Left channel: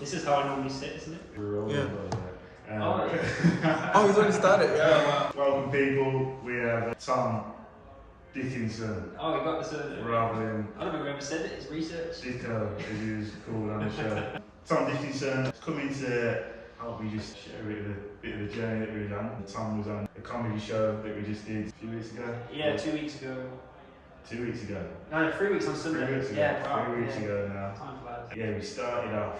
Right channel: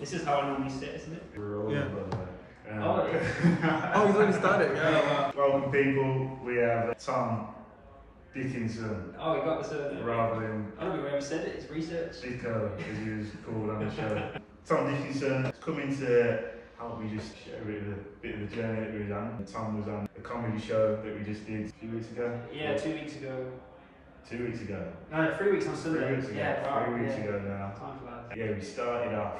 This is how I normally sit, isn't it? We're all Yeah. Oh, Oh, he's already started, yeah. wow. Welcome, people. We have Tom Dickinson, Oh, you got the surname. rather than I don't think we ever said it, it's research. Dicko, as he was called on the show. Tom Dickinson is coming to help me just share a bit of the journey that we were on. Tom was on a comedy show that we just did a few weeks ago. Yeah, 2 weeks ago. 2 weeks ago. No, 3 weeks on Sunday. 3 weeks ago. Yeah, wow, 3 weeks yeah. ago now. Time flies. Yeah, we started off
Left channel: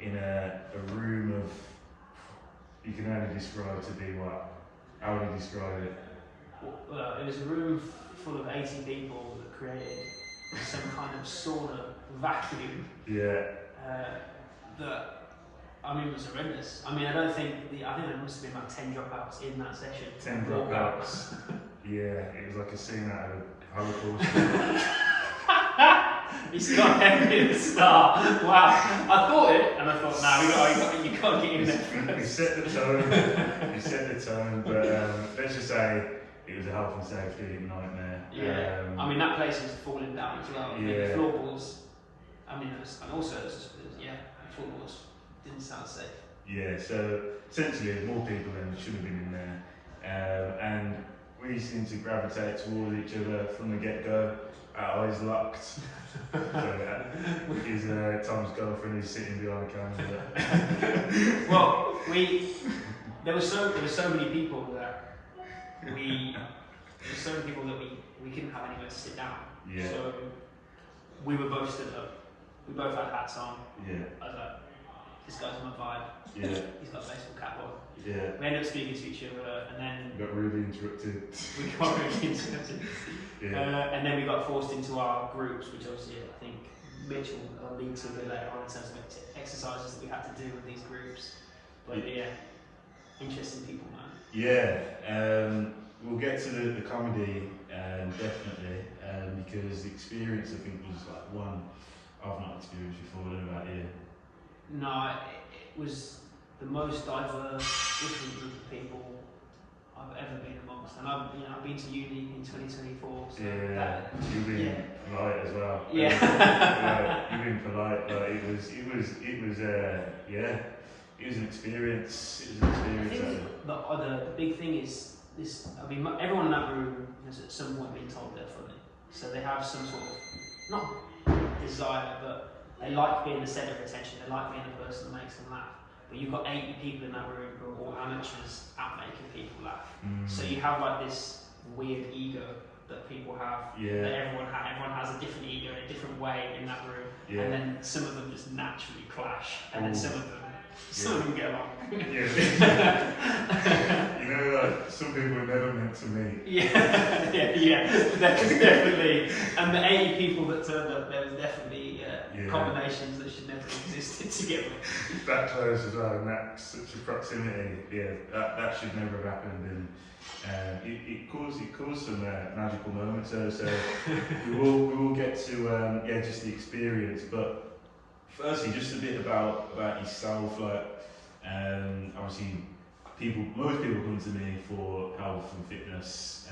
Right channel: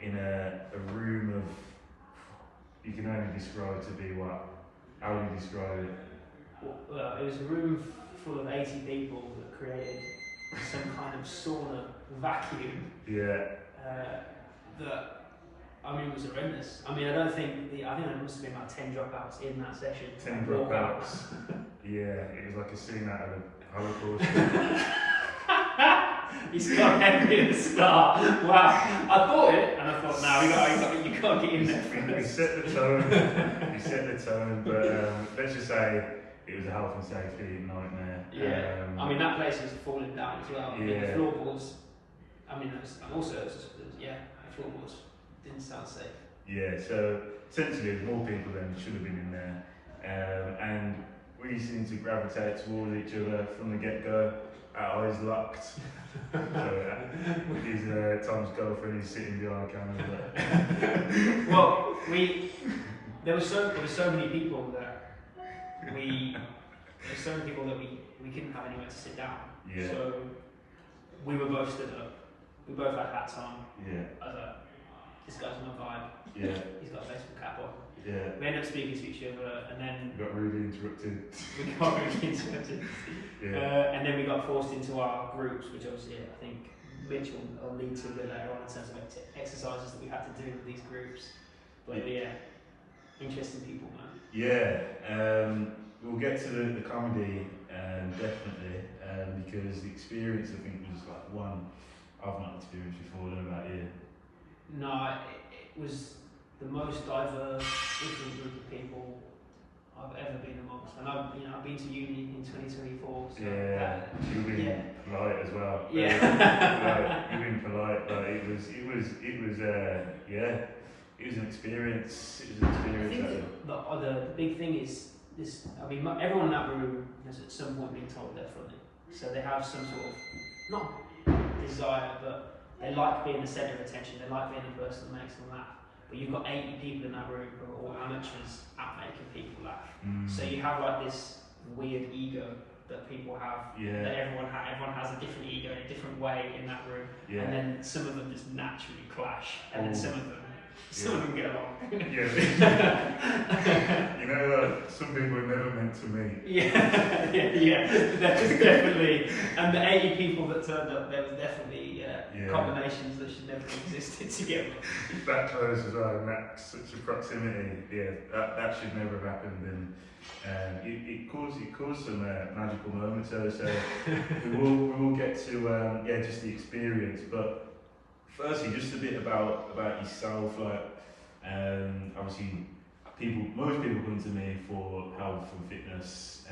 in a room of, you can only describe to be what? How would you describe it? Well, it was a room full of 80 people that created some kind of sauna vacuum. Yeah. That, I mean, was horrendous. I mean, I think there must have been about 10 dropouts in that session. 10 dropouts. Yeah, it was like a scene out of a Holocaust. He's got heavy at the start. Wow. I thought it, and I thought, nah, you can't get in there first. We set the tone, but let's just say it was a health and safety nightmare. Yeah. I mean, that place was falling down as well. I mean, Yeah. the floorboards, and also, the floorboards didn't sound safe. Yeah, so essentially more people than should have been in there. And we seemed to gravitate towards each other from the get-go, our eyes locked. Tom's girlfriend is sitting behind the camera. Well, there were so many people that we couldn't have anywhere to sit down. Yeah. So we were both stood up. We both had hats on. Yeah. I was like, this guy's my vibe. Yeah. He's got a baseball cap on. Yeah. We ended up speaking to each other, and then We got really interrupted. Yeah. And then we got forced into our groups, which obviously I think Mitch will lead to a bit later on in terms of exercises that we had to do with these groups. But yeah, interesting people, man. Yeah, we'll get to the comedy definitely, because the experience I think was like one I've not experienced before. I don't know about you. No, it was the most diverse, different group of people I've ever been amongst, and I've been to uni in 2024. So Yeah, you've been polite as well. Yeah, you've been polite. Like it was an experience. It was an I experience. think the big thing is this. I mean, everyone in that room has at some point been told they're funny, so they have some sort of not desire, but they like being the centre of attention. They like being the person that makes them laugh. But you've got 80 people in that room who are all amateurs at making people laugh. So you have like this weird ego that people have. Yeah. That everyone has a different ego in a different way in that room. Yeah. And then some of them just naturally clash, and then some of them get along. Yeah. Some people are never meant to meet. Yeah. There was definitely, and the 80 people that turned up, there was definitely combinations that should never have existed together. That close as well, and that such a proximity. Yeah, that should never have happened, and it caused some magical moments. So we will get to just the experience, but firstly, just a bit about yourself. Like, obviously, most people come to me for health and fitness.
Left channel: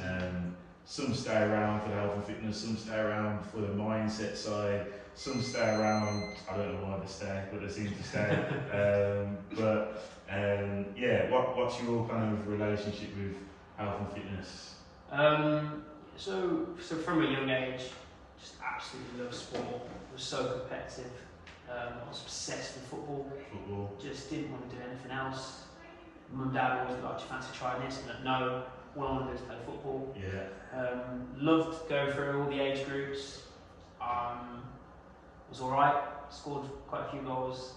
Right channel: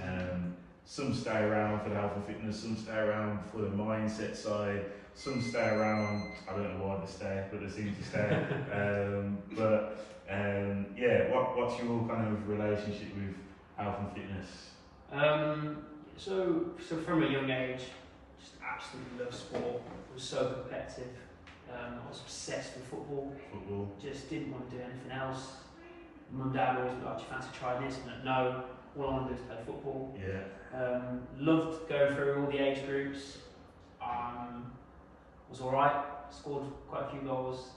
Some stay around for the health and fitness. Some stay around for the mindset side. Some stay around. I don't know why they stay, but they seem to stay. What's your kind of relationship with health and fitness? So from a young age, just absolutely loved sport. Was so competitive. I was obsessed with football. Just didn't want to do anything else. Mum and Dad always like, do you fancy trying this? And no, all I want to do is play football. Yeah. Loved going through all the age groups. Was alright, scored quite a few goals.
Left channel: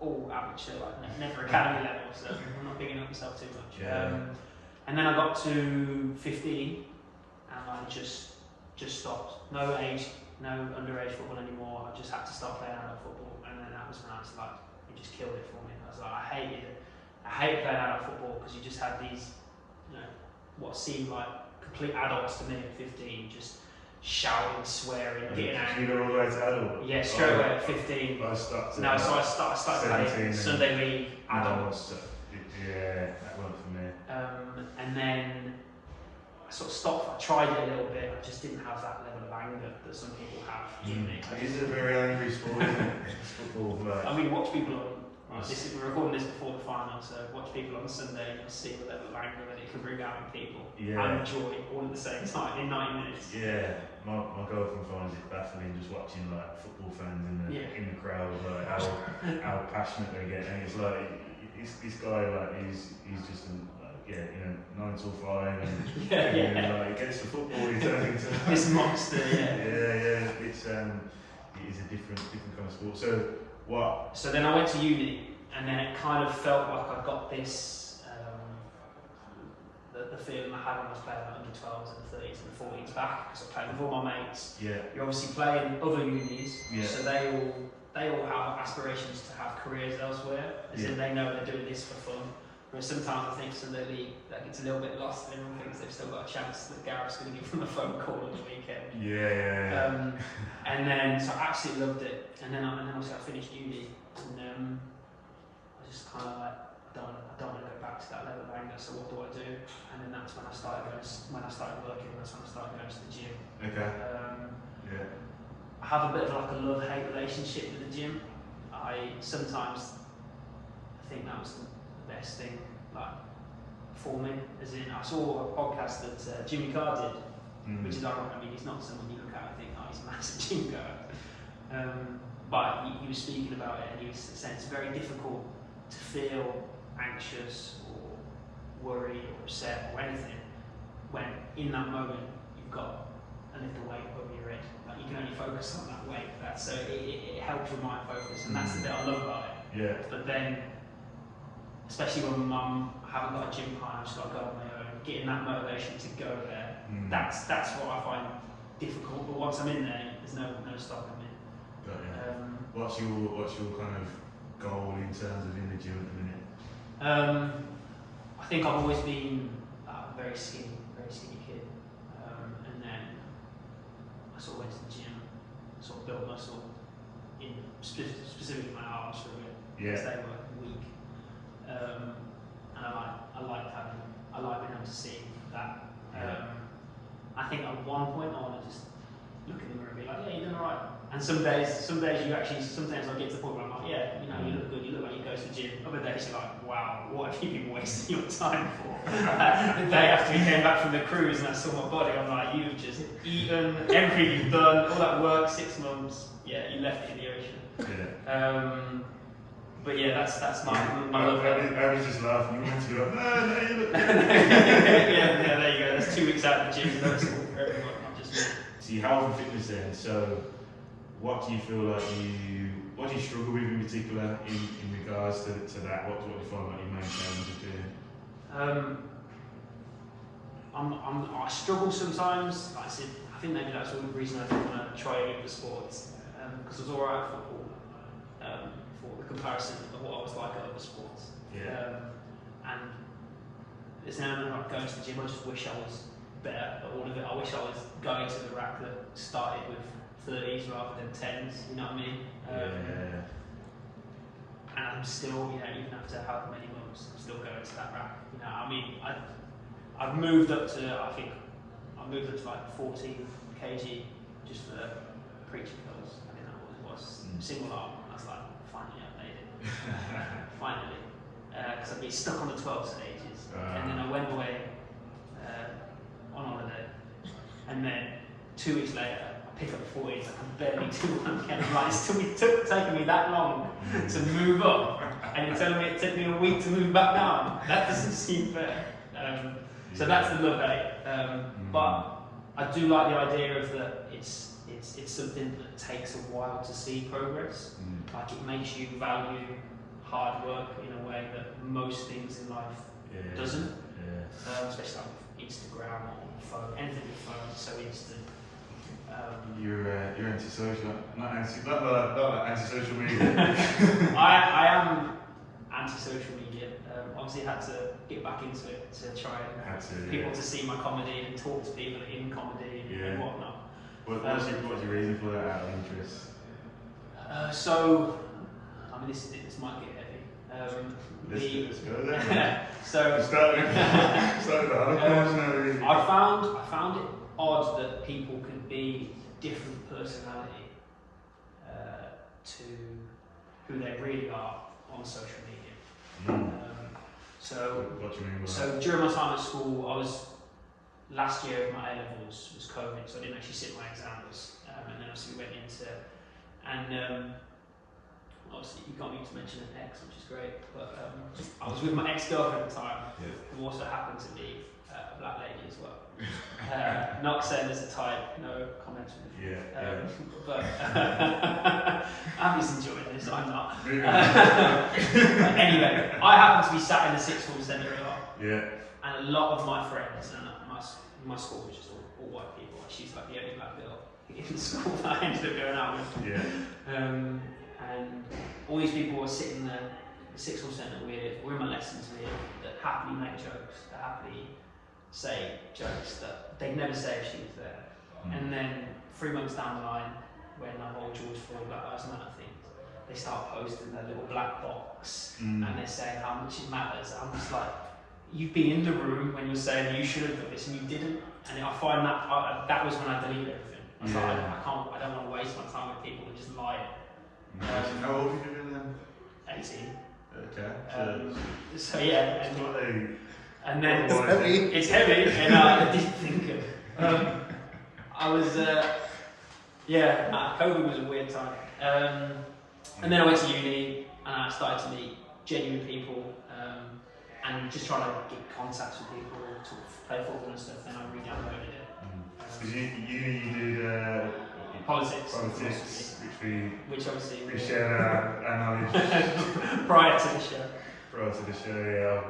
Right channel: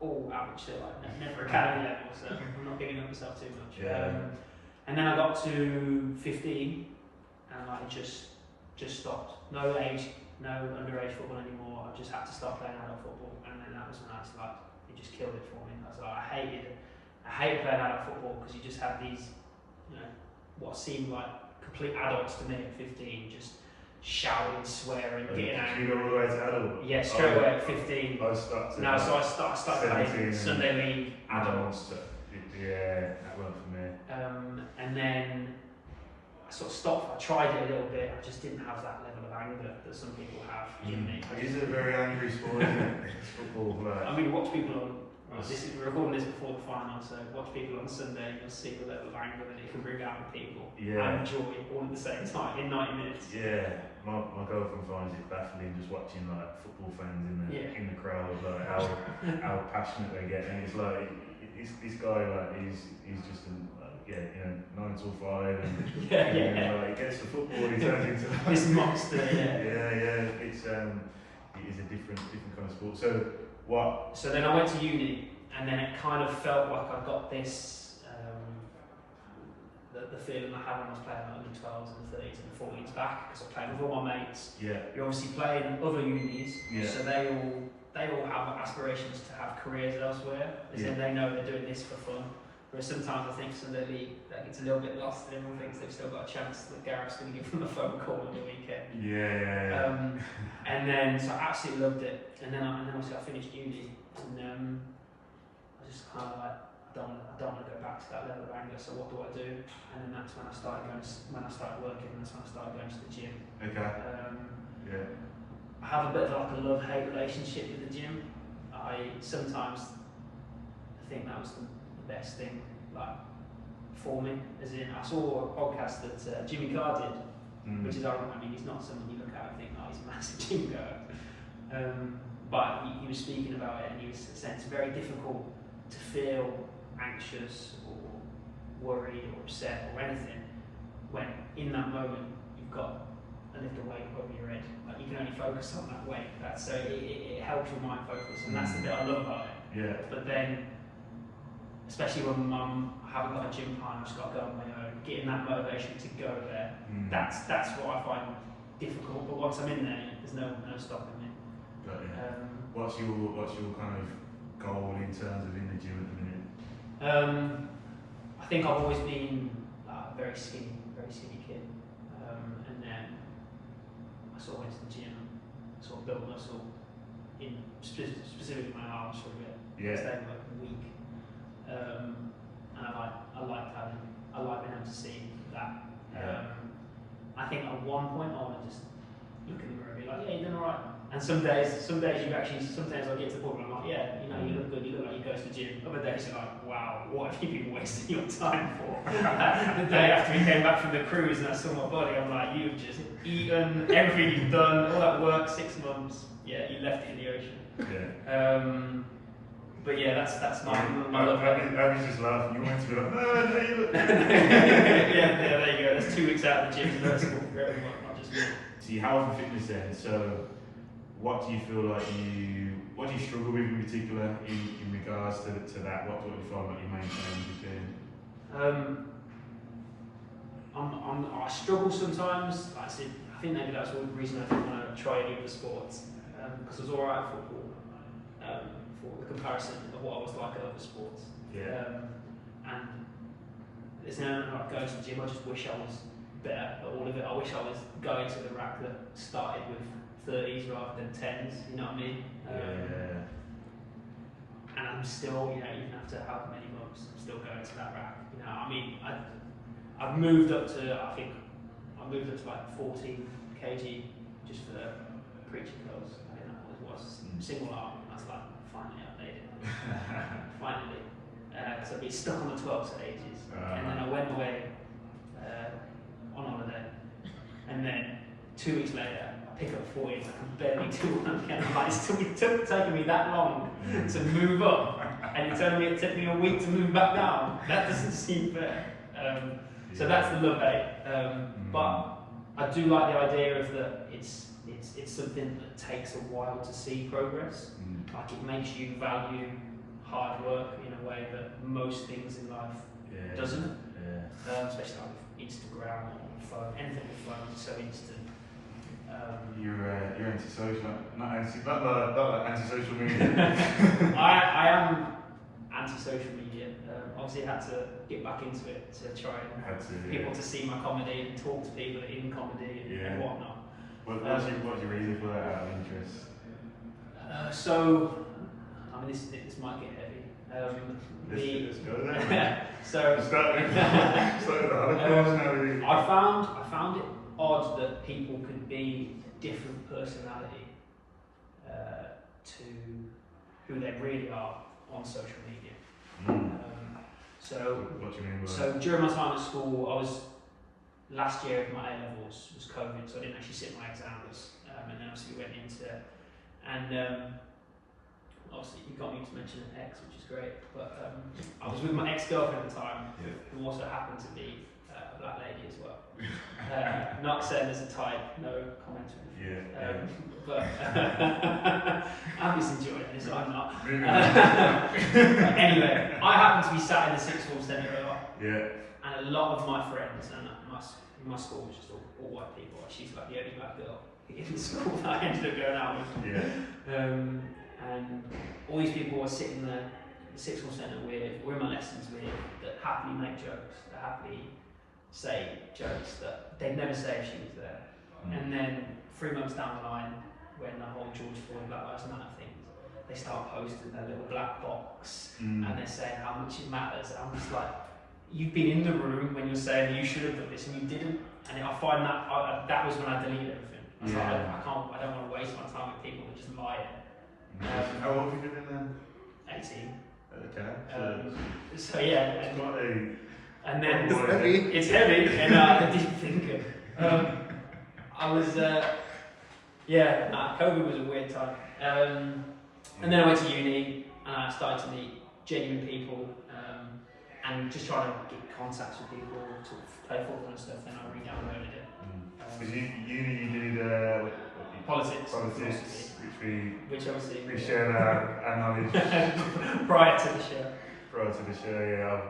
All amateur, like never academy level, so I'm not bigging up myself too much. Yeah. And then I got to 15 and I just stopped. No underage football anymore. I just had to start playing adult football, and then that was when I was like, it just killed it for me. I was like, I hated playing adult football because you just had these, what seemed like complete adults to me at 15, just shouting, swearing, getting angry. You go all the way to adult? Yeah, straight away at 15. I stopped at So I started playing Sunday league adults. Yeah, that worked for me. And then I sort of stopped. I tried it a little bit. I just didn't have that level of anger that some people have in me. It is a very angry sport, isn't it? It's football. Like, I mean, watch people on. Right, we're recording this before the final, so watch people on Sunday and you'll see the level of anger that it can bring out in people. Yeah. And joy all at the same time in 90 minutes. Yeah, my girlfriend finds it baffling just watching like football fans in the crowd, like how passionate they get, and it's like this guy like he's just an 9 till 5 and like he gets the football, he turns into like, this monster. It's it is a different kind of sport. So what? So then I went to uni, and then it kind of felt like I got this the feeling I had when I was playing under 12s and 30s and 40s back, because I played with all my mates. Yeah. You're obviously playing other unis, so they all have aspirations to have careers elsewhere, as in they know they're doing this for fun. Whereas sometimes I think somebody that gets a little bit lost and everyone thinks they've still got a chance that Gareth's going to give them a phone call on the weekend. And then, so I absolutely loved it. And then obviously I finished uni, and I just kind of like, I don't want to go back to that level of anger, so what do I do? And then that's when I started working, that's when I started going to the gym. Okay. I have a bit of like a love-hate relationship with the gym. I think that was the best thing like for me, as in I saw a podcast that Jimmy Carr did, which is ironic. I mean, he's not someone you look at and think, oh, he's a massive gym goer, but he was speaking about it, and he was saying it's very difficult to feel anxious or worried or upset or anything when in that moment you've got a lift of weight above your head. Like you can only focus on that weight. So it helps your mind focus, and that's the bit I love about it. Yeah. But then, especially when I haven't got a gym partner, I've just got to go on my own, getting that motivation to go there, that's what I find difficult. But once I'm in there, there's no stopping me. Got it. What's your kind of goal in terms of in the gym at the minute? I think I've always been a very skinny kid, and then I sort of went to the gym, sort of built muscle in specifically my arms for a bit, because they were weak. And I like being able to see that. I think at one point I want to just look in the mirror and be like, yeah, you're doing alright. And some days sometimes I get to the point where I'm like, yeah, you look good, you look like you go to the gym. Other days you're like, wow, what have you been wasting your time for? The day after we came back from the cruise and I saw my body, I'm like, you've just eaten everything you've done, all that work, 6 months, you left it in the ocean. But yeah, that's my love. I was just laughing. You wanted to be like, no, you look good. yeah, there you go. That's 2 weeks out of the gym. That's all for everyone, not just me. So your health and fitness then. So what do you feel like what do you struggle with in particular in regards to that? What do you find like your main challenges doing? I struggle sometimes. Like I said, I think maybe that's the reason I didn't want to try any of the sports, because I was alright at football. For the comparison of what I was like at other sports. And it's now like going to the gym, I just wish I was better at all of it. I wish I was going to the rack that started with 30s rather than 10s, you know what I mean? And I'm still, even after however many months, I'm still going to that rack. I mean, I've moved up to, like 14 kg just for preaching clothes. I think that always was single arm. Finally, I made it. Finally, because I've been stuck on the 12s for ages, and then I went away on holiday, and then 2 weeks later, I pick up 14s. I can barely do one again. I'm like, it's taken me that long to move up, and you're telling me it took me a week to move back down. That doesn't seem fair. So that's the love hate. But I do like the idea of that. It's something that takes a while to see progress. Like it makes you value hard work in a way that most things in life doesn't. Especially like Instagram or phone, anything with phone, it's so instant. You're antisocial, not antisocial media. I am anti-social media. Obviously, I had to get back into it to try and people to see my comedy and talk to people in comedy and whatnot. What's your reason for that out of interest? So, I mean, this might get heavy, Let's go there, man. So Start with the Holocaust now. Really. I found it odd that people can be a different personality to who they really are on social media. So what do you mean by so that? during my time at school, I was last year of my A levels was COVID, so I didn't actually sit my exams, and then obviously we went into obviously you got me to mention an ex, which is great, but I was with my ex-girlfriend at the time, who also happened to be a black lady as well. Not saying as a type, no comments from the but I'm just enjoying this, I'm not. Anyway, I happened to be sat in the sixth form centre a lot, and a lot of my friends, and my school was just all white people, she's like the only black girl in the school that I ended up going out with. And all these people were sitting there, the sixth form centre we're in my lessons with, that happily make jokes, that happily say jokes that they'd never say if she was there. And then 3 months down the line, when the whole George Floyd Black Lives Matter thing, they start posting their little black box and they're saying how much it matters. I'm just like, you've been in the room when you're saying you should have done this and you didn't. And I find that that was when I deleted everything. I was like, I don't want to waste my time with people that just lie. How old have you been then? 18. Okay. So yeah. It's not a... And then It's heavy. It's heavy, and I didn't think of. I was, COVID was a weird time. And then I went to uni, and I started to meet genuine people, and just trying to get contacts with people, to play football and stuff. Then I re-downloaded it. Because you did politics, which obviously we share our knowledge prior to the show. Prior to the show, yeah,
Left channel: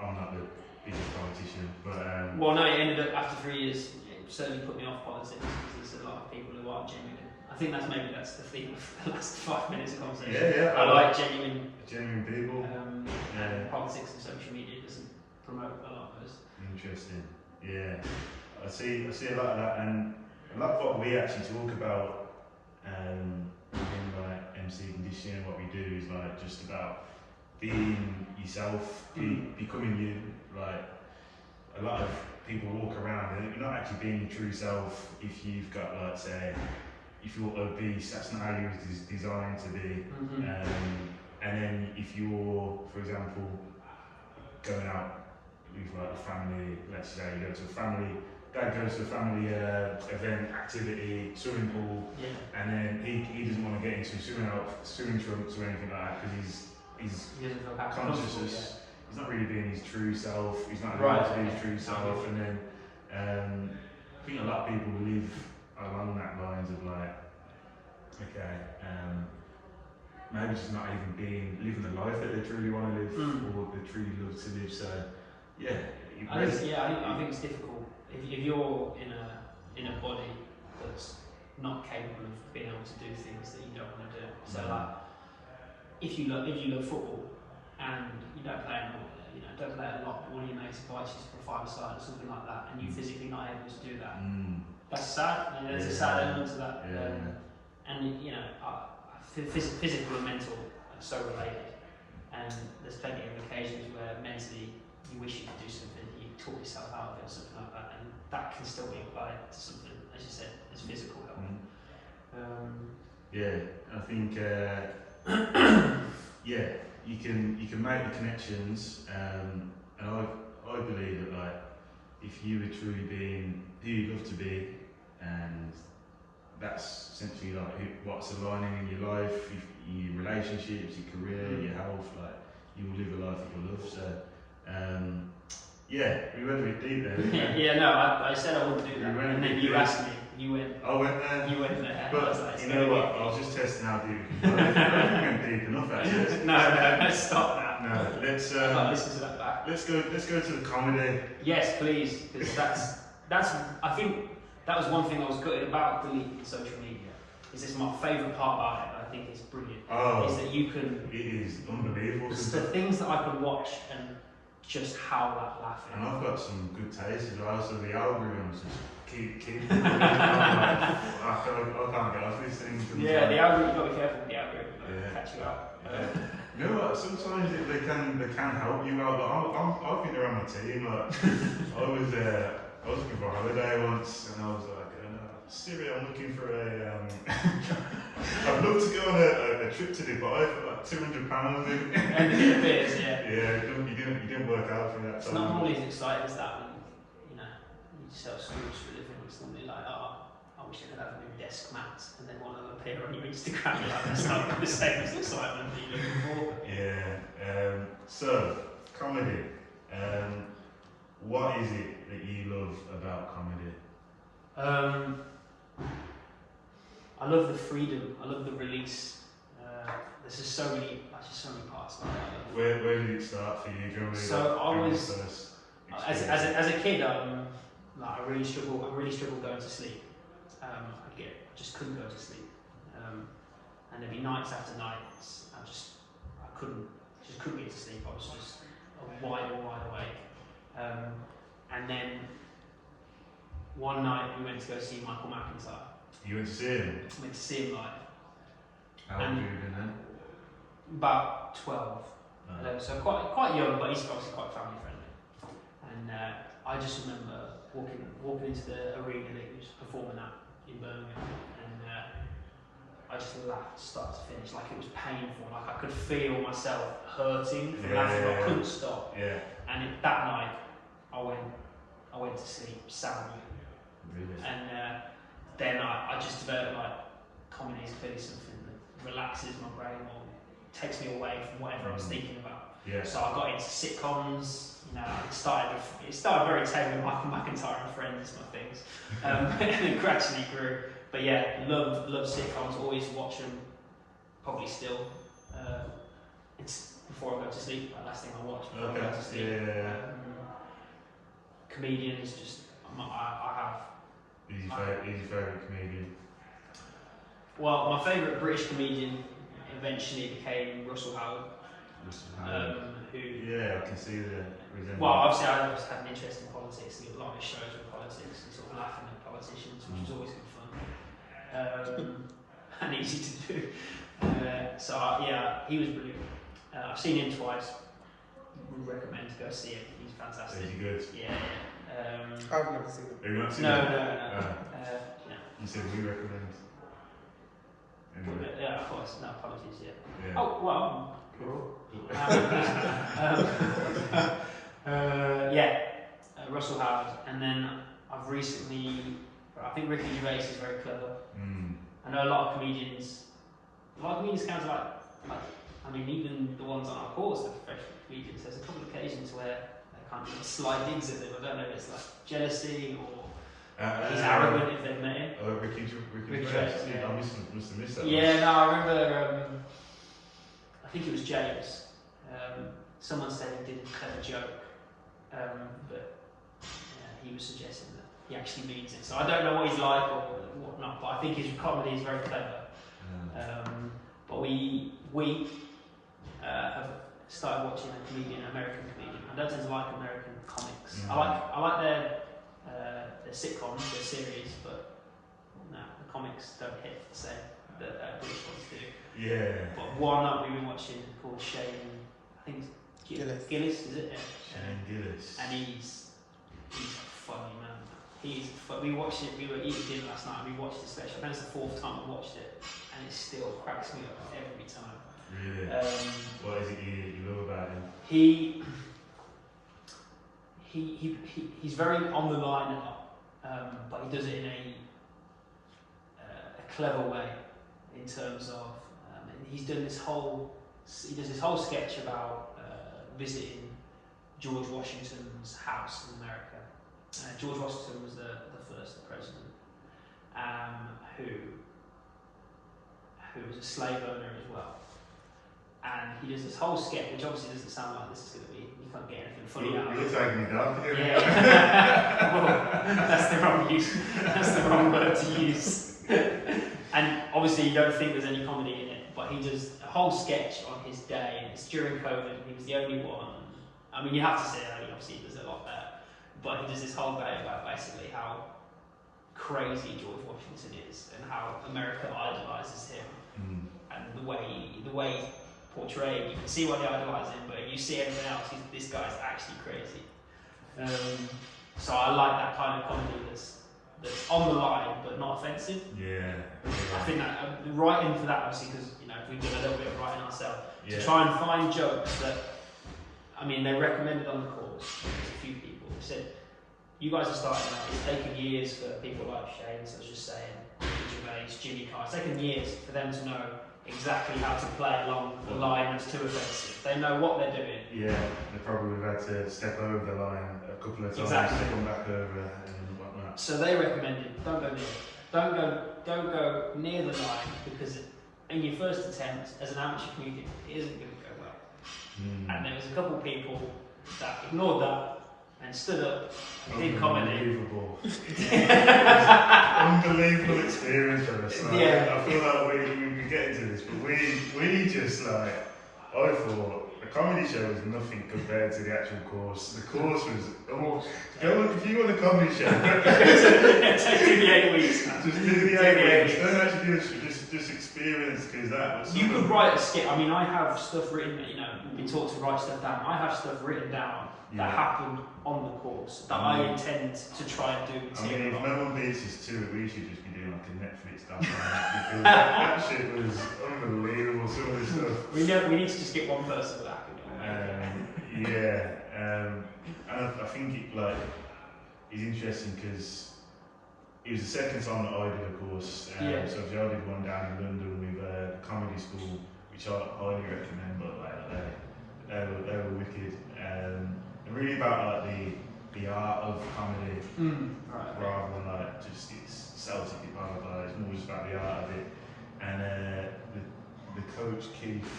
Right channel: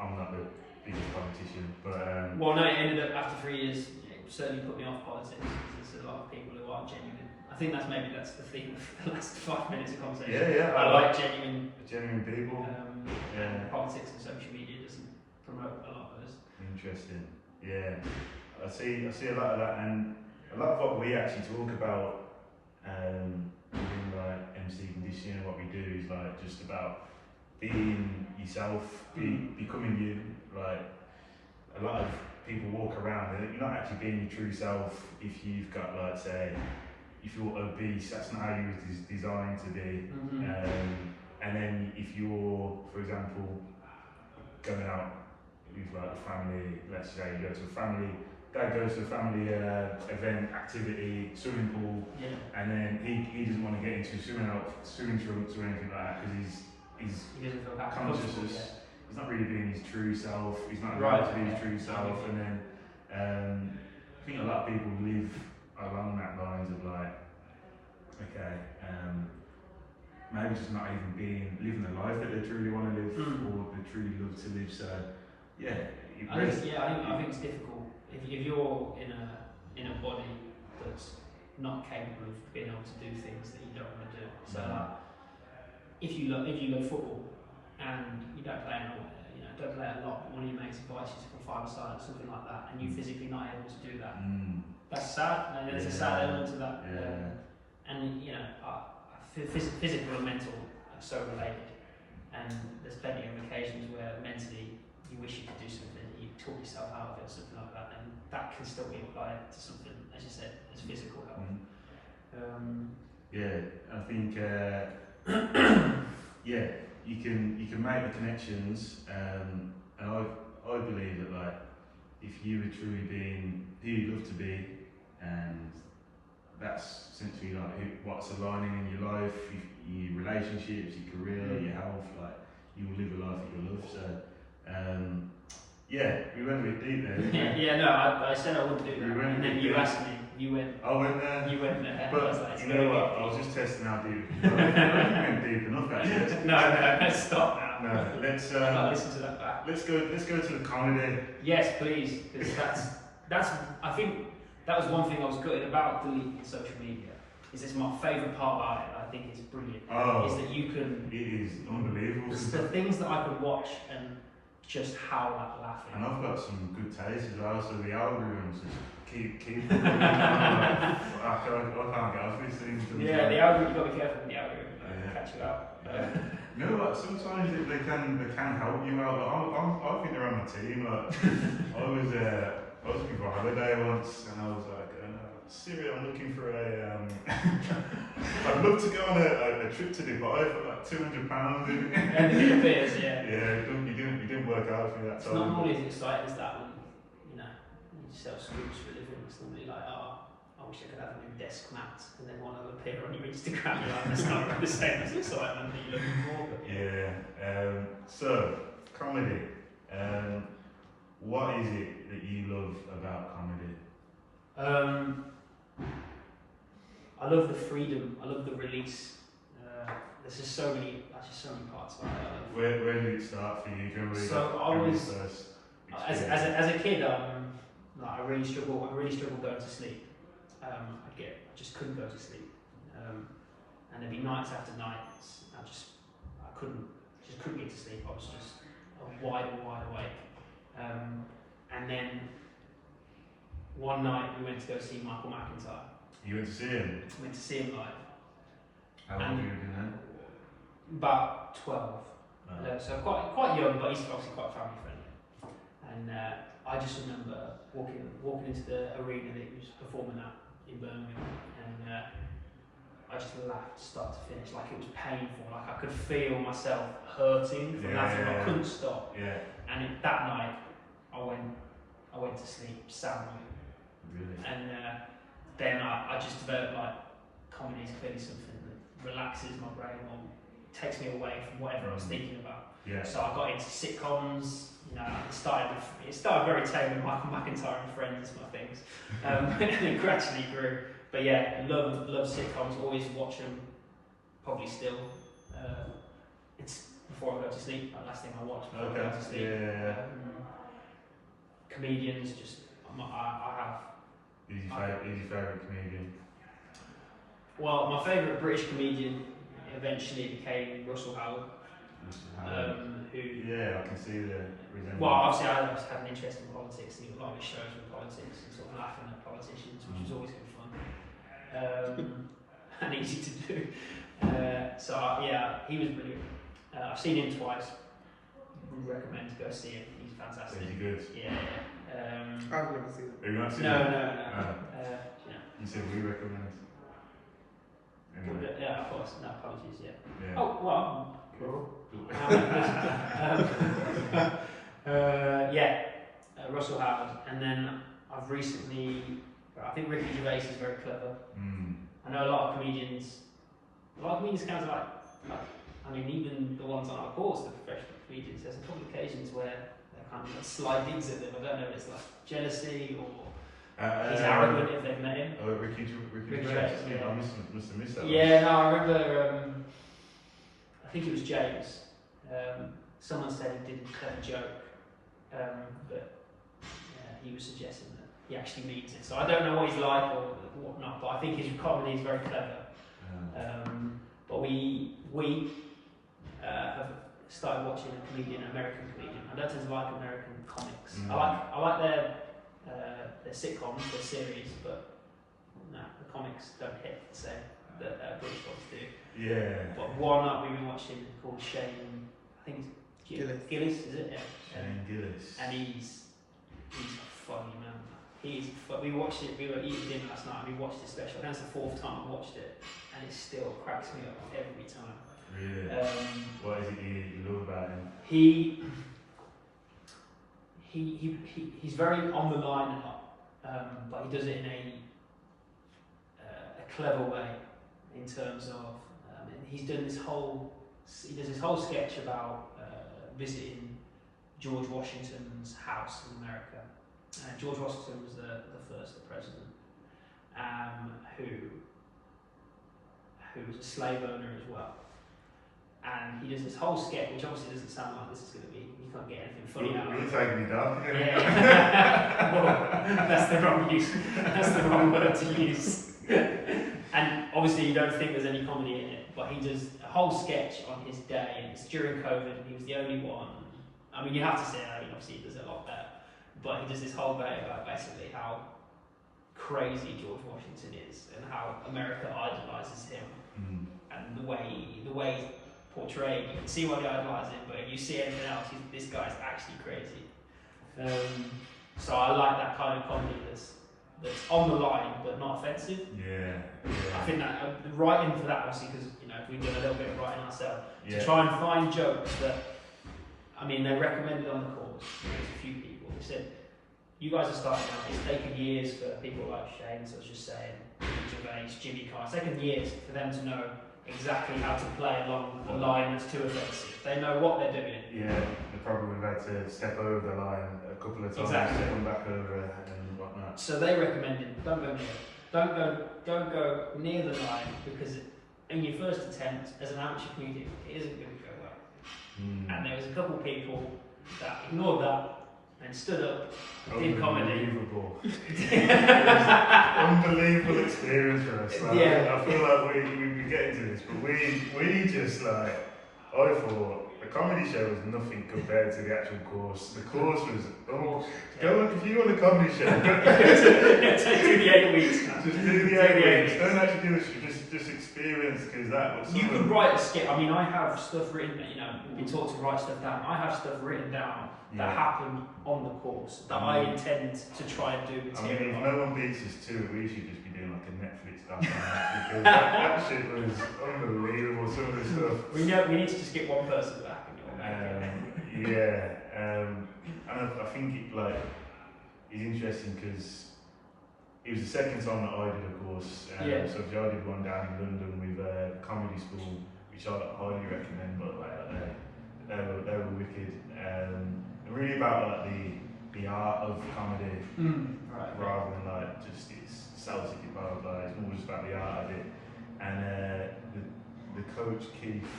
I'm not the biggest politician, but well, no, it ended up after 3 years. It certainly put me off politics because there's a lot of people who are genuine. I think that's the theme of the last 5 minutes of conversation. Yeah. I like genuine people. And politics and social media doesn't promote a lot of those. Interesting. Yeah, I see a lot of that, and a lot of what we actually talk about within like MC Condition, what we do is like just about being yourself, becoming you. Like a lot of people walk around and you're not actually being your true self if you've got, like, say, if you're obese, that's not how you was designed to be. And then if you're, for example, going out with like the family, let's say you go to a family, dad goes to a family event, activity, swimming pool, and then he doesn't want to get into swimming trunks or anything like that because he's conscious. He's not really being his true self. He's not allowed to be his true self. And then I think a lot of people live along that lines of like, okay, maybe just not even living the life that they truly want to live or they truly love to live. So yeah, I think it's difficult if you're in a body that's not capable of being able to do things that you don't want to do. So like, if you love football and you don't play a lot, but one of your mates invites you for a five-a-side or something like that, and you're physically not able to do that, that's sad. And there's a sad element to that. And you know, physical and mental are so related. And there's plenty of occasions where mentally you wish you could do something, you talk yourself out of it or something like that, and that can still be applied to something, as you said, as physical health. I think you can make the connections, and I believe that like if you were truly being who you love to be, and that's essentially like what's aligning in your life, your relationships, your career, your health, like you will live a life that you love. So we went a bit deep there. I said I wouldn't do that, and then you asked me, you went. I went there. You went there. But like, you know what? I was just testing how deep. I don't think we went deep enough actually. No, let's stop now. No, let's listen to that back. Let's go to the comedy. Yes, please, because that's I think that was one thing I was gutted about deleting social media. Is this my favourite part about it? I think it's brilliant. Is that you can. It is unbelievable. It's the things that I can watch and just howl at laughing. And I've got some good taste as well. So the algorithms just keep coming. I can't get off this thing. Yeah, the algorithm, you've got to be careful with the algorithm, catch you out. Yeah. You know what, sometimes they can help you out. Like, I think they're on my team. Like, I was looking for a holiday once, and I was like, Siri, I'm looking for a. I'd love to go on a trip to Dubai for like £200. And it appears, yeah. Yeah, you didn't work out for that It's time. not normally as exciting as that when you sell scoops for a living. It's normally like, I wish I could have a new desk mat, and then one will appear on your Instagram. Like, that's not the same as excitement that you're looking for. Yeah. So comedy. What is it that you love about comedy? I love the freedom. I love the release. There's just so many parts about it. Where did it start for you? Do you remember So I your was, first as a kid, like I really struggled going to sleep. I just couldn't go to sleep, and there'd be nights after nights. I couldn't get to sleep. I was just wide awake. And then one night we went to go see Michael McIntyre. You went to see him? Went to see him live. How old have you been then? About 12. So quite young, but he's obviously quite family friendly. And I just remember walking into the arena that he was performing at in Birmingham, and I just laughed start to finish, like it was painful, like I could feel myself hurting from laughing, but I couldn't stop. Yeah. And that night, I went to sleep soundly. Really? And then I just developed like comedy is clearly something that relaxes my brain or takes me away from whatever I was thinking about. Yeah. So I got into sitcoms. It started very tame with Michael McIntyre and Friends, my things, and it gradually grew. But yeah, love sitcoms. Always watch them. Probably still. It's before I go to sleep. The last thing I watch before I go to sleep. Yeah. Comedians, just I have. Who's your favourite comedian? Well, my favourite British comedian eventually became Russell Howard. Who? Yeah, I can see the resemblance. Well, obviously I just had an interest in politics. A lot of his shows were politics and sort of laughing at politicians, which was always good fun and easy to do. He was brilliant. I've seen him twice. Would recommend to go see him. He's fantastic. Is he good? Yeah. I've never seen it. Have you not seen No. it? You said we recommend. Anyway. Yeah, of course. No, apologies. Yeah. Yeah. Oh well. Cool. Russell Howard, and then I've recently. I think Ricky Gervais is very clever. I know a lot of comedians kind of like. I mean, even the ones on our course, the professional comedians. There's a couple of occasions where they kind of like slide digs at them. I don't know if it's like jealousy or. He's arrogant if they've met him. Oh, Ricky Gervais. I must have missed that. Yeah, no, I remember. I think it was James. Someone said he did a clever joke, but he was suggesting that he actually means it. So I don't know what he's like or whatnot, but I think his comedy is very clever. But we have started watching an American comedian. I don't tend to like American comics. I like their sitcoms, their series, but no, the comics don't hit the same that British ones do. Yeah. But one that we've been watching called Shane, I think it's Gillis, is it? Yeah. Shane Gillis. And he's funny, man. We watched it. We were eating dinner last night. And we watched the special. I think it's the 4th time I watched it, and it still cracks me up every time. Really? What is it you love about him? He's very on the line a lot, but he does it in a clever way. In terms of, he does this whole sketch about visiting George Washington's house in America. George Washington was the first president, who was a slave owner as well. And he does this whole sketch, which obviously doesn't sound like this is going to be. You can't get anything funny out of it. You're taking me down. Yeah. Well, that's the wrong use. That's the wrong word to use. And obviously, you don't think there's any comedy in it, but he does a whole sketch on his day. And it's during COVID. He was the only one. I mean, you have to say that. Obviously, he does a lot there, but he does this whole day about basically how crazy George Washington is and how America idolises him and the way he's portrayed. You can see why they idolise him, but if you see anything else, this guy's actually crazy. So I like that kind of comedy that's on the line but not offensive. Yeah. I think that writing for that, obviously, because we've done a little bit of writing ourselves to try and find jokes that, I mean, they recommended on the course. There's a few people. They said, "You guys are starting out. It's taken years for people like Shane, such as saying, Gervais, Jimmy Carr. It's taken years for them to know exactly how to play along the line that's too offensive. They know what they're doing." Yeah, they probably would have had to step over the line a couple of times, Exactly. come back over and whatnot. So they recommended, don't go near it. Don't go near the line, because in your first attempt as an amateur comedian, it isn't going to go well. And there was a couple of people that ignored that and stood up and did comedy. Unbelievable experience for us. Like, I feel like we've been getting to this, but we just like, I thought the comedy show was nothing compared to the actual course. The course was, go look, if you want a comedy show, just do the 8 weeks. Just do the 8 weeks. Don't actually do it, just experience, because that was. You could write a skit. I mean, I have stuff written. We've been taught to write stuff down. I have stuff written down that happened on the course that I intend to try and do. I mean, if no one beats us to it, we should just be doing like a Netflix documentary, because that shit was unbelievable. Some of the stuff. We need to just get one person back. And I think it is interesting because it was the second time that I did a course. So I did one down in London with the comedy school, which I highly recommend. But they were wicked. And really about the art of comedy, rather than just its Celtic blah blah blah. It's more just about the art of it. And the coach Keith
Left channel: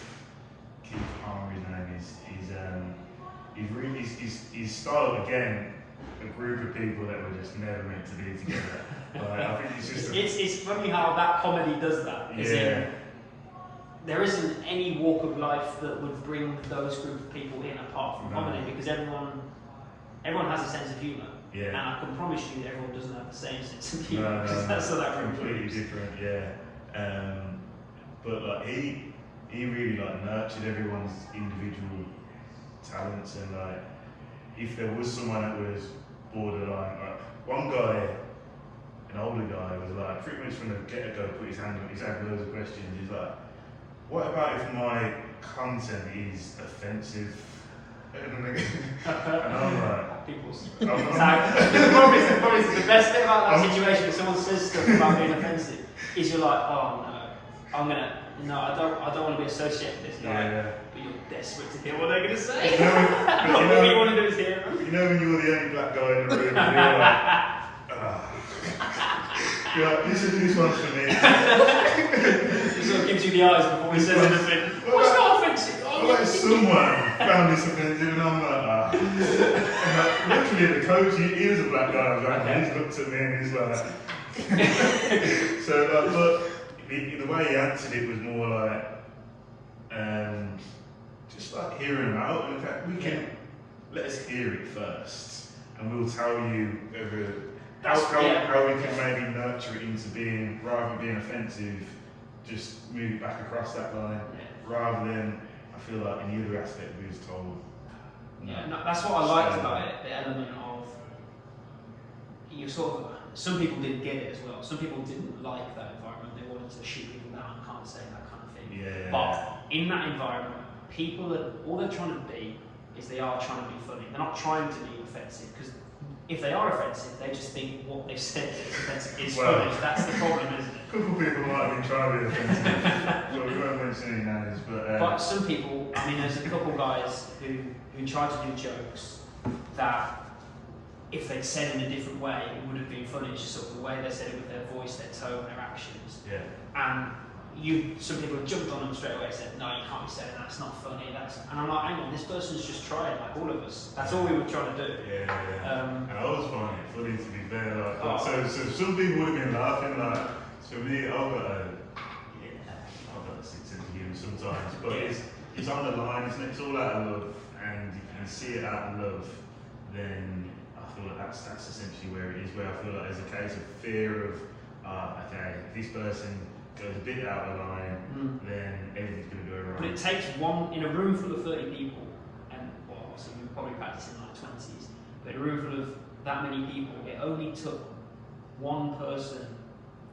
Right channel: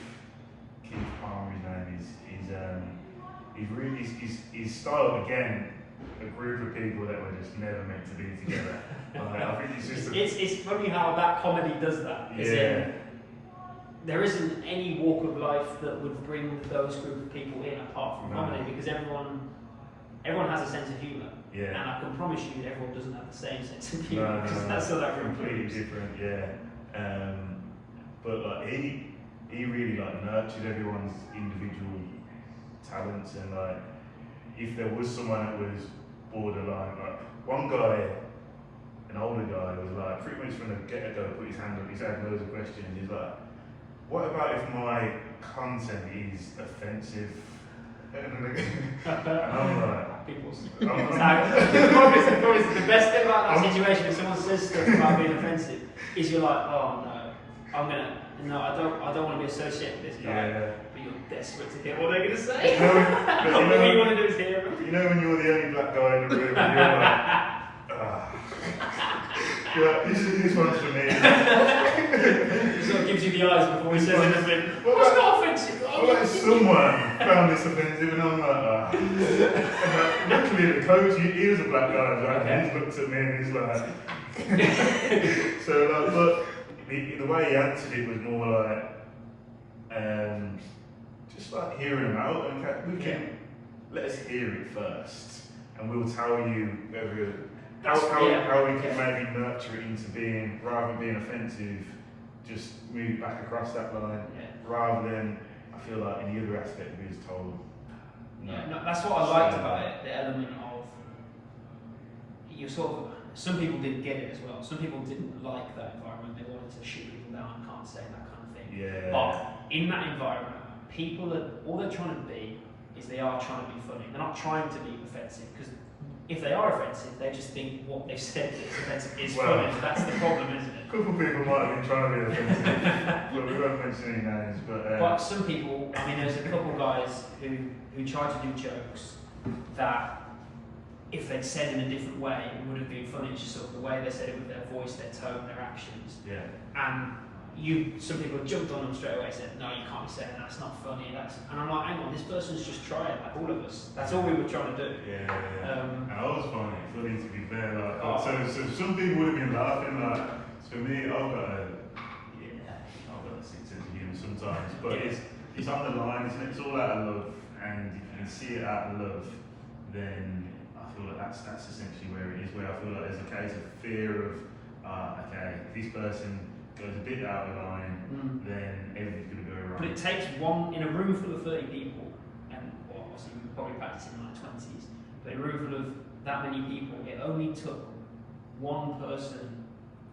Palmer, his name is he's styled again a group of people that were just never meant to be together. I think it's just it's funny how that comedy does that. There isn't any walk of life that would bring those group of people in apart from comedy, because everyone has a sense of humour. And I can promise you everyone doesn't have the same sense of humour, because that's what that completely different. But he really nurtured everyone's individual talents, and if there was someone that was borderline, one guy, an older guy, was pretty much from the get-go put his hand up, he's had loads of questions, he's like, what about if my content is offensive? And I'm like, probably the best thing about that situation, if someone says stuff about being offensive, is you're like, oh no, I don't want to be associated with this guy. But you're desperate to hear what they're going to say. All you want to do is hear them. You know when you're the only black guy in the room, and you're like, this one's for me. He sort of gives you the eyes before he says anything. What's not offensive? Well, someone found this offensive, and I'm like, luckily the coach, he was a black guy, he's looked at me and he's like, but the way he answered it was more just hearing them out. In fact, we can let us hear it first, and we'll tell you whether how we can maybe nurture it into being, rather than being offensive, just move it back across that line, rather than, I feel like in the other aspect we was told. No, that's what I liked about it, the element of some people didn't get it as well. Some people didn't like that environment. They wanted to shoot people down, can't say that kind of thing. But in that environment, all they're trying to be is they are trying to be funny. They're not trying to be offensive, because if they are offensive, they just think what they've said is offensive is funny. That's the problem, isn't it? A couple of people might have been trying to be offensive, but we won't mention any names. But some people, there's a couple guys who try to do jokes that, if they'd said in a different way, it would have been funny. It's just sort of the way they said it with their voice, their tone, their actions. And some people jumped on them straight away and said, no, you can't be saying that, it's not funny. And I'm like, hang on, this person's just trying, like all of us. That's all we were trying to do. And I was funny to be fair. So some people would have been laughing. For me, I've got a sick sense of humour sometimes, but it's on the line, isn't it? It's all out of love, and if you can see it out of love, then I feel like that's essentially where it is. Where I feel like there's a case of fear of, okay, if this person goes a bit out of line, then everything's going to go wrong. But it takes one in a room full of 30 people, and well, obviously we were probably practicing in like 20s, but in a room full of that many people, it only took one person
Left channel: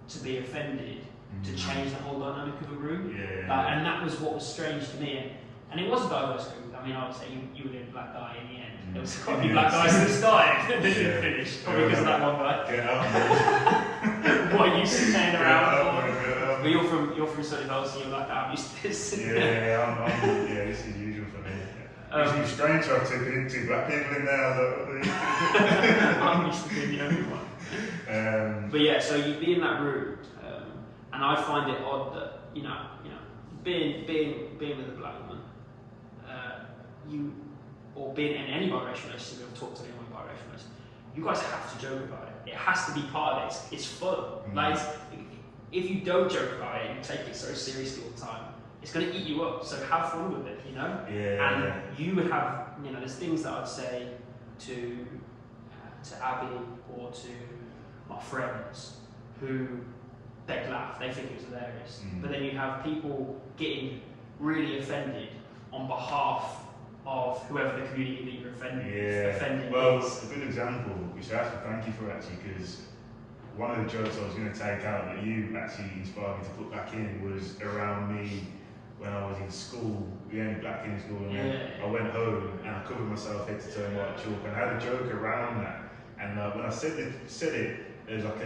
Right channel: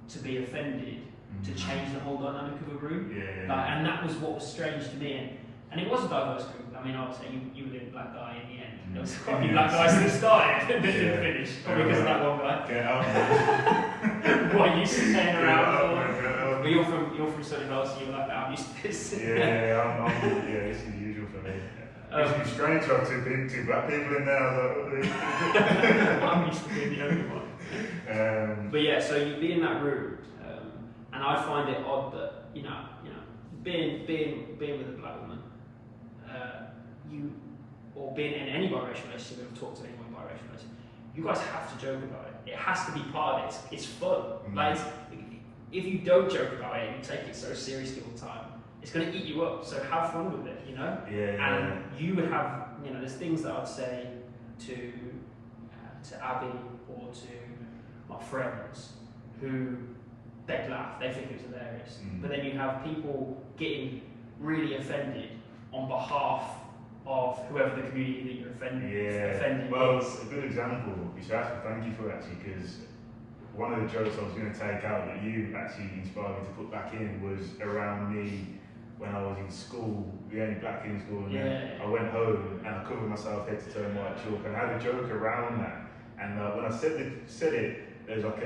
to be offended to change the whole dynamic of a room. Like, and that was what was strange to me. And it was a diverse group. I mean, I would say you were the only black guy in the end. There was quite a few black guys that started and didn't finish. Probably because of that one guy. Get out. What, you staying around? But you're from Surrey House, and you're like, I'm used to this. I'm this is usual for me. It's strange to have two black people in there. I'm used to being the only one. But yeah, so you'd be in that room, and I find it odd that you know, being with a black woman, or being in any biracial relationship, I've talked to anyone biracial relationship, you guys have to joke about it. It has to be part of it. It's fun. Like, if you don't joke about it and you take it so seriously all the time, it's going to eat you up. So have fun with it, you know. And you would have, there's things that I'd say to Abby or to my friends who they'd laugh, they think it was hilarious. But then you have people getting really offended on behalf of whoever the community that you're offending well, is. a good example, which I have to thank you for actually, because one of the jokes I was going to take out that you actually inspired me to put back in was around me when I was in school, the only black kid in school, and then I went home and I covered myself head to toe in white chalk, and I had a joke around that. And when I said it, there was like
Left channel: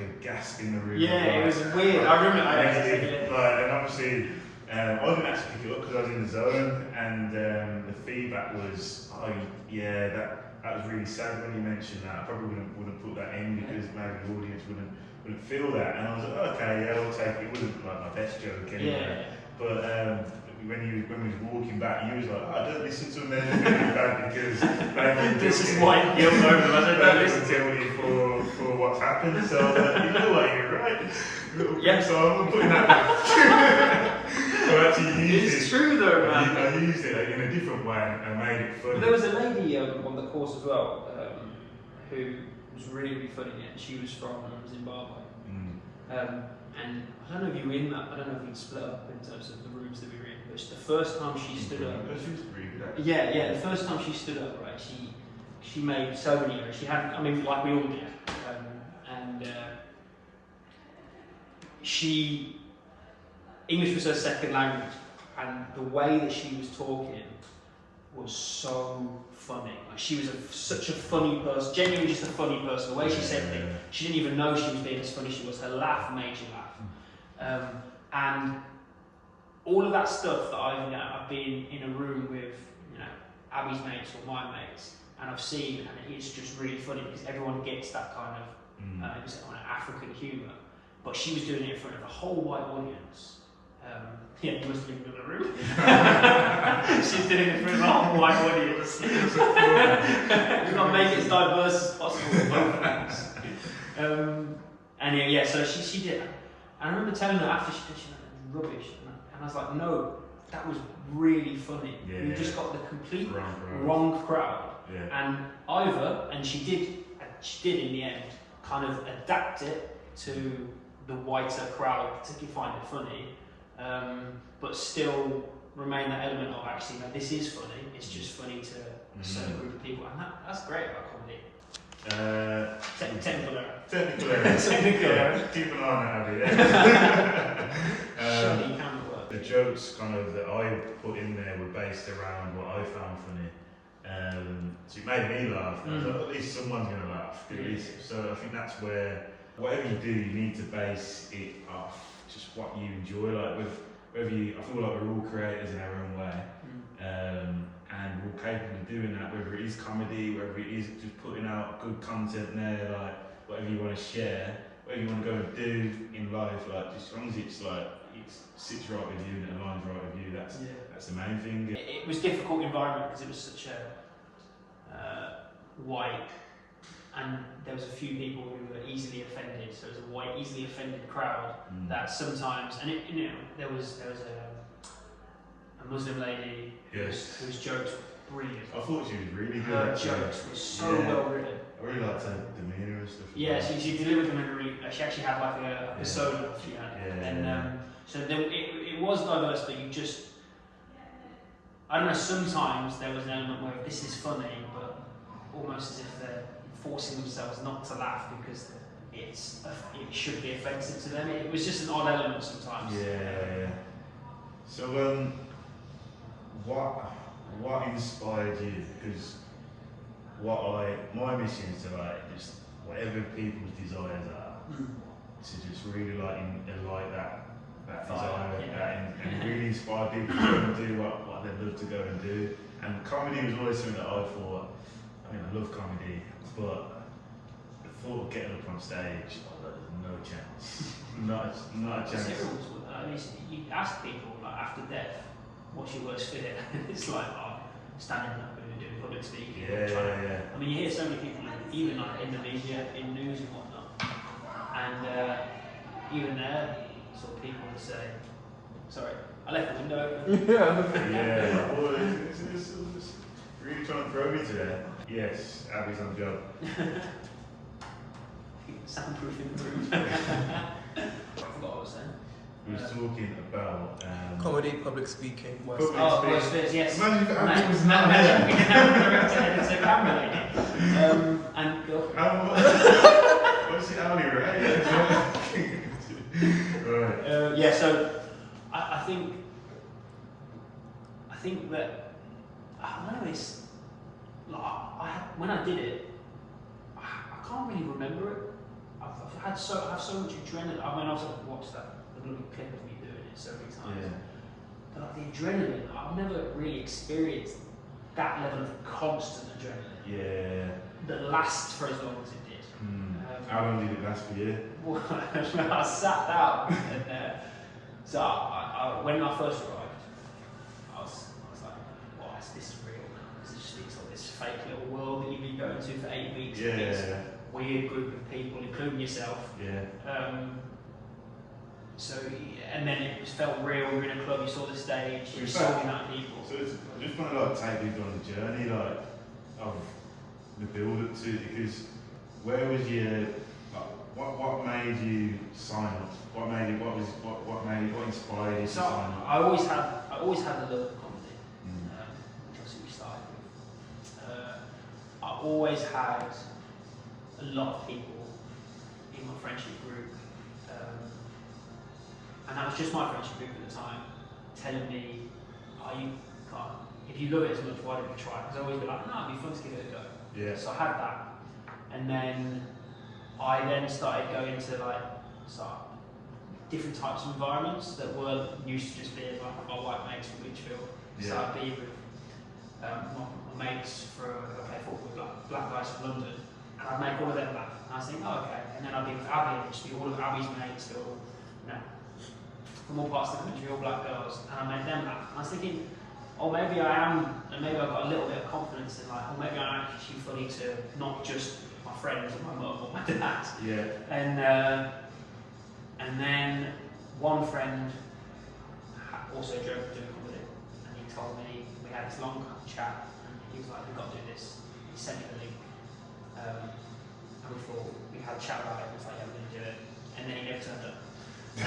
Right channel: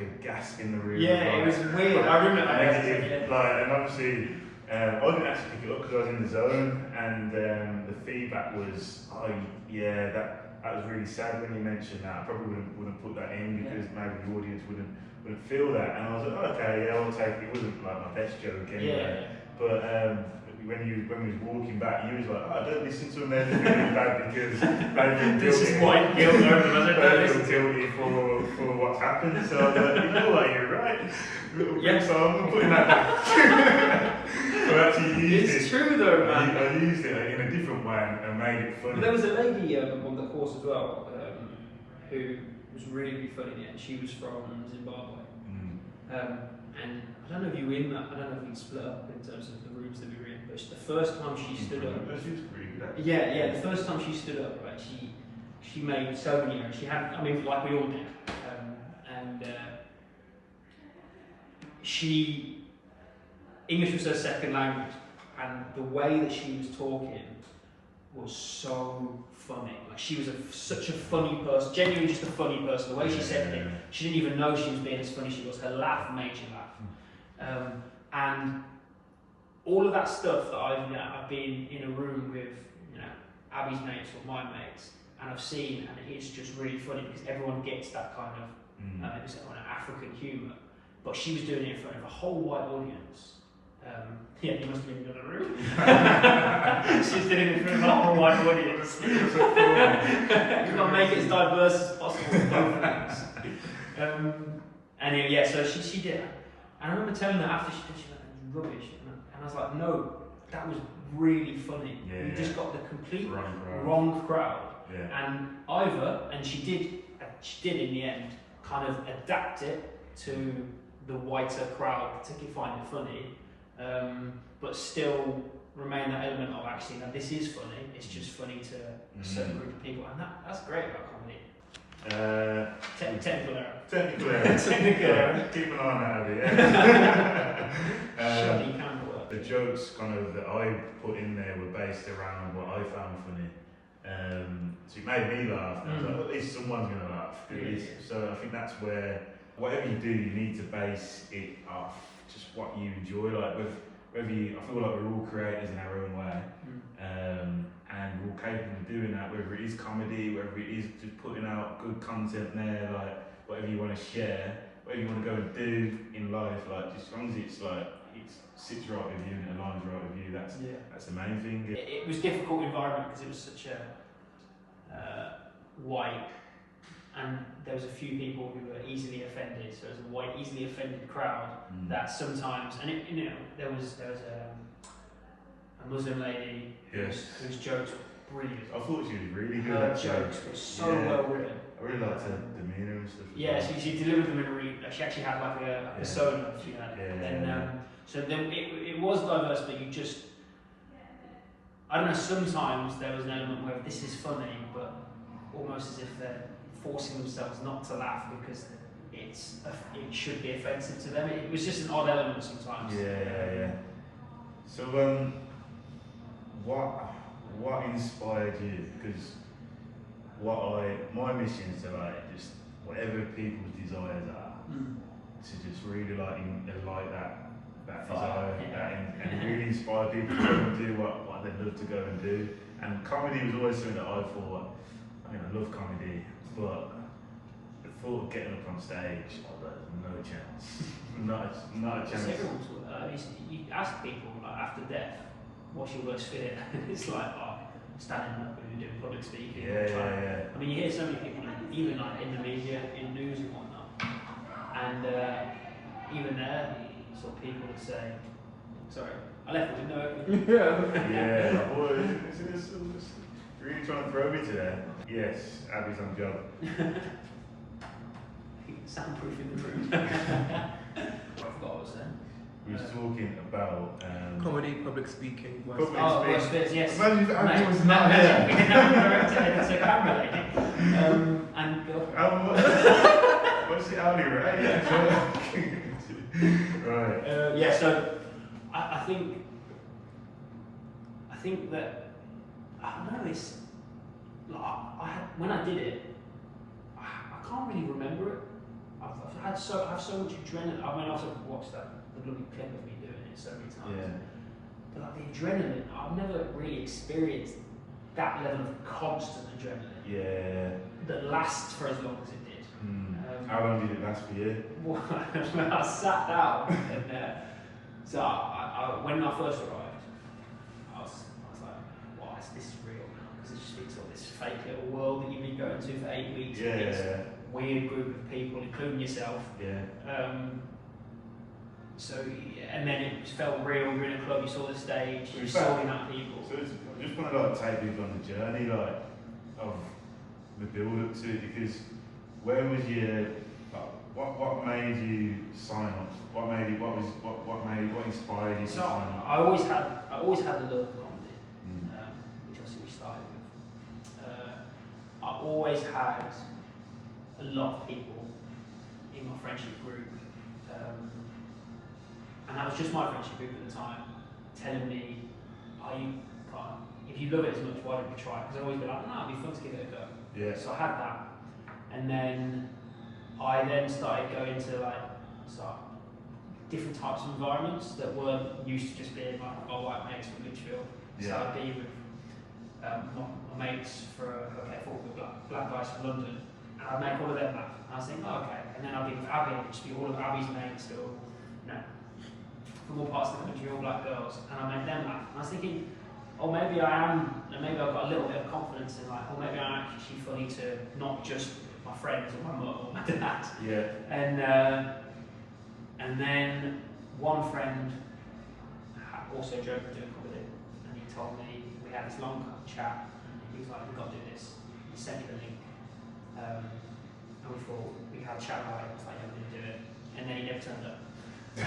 a gasp in the room. It was weird. I remember. And obviously, I didn't actually pick it up because I was in the zone, and the feedback was, that was really sad when you mentioned that. I probably wouldn't put that in because maybe the audience wouldn't feel that. And I was like, okay, I'll take it. It wasn't like my best joke anyway. But when we was walking back, you was like, don't listen to them, they're feeling bad because this is why you feel guilty for what's happened. So I was like, you know what, you're right. So I'm putting that down. I actually used it. It's true though, man. I used it in a different way and made it funny. There was a lady on the course as well who was really funny, and she was from Zimbabwe. And I don't know if you were in that, I don't know if we split up in terms of the rooms that we were in, but the first time she stood up. She was pretty good actually. The first time she stood up, right, she made so many errors. She had, like we all did. English was her second language, and the way that she was talking was so funny. Like, she was such a funny person, genuinely just a funny person. The way she said things, she didn't even know she was being as funny as she was. Her laugh made you laugh. And all of that stuff that I've been in a room with, Abby's mates or my mates, and I've seen, and it's just really funny because everyone gets that kind of it was an African humour, but she was doing it in front of a whole white audience. You must have been in another room. She's doing it in front of a whole white audience. You've got to make it as diverse as possible. So she did it. And I remember telling her after she did, she was like, rubbish. And I was like, no, that was really funny. You just got the complete wrong crowd. And she did in the end kind of adapt it to the whiter crowd, particularly find it funny, but still remain that element of actually, no, this is funny, it's just funny to a certain group of people, and that's great about comedy. Technical error. Keep an eye on that, Abby. You can work. The jokes kind of that I put in there were based around what I found funny. So it made me laugh, and I was like, at least someone's going to laugh. So I think that's where, whatever you do, you need to base it off just what you enjoy. Like I feel like we're all creators in our own way, and we're all capable of doing that. Whether it is comedy, whether it is just putting out good content there, like whatever you want to share, whatever you want to go and do in life, like just as long as it's like it sits right with you and it aligns right with you, that's the main thing. It was a difficult environment because it was such a white, and there was a few people who were easily offended. So it was a white, easily offended crowd that sometimes, and there was a Muslim lady whose jokes brilliant. I thought she was really good. Her jokes were so well written. I really liked her demeanour and stuff. Yeah, she delivered them in really. She actually had like a persona. She had. So then it was diverse, but you just. I don't know. Sometimes there was an element where this is funny, but almost as if they're forcing themselves not to laugh because it should be offensive to them. It was just an odd element sometimes. Yeah. So what inspired you? Because my mission is to like just whatever people's desires are, to just really like enlight that desire, and really inspire people to go and do what they'd love to go and do. And comedy was always something that I thought. I mean, I love comedy, but the thought of getting up on stage, I was like, no chance, not a chance. You ask people like after death, what's your worst fear? It's like standing up and doing public speaking. Yeah. I mean, you hear so many people, even like in the media, in news and whatnot, and even there, sort of people would say, "Sorry, I left the window open." Yeah. Boy, it's really trying to throw me today. Yes, Abby's on the job. Soundproof in the room. I forgot what I was saying. We were talking about comedy, public speaking, worst fears, yes. Imagine if Abby was not here. We can have a director editor camera lady. And go. What's the hourly rate? Right. So I think that I don't know. It's like when I did it, I can't really remember it. I have so much adrenaline. I mean, I've watched the bloody clip of me doing it so many times. Yeah. But like the adrenaline, I've never really experienced that level of constant adrenaline. Yeah. That lasts for as long as it did. How long did it last for you? Well, I sat down and so when I first arrived, I was like, "Wow, is this real?" Because it just feels like this fake little world that you've been going to for 8 weeks. Yeah. Weird group of people, including yourself. Yeah. And then it felt real. We were in a club. You saw the stage. You saw the amount of people. So I just want to like take people on the journey, like of the build up to it, because where was your what made you sign up? What inspired you to sign up? I always had a love of comedy, which obviously we started with. I always had a lot of people in my friendship group, and that was just my friendship group at the time, telling me, if you love it as much, why don't you try it? Because I'd always be like, no, it'd be fun to give it a go. Yeah. So I had that, and then I started going to different types of environments that weren't used to just being like my white mates from Lichfield. Yeah. So I'd be with my mates I play football with black guys from London, and I'd make all of them laugh. And I was thinking, oh, okay. And then I'd be with Abby, and just be all of Abby's mates, from all parts of the country, all black girls, and I made them laugh. And I was thinking, maybe I am, and maybe I've got a little bit of confidence in maybe I'm actually funny to not just my friends or my mum or my dad. Yeah. And then one friend also drove to doing comedy, and he told me, we had this long chat, and he was like, we've got to do this. He sent me the link, and we had a chat about it, and I was like, yeah, we're going to do it. And then he never turned up. You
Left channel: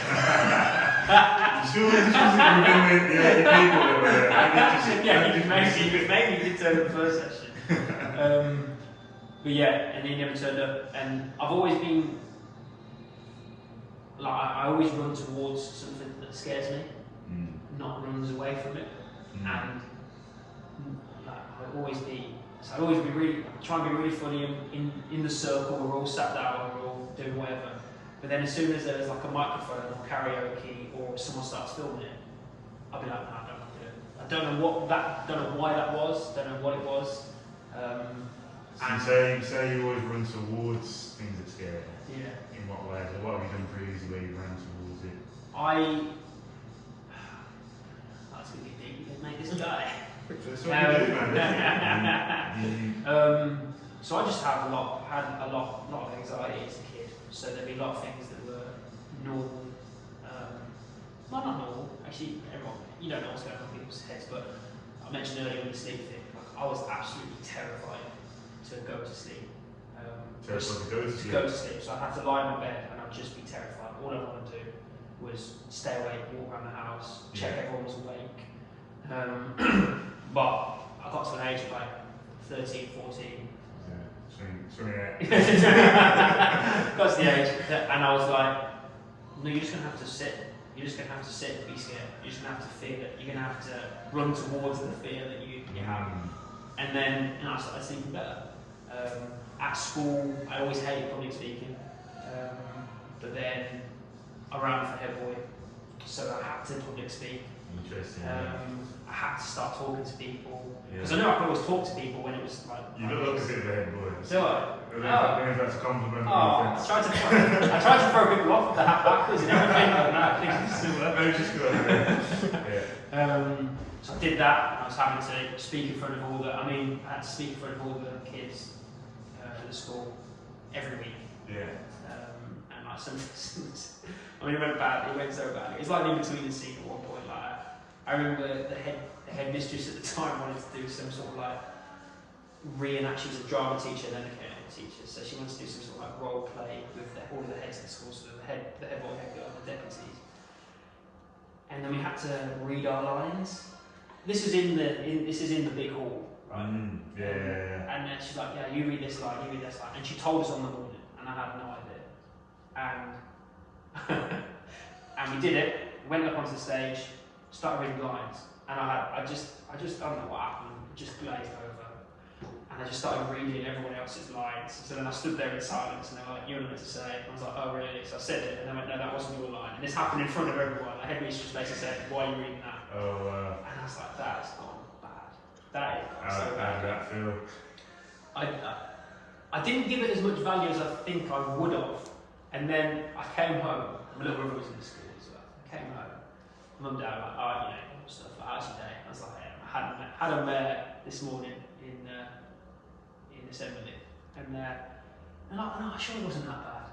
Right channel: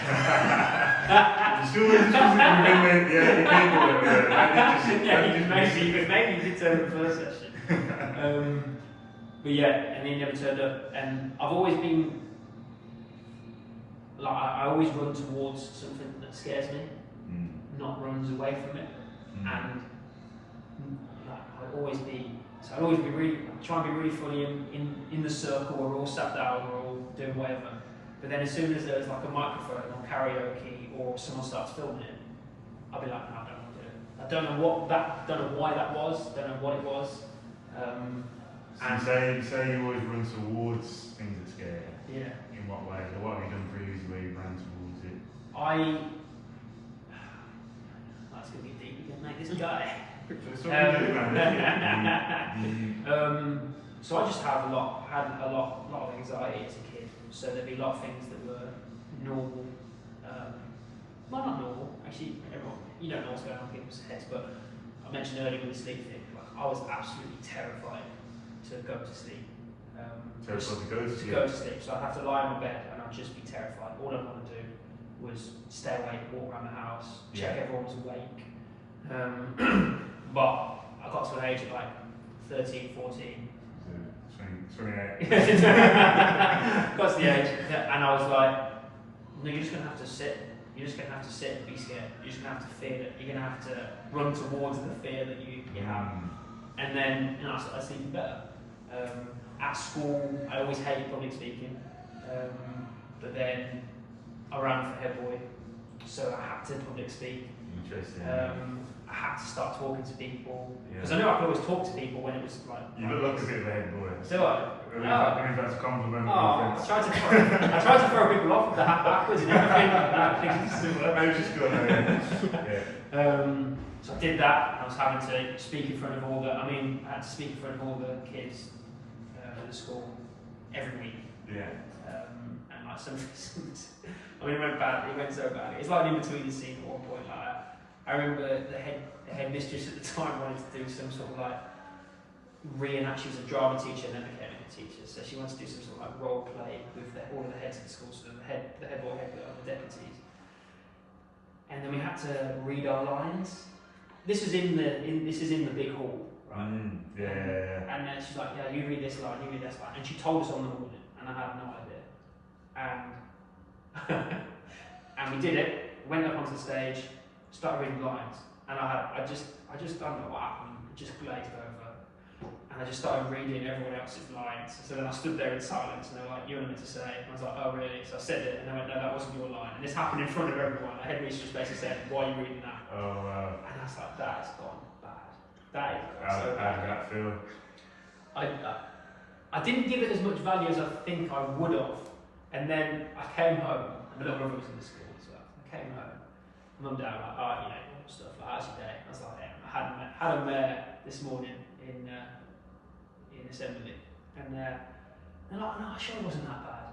sure this wasn't remember the only people that were maybe he did turn up the first session. But yeah, and he never turned up. And I've always been I always run towards something that scares me, not runs away from it. And I'd always be really try and be really funny in the circle. We're all sat down, we're all doing whatever. But then as soon as there's like a microphone or karaoke or someone starts filming it, I'll be like, no, I don't want to do it. I don't know why that was, don't know what it was. So you say you always run towards things that scare you? Yeah. In what way? So what have you done previously where you ran towards it? That's going to be deep again, mate, this guy. That's what you do, man. So I just had a lot of anxiety as a kid. So there'd be a lot of things that were normal. Well, not normal. Actually, everyone, you don't know what's going on in people's heads, but I mentioned earlier with the sleep thing, like I was absolutely terrified to go to sleep. Terrified to go to To sleep? go to sleep. So I'd have to lie in my bed and I'd just be terrified. All I want to do was stay awake, walk around the house, check everyone was awake. But I got to an age of like 13, 14. 28. Got to the age and I was like, no, you're just going to have to sit. You're just going to have to sit and be scared. You're just going to have to feel it. You're going to have to run towards the fear that you have. And then, I started sleeping better. At school, I always hated public speaking. But then I ran for head boy, so I had to public speak. Interesting. I had to start talking to people. Yeah. Because I knew I could always talk to people when it was like... You look like a bit of a head boy. Do I? I mean, that's a compliment. I tried to throw people off with the hat backwards and everything like that. Maybe just go ahead. So I did that, and I was having to speak in front of all the. I had to speak in front of all the kids at the school every week. Yeah. And like it went bad. It went so bad. It's like in between the scene at one point. Like I remember the headmistress at the time wanted to do some sort of like reenact. She was a drama teacher and then became a teacher, so she wanted to do some sort of like role play with all of the heads of the school, so the head boy, head girl, the deputies, and then we had to read our lines. This is in the big hall, right? Yeah. And then she's like, yeah, you read this line, and she told us on the morning, and I had no idea, and and we did it. Went up onto the stage, started reading lines, and I just don't know what happened. It just glazed over. And I just started reading everyone else's lines. So then I stood there in silence and they were like, you're not meant to say. And I was like, oh really? So I said it and they went, no, that wasn't your line. And this happened in front of everyone. The headmistress basically said, why are you reading that? Oh wow. And I was like, that has gone bad. That has gone How so did bad. that feel? I didn't give it as much value as I think I would have. And then I came home. My little brother was in the school as well. I came home. Mum and Dad were like, oh, stuff like, how's your day? I was like, yeah, I had a mare this morning in assembly, and they're like, no, sure it wasn't that bad.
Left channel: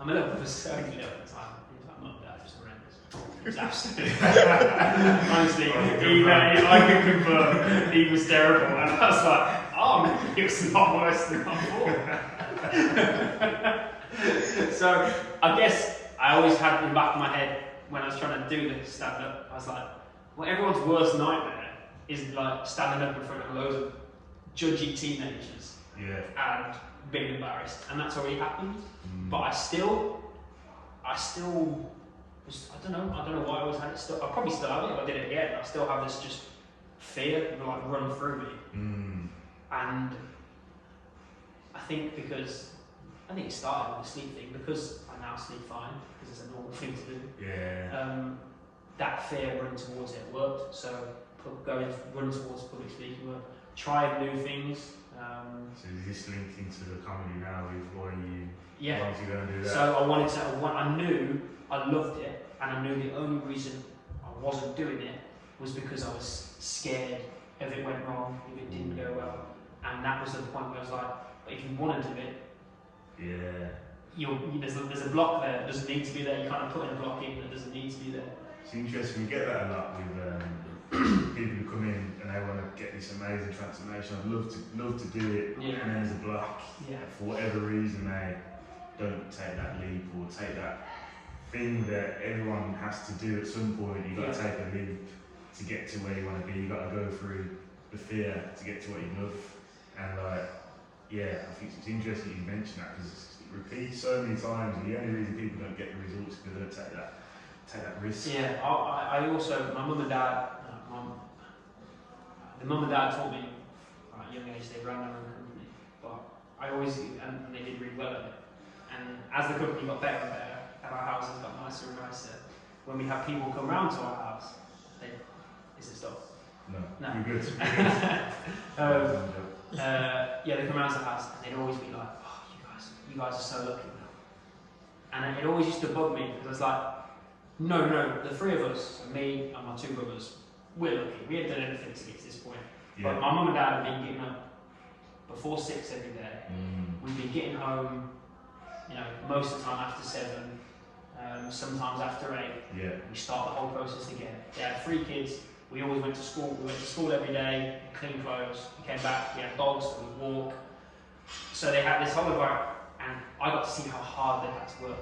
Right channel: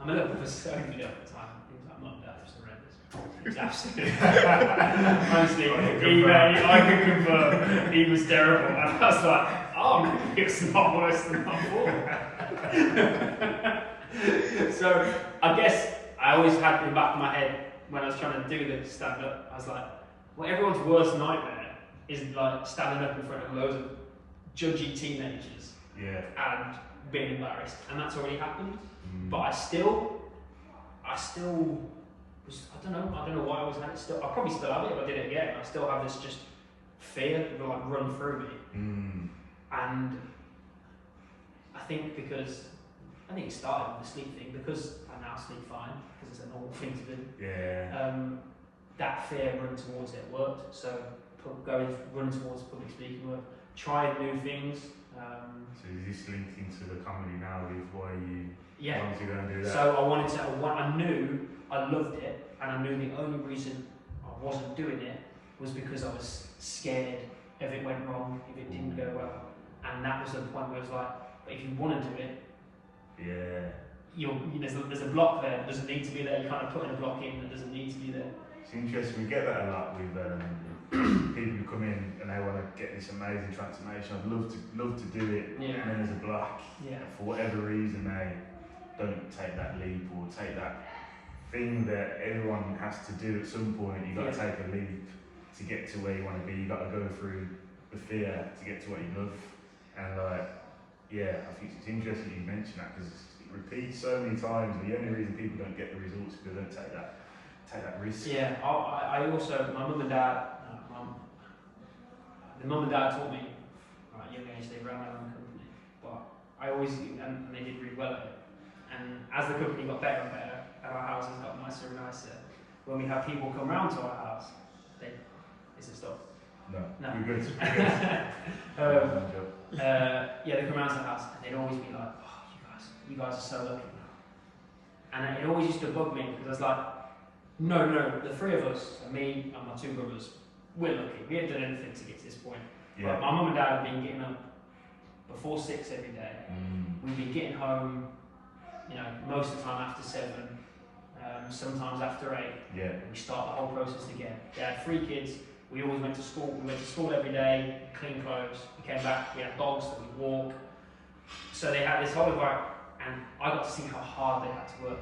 I'm a little bit of a only little at the time. He was like, Mum, Dad, it was horrendous. It was absolutely honestly, I can confirm he was terrible, and I was like, oh, maybe it was not worse than I thought. So I guess I always had in the back of my head when I was trying to do the stand up, I was like, well, everyone's worst nightmare is like standing up in front of loads of judgy teenagers. Yeah. And being embarrassed, and that's already happened. But I still was, I don't know why I always had it. Still, I probably still have it if I did it again. I still have this just fear like run through me, and I think it started with the sleep thing because I now sleep fine because it's a normal thing to do. Yeah. That fear running towards it worked. So run towards public speaking worked. Tried new things. So is this linked into the comedy now with why you wanted to go and do that? So I knew I loved it, and I knew the only reason I wasn't doing it was because I was scared if it went wrong, if it didn't go well. And that was the point where I was like, but if you want to do it, there's a block there that doesn't need to be there. You kind of put in a block in that doesn't need to be there. It's interesting, we get that a lot with people who come in and they want to get this amazing transformation. I'd love to do it, and then there's a block. Yeah. And for whatever reason, they don't take that leap or take that thing that everyone has to do at some point. You've got to take a leap to get to where you want to be. You've got to go through the fear to get to what you love. And I think it's interesting you mentioned that because it repeats so many times. And the only reason people don't get the results is because they don't take that risk. Yeah, I also, my mum and dad, the mum and dad taught me at a young age they ran their own company, but I always, and they did really well at it. And as the company got better and better, and our houses got nicer and nicer, when we have people come round to our house, is it stop? No, No. you're good. They come round to the house and they'd always be like, oh, you guys are so lucky now. And it always used to bug me because I was like, no, the three of us, so me and my two brothers, we're lucky. We hadn't done anything to get to this point. Yeah. But my mum and dad have been getting up before 6 every day. We've been getting home, most of the time after 7, sometimes after 8. Yeah. We start the whole process again. They had 3 kids, We always went to school. We went to school every day, clean clothes. We came back. We had dogs that we walk. So they had this whole environment, and I got to see how hard they had to work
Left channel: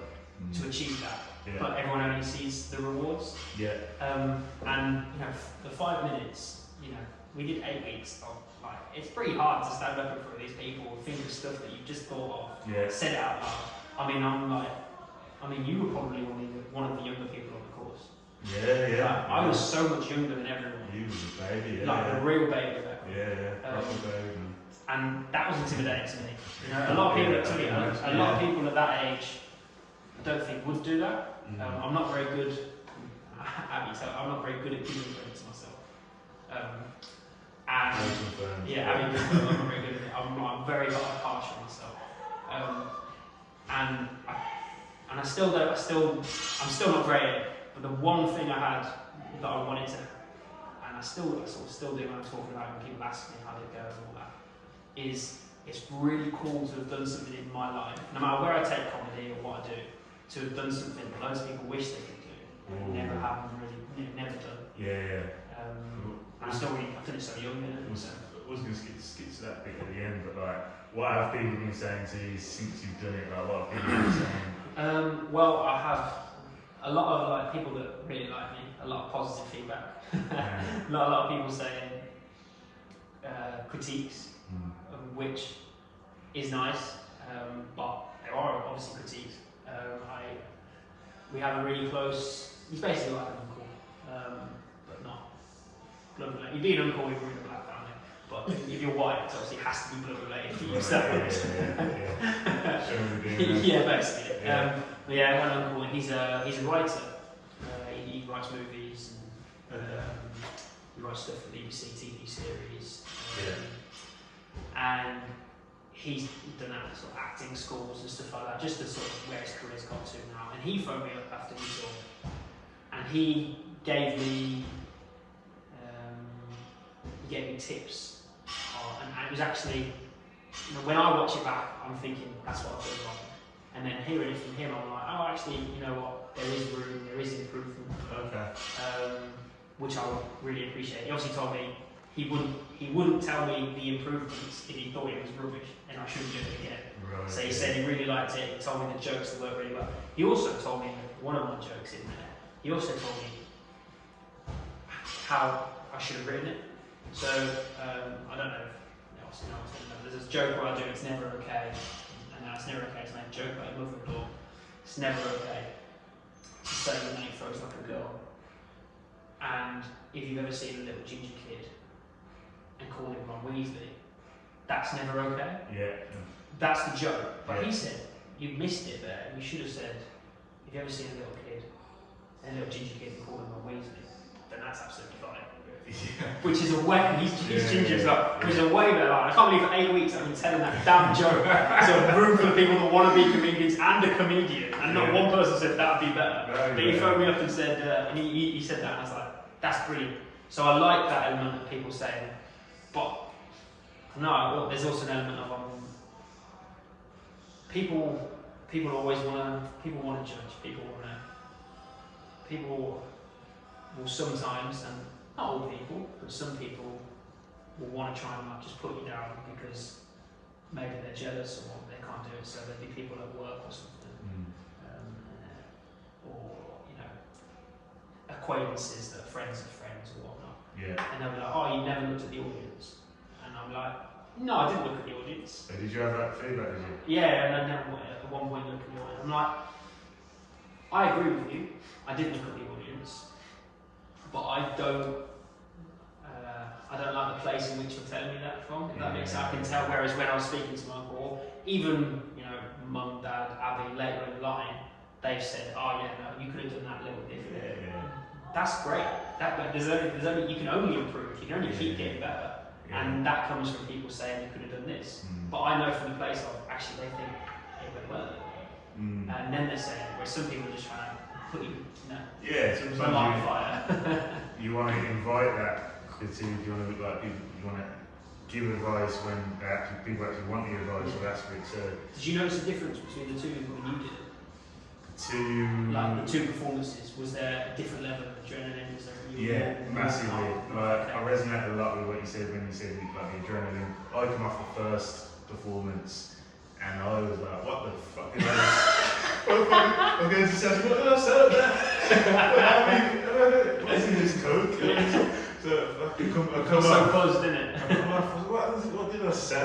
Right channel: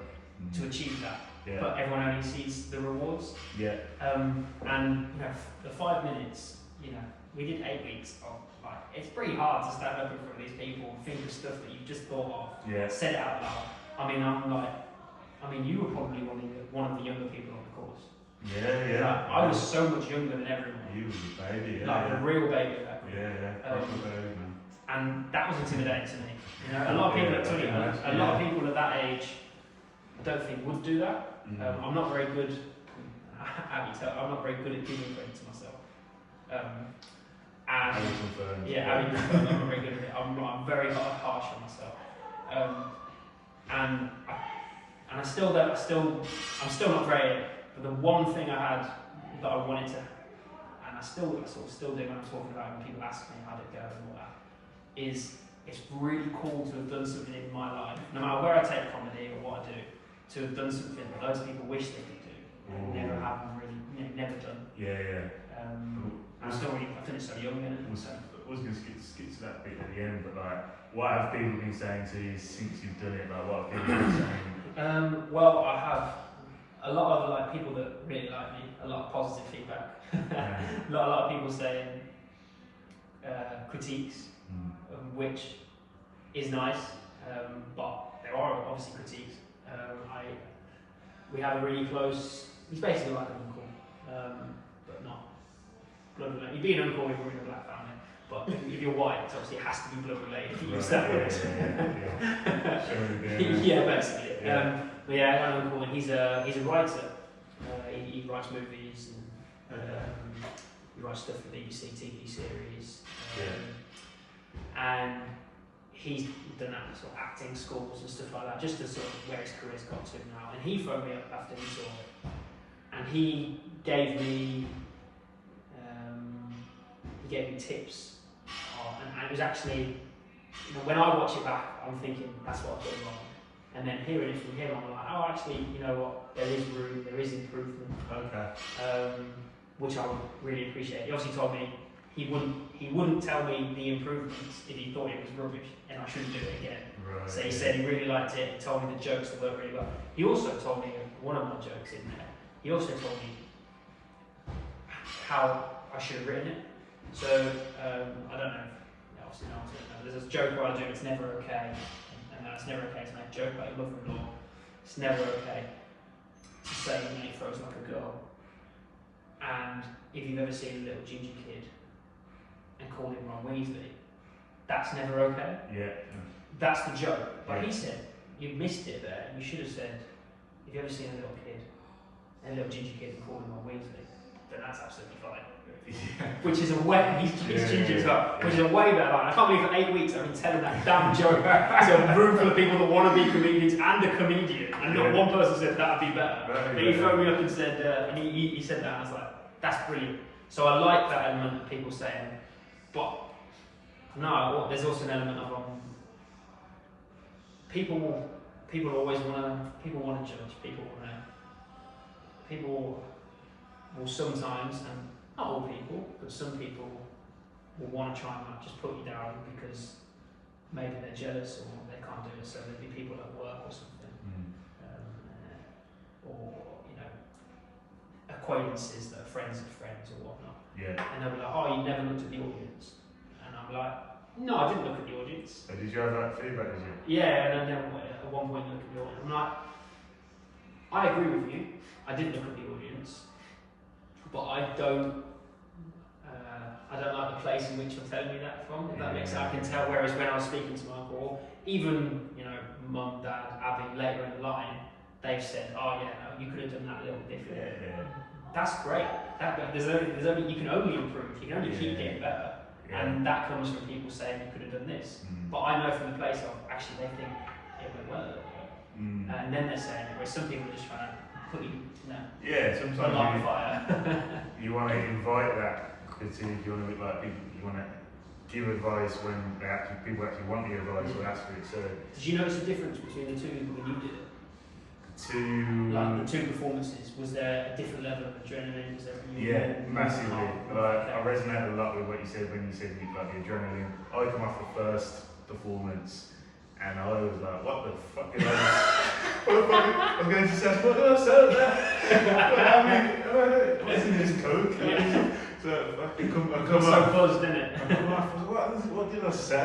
to achieve that. Yeah. But everyone only sees the rewards. Yeah. And you know, the 5 minutes, you know, we did 8 weeks of like, it's pretty hard to stand up in front of these people, think of stuff that you've just thought of, Yeah. said it out loud. I mean, you were probably one of the younger people on the course. Yeah, yeah. Like, I was so much younger than everyone. You was a baby, yeah. Like a real baby at that point. Yeah, proper baby, man. And that was intimidating to me. You know, a lot of people a lot of people at that age, I don't think would do that. I'm not very good. I'm not very good at giving credit to myself. And I'm not very good at it. I'm very harsh on myself. And I'm still not great at it. But the one thing I had that I wanted to, and I still do when I'm talking about it, when people ask me how it goes and all that, is it's really cool to have done something in my life, no matter where I take comedy or what I do, to have done something that loads of people wish they could do, and never have really, never done. Yeah. And I've done it so young. I was going to skip to that bit at the end, but like, what have people been saying to you since you've done it? Like, what have people been saying? Well, I have a lot of like people that really like me, a lot of positive feedback, a lot of people saying critiques, which is nice, but there are obviously critiques. We have a really close. He's basically like an uncle, but not blood related. You'd be an uncle if you're in a black family, but if you're white, it obviously has to be blood related. If you use that word. Yeah, basically. Yeah. But yeah, I got an uncle, and he's a writer. He writes movies, and he writes stuff for BBC TV series. And he's done that sort of acting schools and stuff like that, just to sort of where his career's got to now. And he phoned me up after he saw it, and he gave me tips. And it was actually, you know, when I watch it back, I'm thinking that's what I've done wrong. And then hearing it from him, I'm like, oh, actually, you know what? There is room, there is improvement. Okay. Which I would really appreciate. He obviously told me he wouldn't tell me the improvements if he thought it was rubbish and I shouldn't do it again. Right. So he said he really liked it. He told me the jokes that worked really well. He also told me one of my jokes in there. He also told me how I should have written it. So I don't know. Obviously, no one's going to know. There's this joke where I do. It's never okay. And it's never okay to make a joke about your mother-in-law. It's never okay to say when he throws like a girl. And if you've ever seen a little ginger kid and call him Ron Weasley, that's never okay. Yeah. That's the joke. But he said, you missed it there. You should have said, if you ever seen a little kid, a little ginger kid and call him Ron Weasley, then that's absolutely fine. Which is a way, he's ginger as well, which is a way better line. I can't believe for 8 weeks I've been telling that damn joke to a room full of people that want to be comedians and a comedian, and not one person said that would be better. But he phoned me up and said, and he said that, and I was like, that's brilliant. So I like that element of people saying, but no, there's also an element of people always want to judge. People will sometimes, and not all people, but some people will want to try and just put you down because maybe they're jealous or they can't do it. So there'll be people at work or something, or you know, acquaintances that are friends of friends or whatnot. Yeah. And they'll be like, "Oh, you never looked at the audience," and I'm like, "No, I didn't look at the audience." So did you have that feedback? Did you? Yeah, and I never at one point looked at the audience. I'm like, I agree with you. I didn't look at the audience. But I don't like the place in which you're telling me that from. If that makes sense, I can tell. Whereas when I was speaking to my uncle, even mum, dad, Abby, later in the line, they've said, "Oh yeah, no, you could have done that a little differently." Yeah. That's great. There's only you can only improve. You can only keep getting better, and that comes from people saying you could have done this. But I know from the place of actually they think it went well a little bit, and then they're saying where some people are just trying to put you. Yeah, sometimes fire. You want to invite that critique. You want to like people. You want to give advice when people actually want the advice or ask for it. So did you notice a difference between the two when you did it? Like the two performances, was there a different level of adrenaline? Was there massively. Like, okay. I resonate a lot with what you said when you said like the adrenaline. I come off the first performance and I was like, what the fuck did I just... I'm going to say, what did I say there? What's in this coke? Yeah. So I come so off. buzzed, didn't it? I come off, what did I say?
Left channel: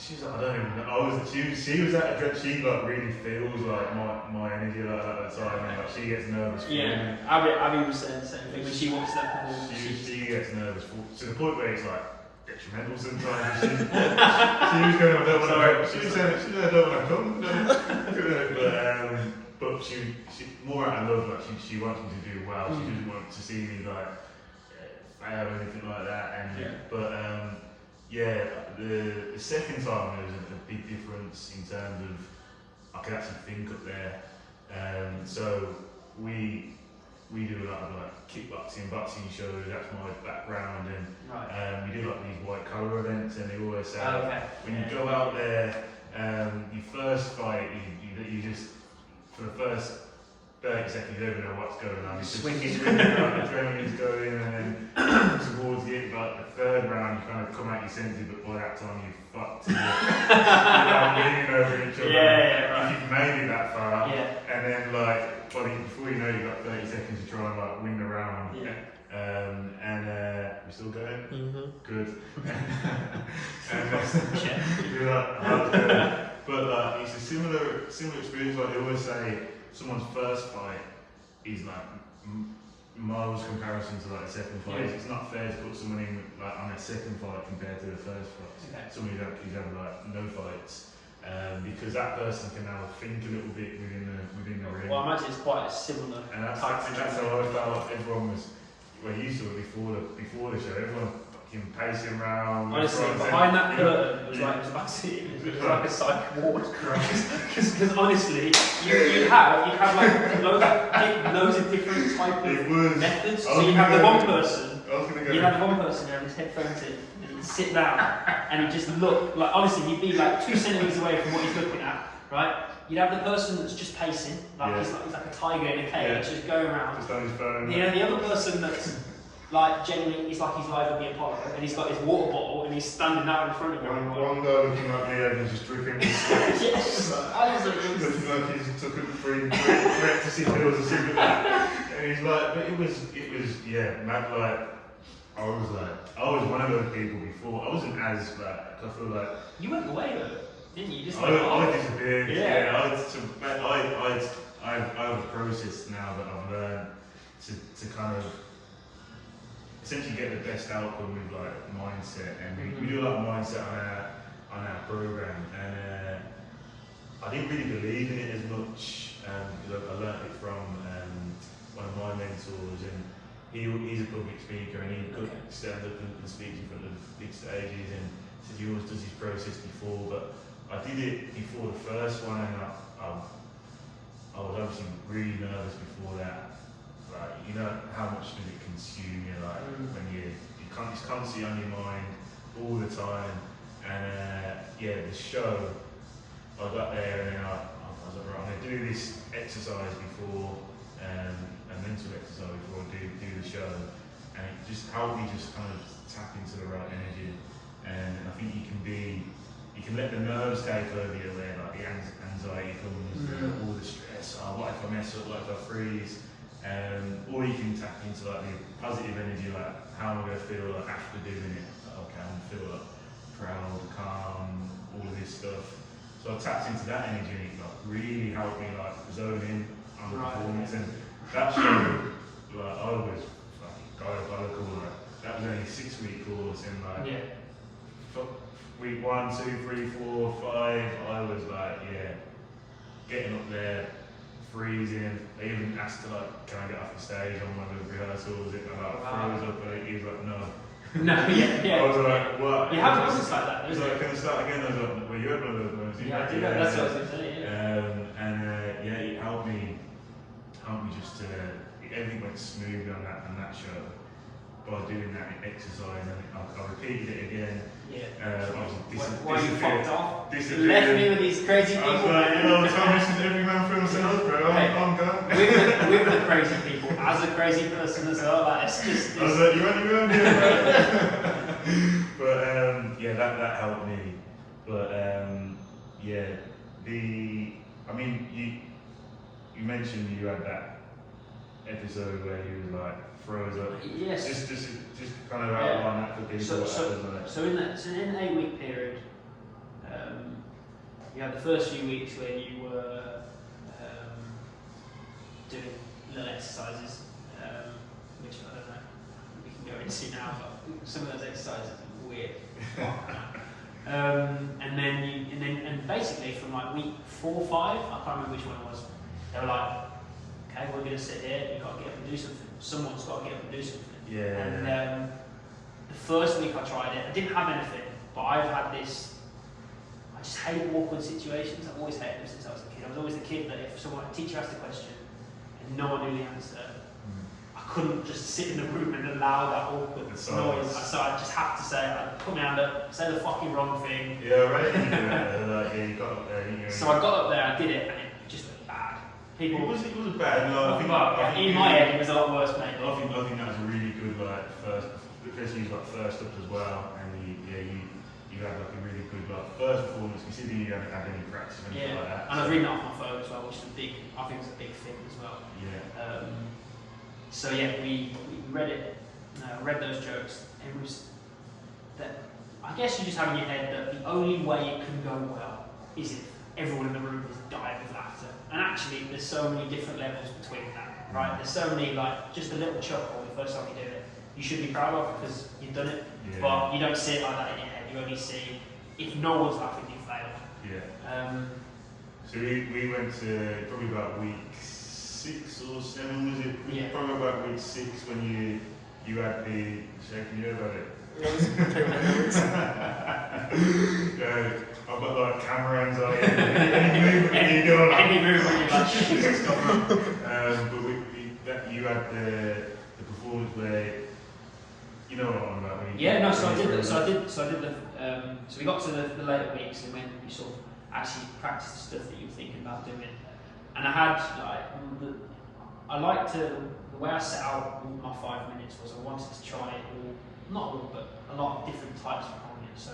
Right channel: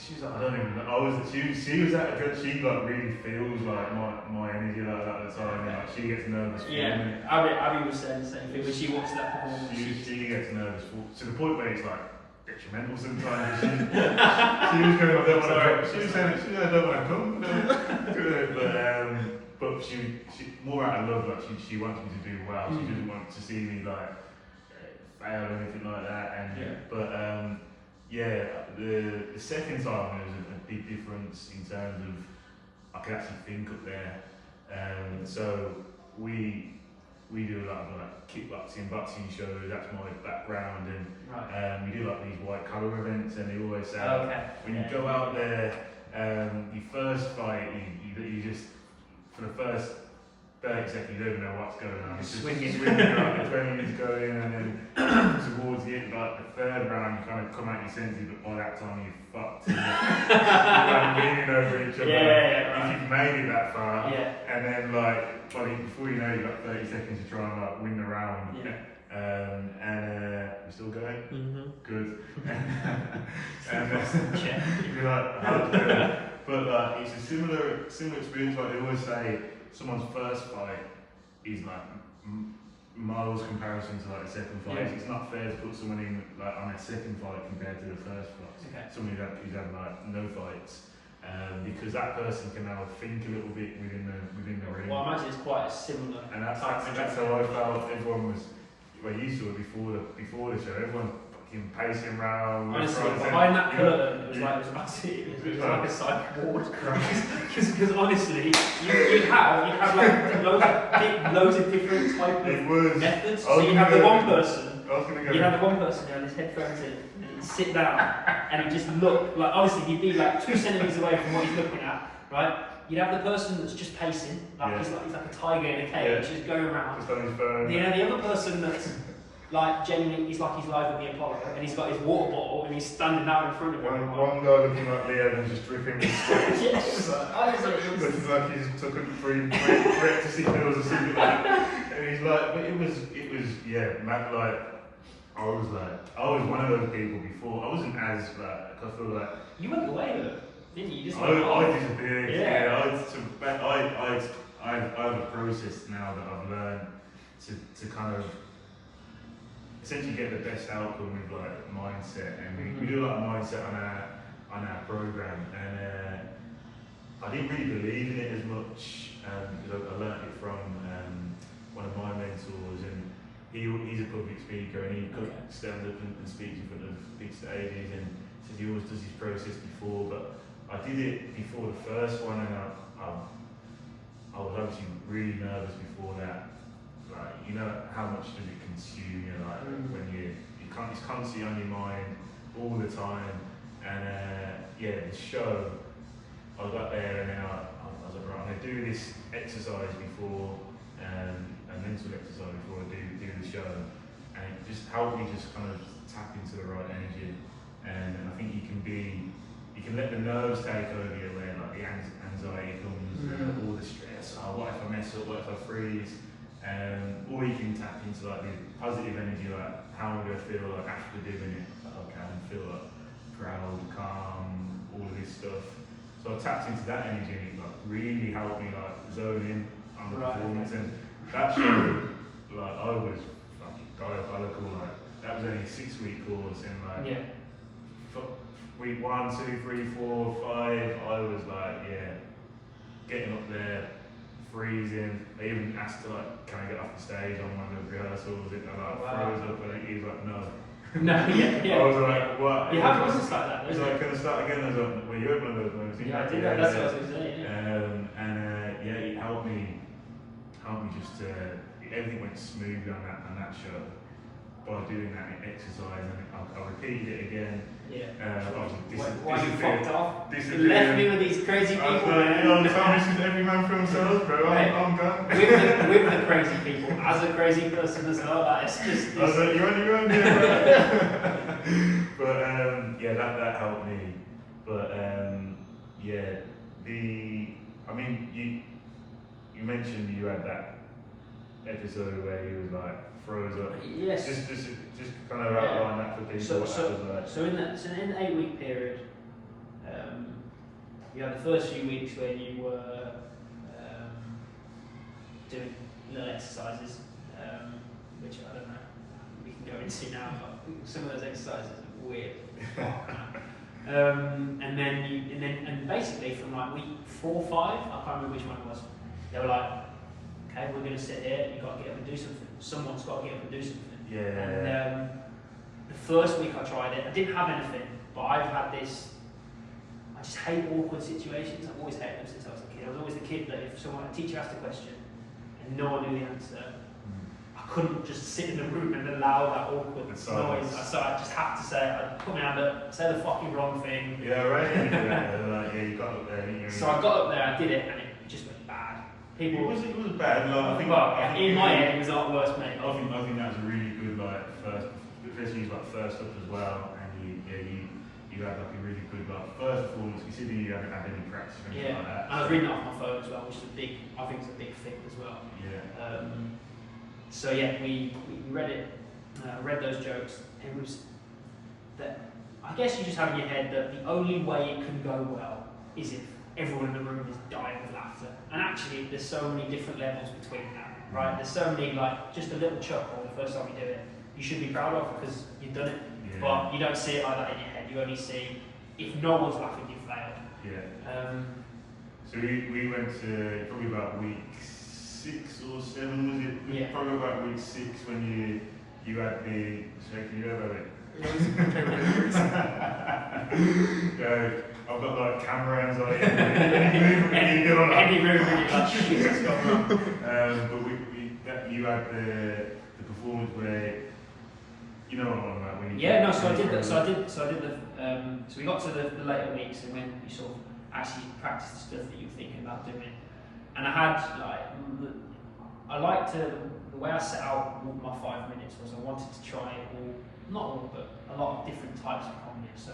She's like, I don't even know. She was at a she like really feels like my energy like that at the time, and like she gets nervous for me. Abby was saying the same thing when she watched that performance. She gets nervous to the point where it's like detrimental sometimes. She was going, I don't want to come. She was saying, I don't want to come. But she more out of love, like she wants me to do well. She doesn't want to see me like fail or anything like that. And the second time there was a big difference in terms of I could actually think up there. So we do a lot of like kickboxing, boxing shows. That's my background, and we do like these white collar events. And they always say when you go out there, your first fight, you just for the first 30 seconds you don't even know what's going on. It's just swinging around, adrenaline is going, and then towards the end, like the third round, you kind of come out your senses, but by that time you're fucked. You're like leaning over each other. If you've made it that far, and then like before you know, you've got 30 seconds to try and like win the round. We're still going? Mm-hmm. Good. You're like, how's it going? But like, it's a similar experience. Like they always say, someone's first fight is like miles comparison to like the second fight. It's not fair to put someone in like on a second fight compared to the first fight. Someone who's had like no fights, because that person can now think a little bit within the ring. Well, I imagine it's quite a similar. And that's how I felt. Everyone was. Well, you saw it before the show. Everyone fucking pacing around. Honestly, behind that curtain, it was like a psych ward. Because honestly, you have like loads of different type of methods. So you have the one person. You have the one person who has his headphones in, and he'd sit down, and he'd just look like honestly he'd be like 2 centimeters away from what he's looking at, right? You'd have the person that's just pacing, he's like a tiger in a cage, just going around. Just on his phone. The other person that's like genuinely, he's like he's live at the Apollo, and he's got his water bottle, and he's standing out in front of him. One guy looking like Leo and just dripping with sweat. Looking like he's took three ecstasy pills or something like that. And he's like, but it was mad. Like I was one of those people before. I wasn't as like I feel like you went away though. Didn't you? Just I disappeared. I have a process now that I've learned to kind of essentially get the best outcome with like mindset, and we do a lot of mindset on our program, and I didn't really believe in it as much because I learned it from one of my mentors, and he's a public speaker, and he could stand up and speak in front of big stages, and said he always does his process before, but I did it before the first one, and I was obviously really nervous before that. Like, you know how much does it consume you? Like when it's constantly on your mind all the time. And the show, I got there and then I was like, right, I'm gonna do this exercise before, a mental exercise before I do the show, and it just helped me just kind of tap into the right energy. And I think you can let the nerves take over you, where like the anxiety comes, all the stress, what if I mess up, what if I freeze, or you can tap into like the positive energy, like how am I going to feel like after doing it, like, okay, I'm going to feel like proud, calm, all of this stuff. So I tapped into that energy, and it like really helped me like zone in on the performance, and that show, like I was fucking diabolical, like that was only a 6-week course, and like week 1, 2, 3, 4, 5, I was like, getting up there, freezing. They even asked to like, can I get off the stage on one of the rehearsals? It I like froze up, and he was like, no. I was like, what? You have moments like that. He's like, can I start again? I was like, well, you had one of those moments. I did that. That's what I was going to say. It helped me just to everything went smoothly on that show. by doing that exercise, and I repeated it again. Yeah. Obviously, Why you fucked off? disappeared. Left me with these crazy I was people, like, man. no, Tom, this is every man for himself, bro. I'm gone. With the crazy people, as a crazy person as well, like, it's just. I was like, you're on your own here, bro. But yeah, that helped me. But yeah, I mean, you mentioned you had that episode where you like froze up. Yes. Just kind of outline that for people. So, what so, that was like. so in the 8-week period, you had the first few weeks where you were doing little exercises, which I don't know, we can go into now, but some of those exercises are weird. And basically from like week 4 or 5, I can't remember which one it was, they were like, okay, we're going to sit here, you've got to get up and do something. Someone's got to get up and do something. Yeah. And the first week I tried it, I didn't have anything, but I've had this, I just hate awkward situations. I've always hated them since I was a kid. I was always the kid that if a teacher asked a question and no one knew the answer, I couldn't just sit in the room and allow that awkward noise. So I just have to say, I'd put my hand up, say the fucking wrong thing. Yeah, right. You got up there. So I got up there, I did it, and it just went bad. People. It was bad. No, I think in my head, it was a lot worse, mate. I think that was a really good first, especially first up as well, and you had like a really good first performance, considering you hadn't had any practice or anything like that. And I was reading it off my phone as well, which is I think it's a big thing as well. Yeah. So yeah, we read it, read those jokes, and it was that I guess you just have in your head that the only way it can go well is if everyone in the room is dying with laughter. And actually, there's so many different levels between that, right? There's so many, like, just a little chuckle the first time you do it, you should be proud of because you've done it. Yeah. But you don't see it like that in your head. You only see, if no one's laughing, you failed. Yeah. So we went to probably about week 6 or 7, was it? Yeah. Probably about week 6 when you had the shaking you about it. Yeah, I've got like camera anxiety. Any movement you do, like, any movement you're like, shit, it's gone wrong. But you had the performance where, you know what I'm on about. So we got to the later weeks and when you sort of actually practice the stuff that you were thinking about doing. And I had the way I set out my 5 minutes was I wanted to try not all, but a lot of different types of comedy. So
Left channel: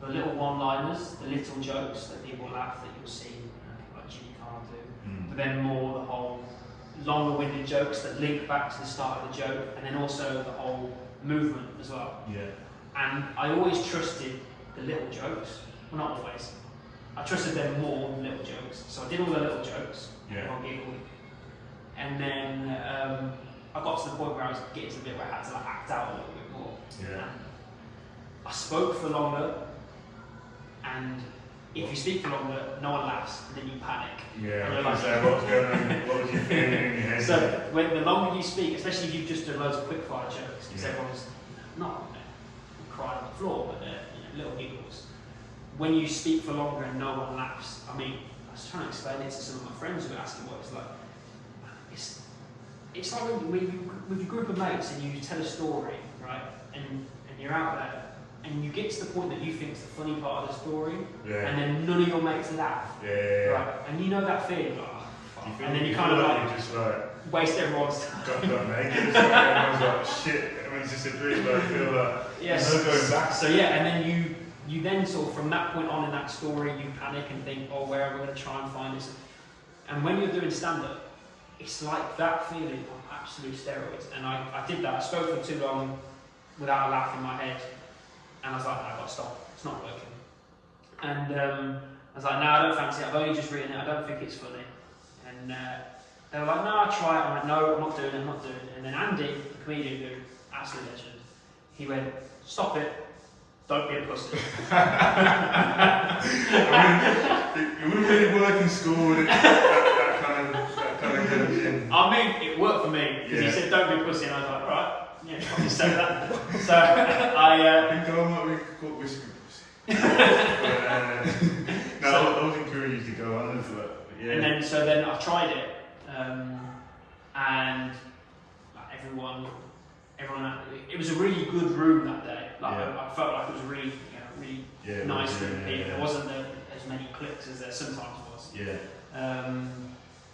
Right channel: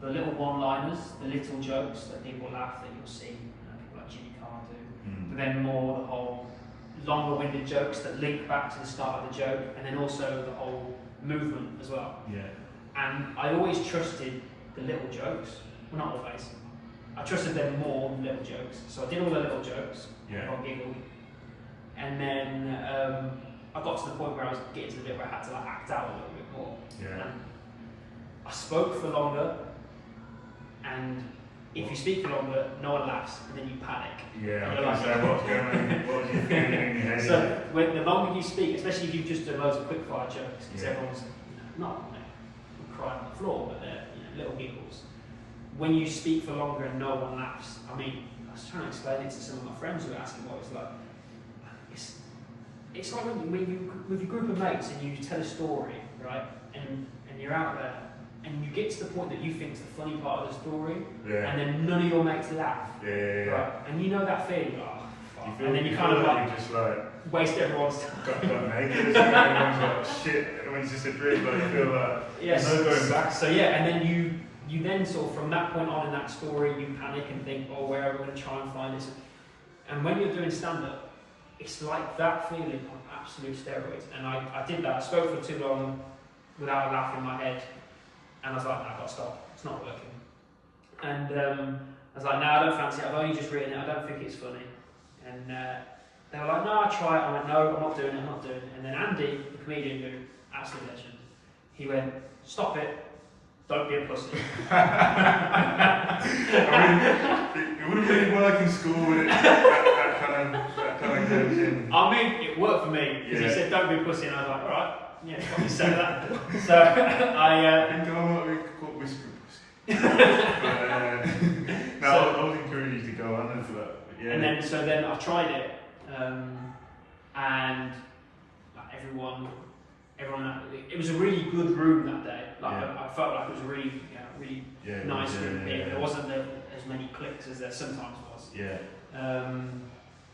the little one-liners, the little jokes that people laugh that you'll see, people like Jimmy Carr do, but then more the whole longer-winded jokes that link back to the start of the joke, and then also the whole movement as well. Yeah. And I always trusted the little jokes. Well, not always. I trusted them more than little jokes. So I did all the little jokes. Yeah. I giggled. And then I got to the point where I was getting to the bit where I had to like act out a little bit more. Yeah. And I spoke for longer, and if you speak for longer, no one laughs, and then you panic. Yeah, and I you're was going to say, what's going on? What was you feeling in your head? So when the longer you speak, especially if you've just done loads of quick fire jokes, because Yeah. everyone's not crying on the floor, but they're little giggles. When you speak for longer and no one laughs, I mean, I was trying to explain it to some of my friends who were asking what it's like. It's like when you with your group of mates and you tell a story, right? And you're out there and you get to the point that you think is the funny part of the story, Yeah. and then none of your mates laugh, Yeah. right? And you know that feeling, fuck. You feel, And then you kind of like you just like waste everyone's time. got naked. Everyone's like shit. Everyone's just a dream. But I feel like Yes. there's no going back. So yeah, and then you then sort of from that point on in that story, you panic and think, oh, where are we going to try and find this? And when you're doing stand-up, it's like that feeling on absolute steroids. And I did that. I spoke for too long without a laugh in my head, and I was like, no, I've got to stop. It's not working. And I was like, no, I don't fancy it. I've only just written it. I don't think it's funny. And they were like, no, I'll try it. I'm like, no, I'm not doing it. I'm not doing it. And then Andy, the comedian who, absolute legend, he went, stop it. Don't be a pussy. I mean, it wouldn't really work in school, would it? That kind of goes in. I mean, it worked for me because he said, "Don't be a pussy," and I was like, "All right, yeah, probably say that." So I think I might be called whiskey pussy. No, I was encouraged to go on into that. Yeah. And then I tried it, and like, everyone everyone. It was a really good room that day. Like Yeah. I felt like it was a really, really Yeah, nice yeah, group of yeah, people. yeah. There wasn't as many cliques as there sometimes was. Yeah.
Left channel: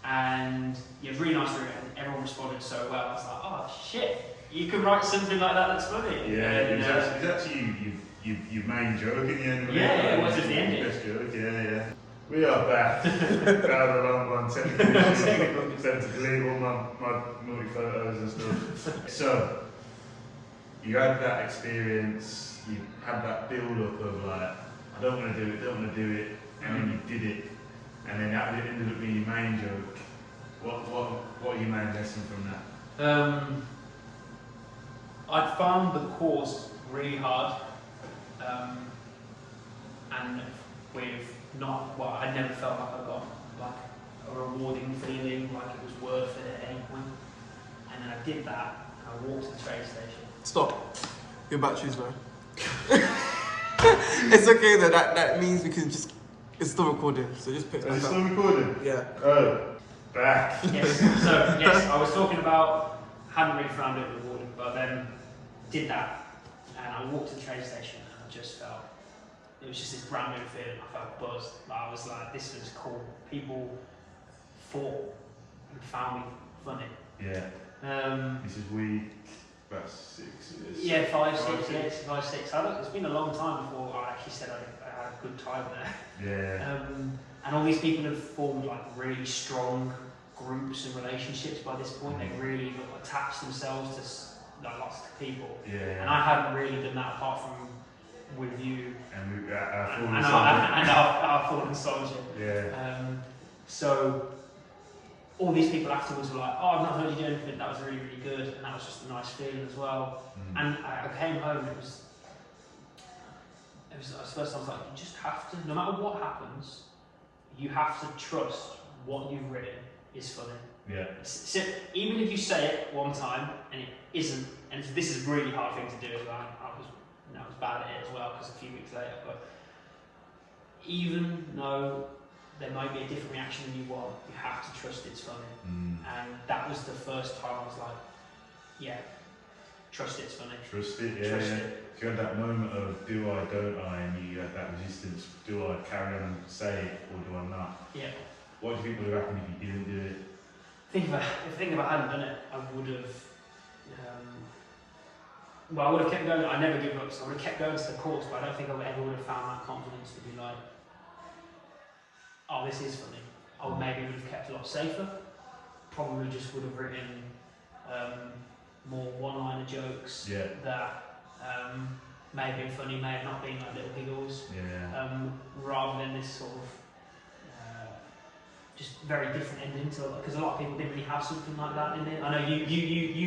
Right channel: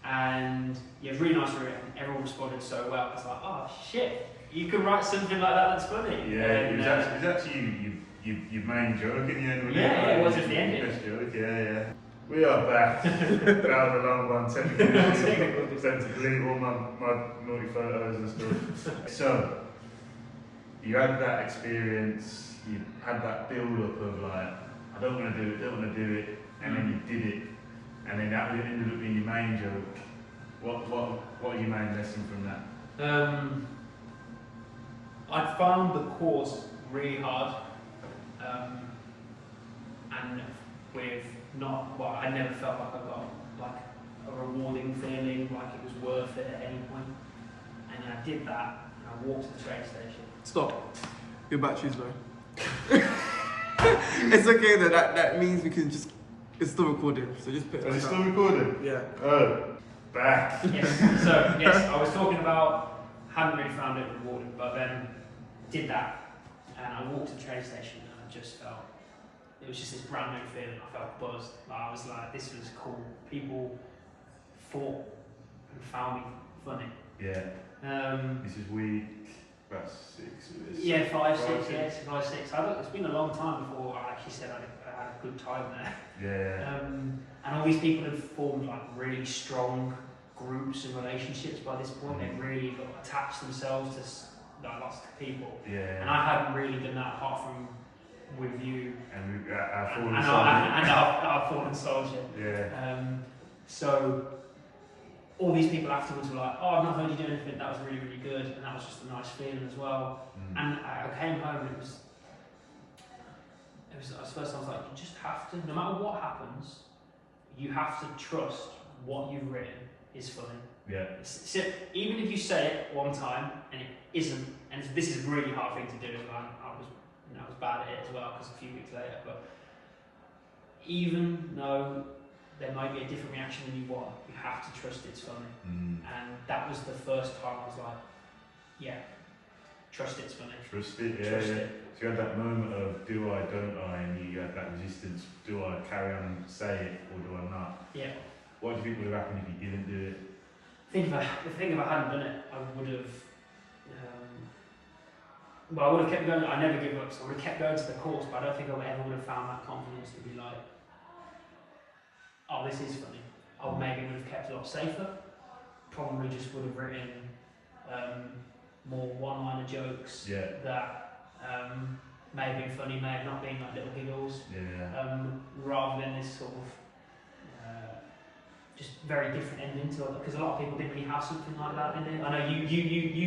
And yeah, really nice room, and everyone responded so well. I was like, oh shit, you can write something like that that's funny. Yeah, it was actually your main joke in the end, wasn't it? Yeah, it was at the end. Best joke, yeah. We are back. That was a long one, technical issues. Sent to delete all my naughty photos and stuff. So, you had that experience, you had that build up of like, I don't want to do it, and then you did it, and then that ended up being your main joke. What are your main lesson from that? I found the course really hard, and with I never felt like I got like a rewarding feeling, like it was worth it at any point. And then I did that, and I walked to the train station. Stop. Your battery's low. It's okay though, that means we can just, it's still recording, so just put it Is it back still up. recording? Yeah. Oh, back. Yes. So yes, I was talking about hadn't really found it rewarding, but then did that, and I walked to the train station, and I just felt it was just this brand new feeling. I felt buzzed. Like, I was like, this was cool. People thought and found me funny. Yeah. This is week about 6. Yeah, 5, 6. Yes, 5, 6. It's been a long time before I actually said I had a good time there. Yeah. And all these people have formed like really strong groups and relationships by this point. They've really attached themselves to like lots of people. Yeah. And I hadn't really done that apart from with you And our fallen and soldier. our fallen soldier. Yeah. So all these people afterwards were like, oh, I've not heard you do anything, that was really, really good, and that was just a nice feeling as well. And I came home and it was at first I was like, you just have to, no matter what happens, you have to trust what you've written is funny. Yeah. So even if you say it one time and it isn't, and this is a really hard thing to do as well, I was bad at it as well because a few weeks later, but even though there might be a different reaction than you want, you have to trust it's funny. And that was the first time I was like, yeah, trust it's funny. Trust it, yeah. Trust yeah. it. If you had that moment of do I, don't I, and you had that resistance, do I carry on and say it or do I not? Yeah. What do you think would have happened if you didn't do it? If I hadn't done it, I would have. I would have kept going. I never given up, so I would have kept going to the course. But I don't think I ever would have found that confidence to be like, "Oh, this is funny." I maybe would have kept a lot safer. Probably just would have written more one-liner jokes that may have been funny, may have not been like little giggles. Yeah. Rather than this sort of just very different ending to it, because a lot of people didn't really have something like that in it. I know you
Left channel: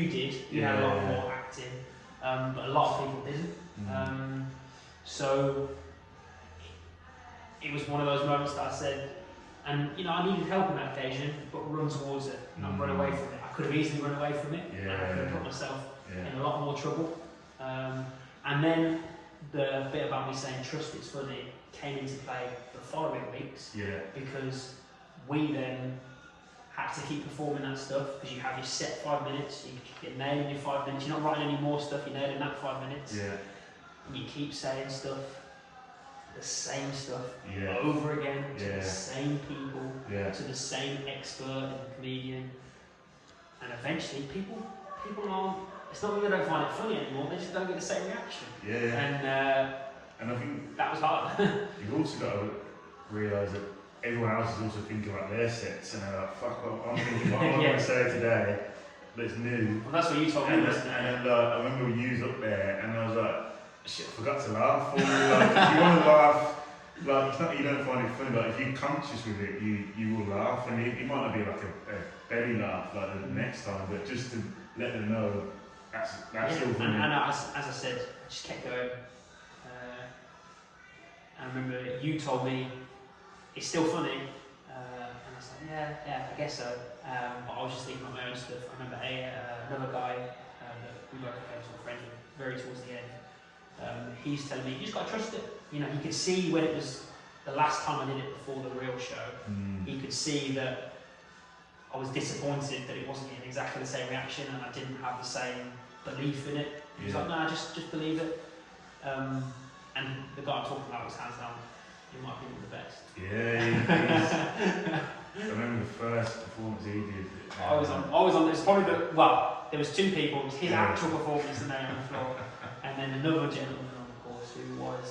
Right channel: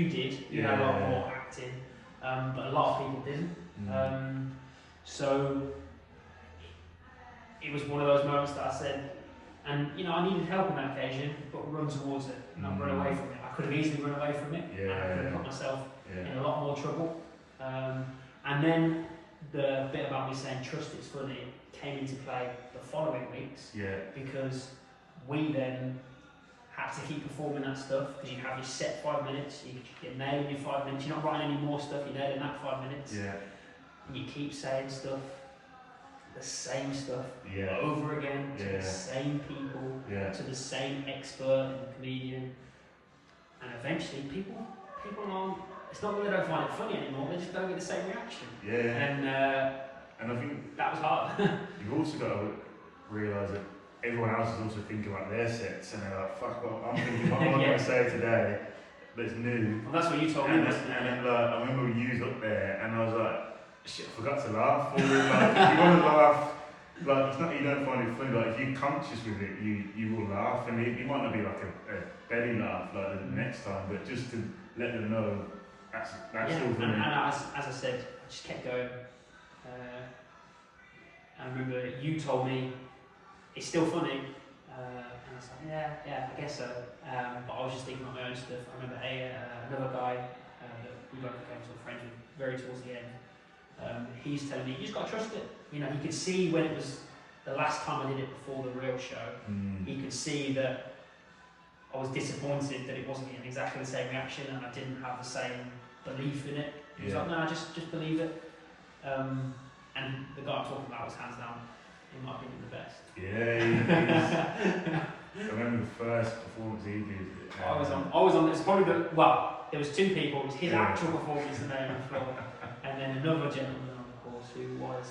did. You had a lot more acting, but a lot of people didn't. So it was one of those moments that I said, and I needed help on that occasion, but run towards it, not run away from it. I could have easily run away from it, and I could have put myself in a lot more trouble. And then the bit about me saying trust it's funny came into play the following weeks, because we then had to keep performing that stuff, because you have your set 5 minutes, you're nailing your 5 minutes, you're not writing any more stuff, you're nailing that 5 minutes, and you keep saying stuff, the same stuff, over again, to the same people, to the same expert and comedian, and eventually people aren't, it's not that they don't find it funny anymore, they just don't get the same reaction. And I think that was hard. you've also got to realise that everyone else is also thinking about their sets, and they're like, fuck, I'm thinking what I'm going to say today that's new. Well, that's what you told me. And then I remember we used up there, and I was like, shit, I forgot to laugh. Or, like, if you want to laugh, like, it's not that you don't find it funny, like, if you're conscious with it, you will laugh, and it might not be like a belly laugh like the next time, but just to let them know that's still funny. And as I said, I just kept going. I remember you told me it's still funny, and I was like, yeah, I guess so. But I was just thinking about my own stuff. I remember another guy that we both became sort of friends with very towards the end. He's telling me, you just got to trust it. He could see when it was the last time I did it before the real show, he could see that I was disappointed that it wasn't getting exactly the same reaction and I didn't have the same belief in it. He was like, nah, just believe it. And the guy I'm talking about was hands down, in my opinion, the best. Yeah, I remember the first performance he did. I was on. It was probably there was two people. It was his actual performance that made on the floor, and then another gentleman on the course who was.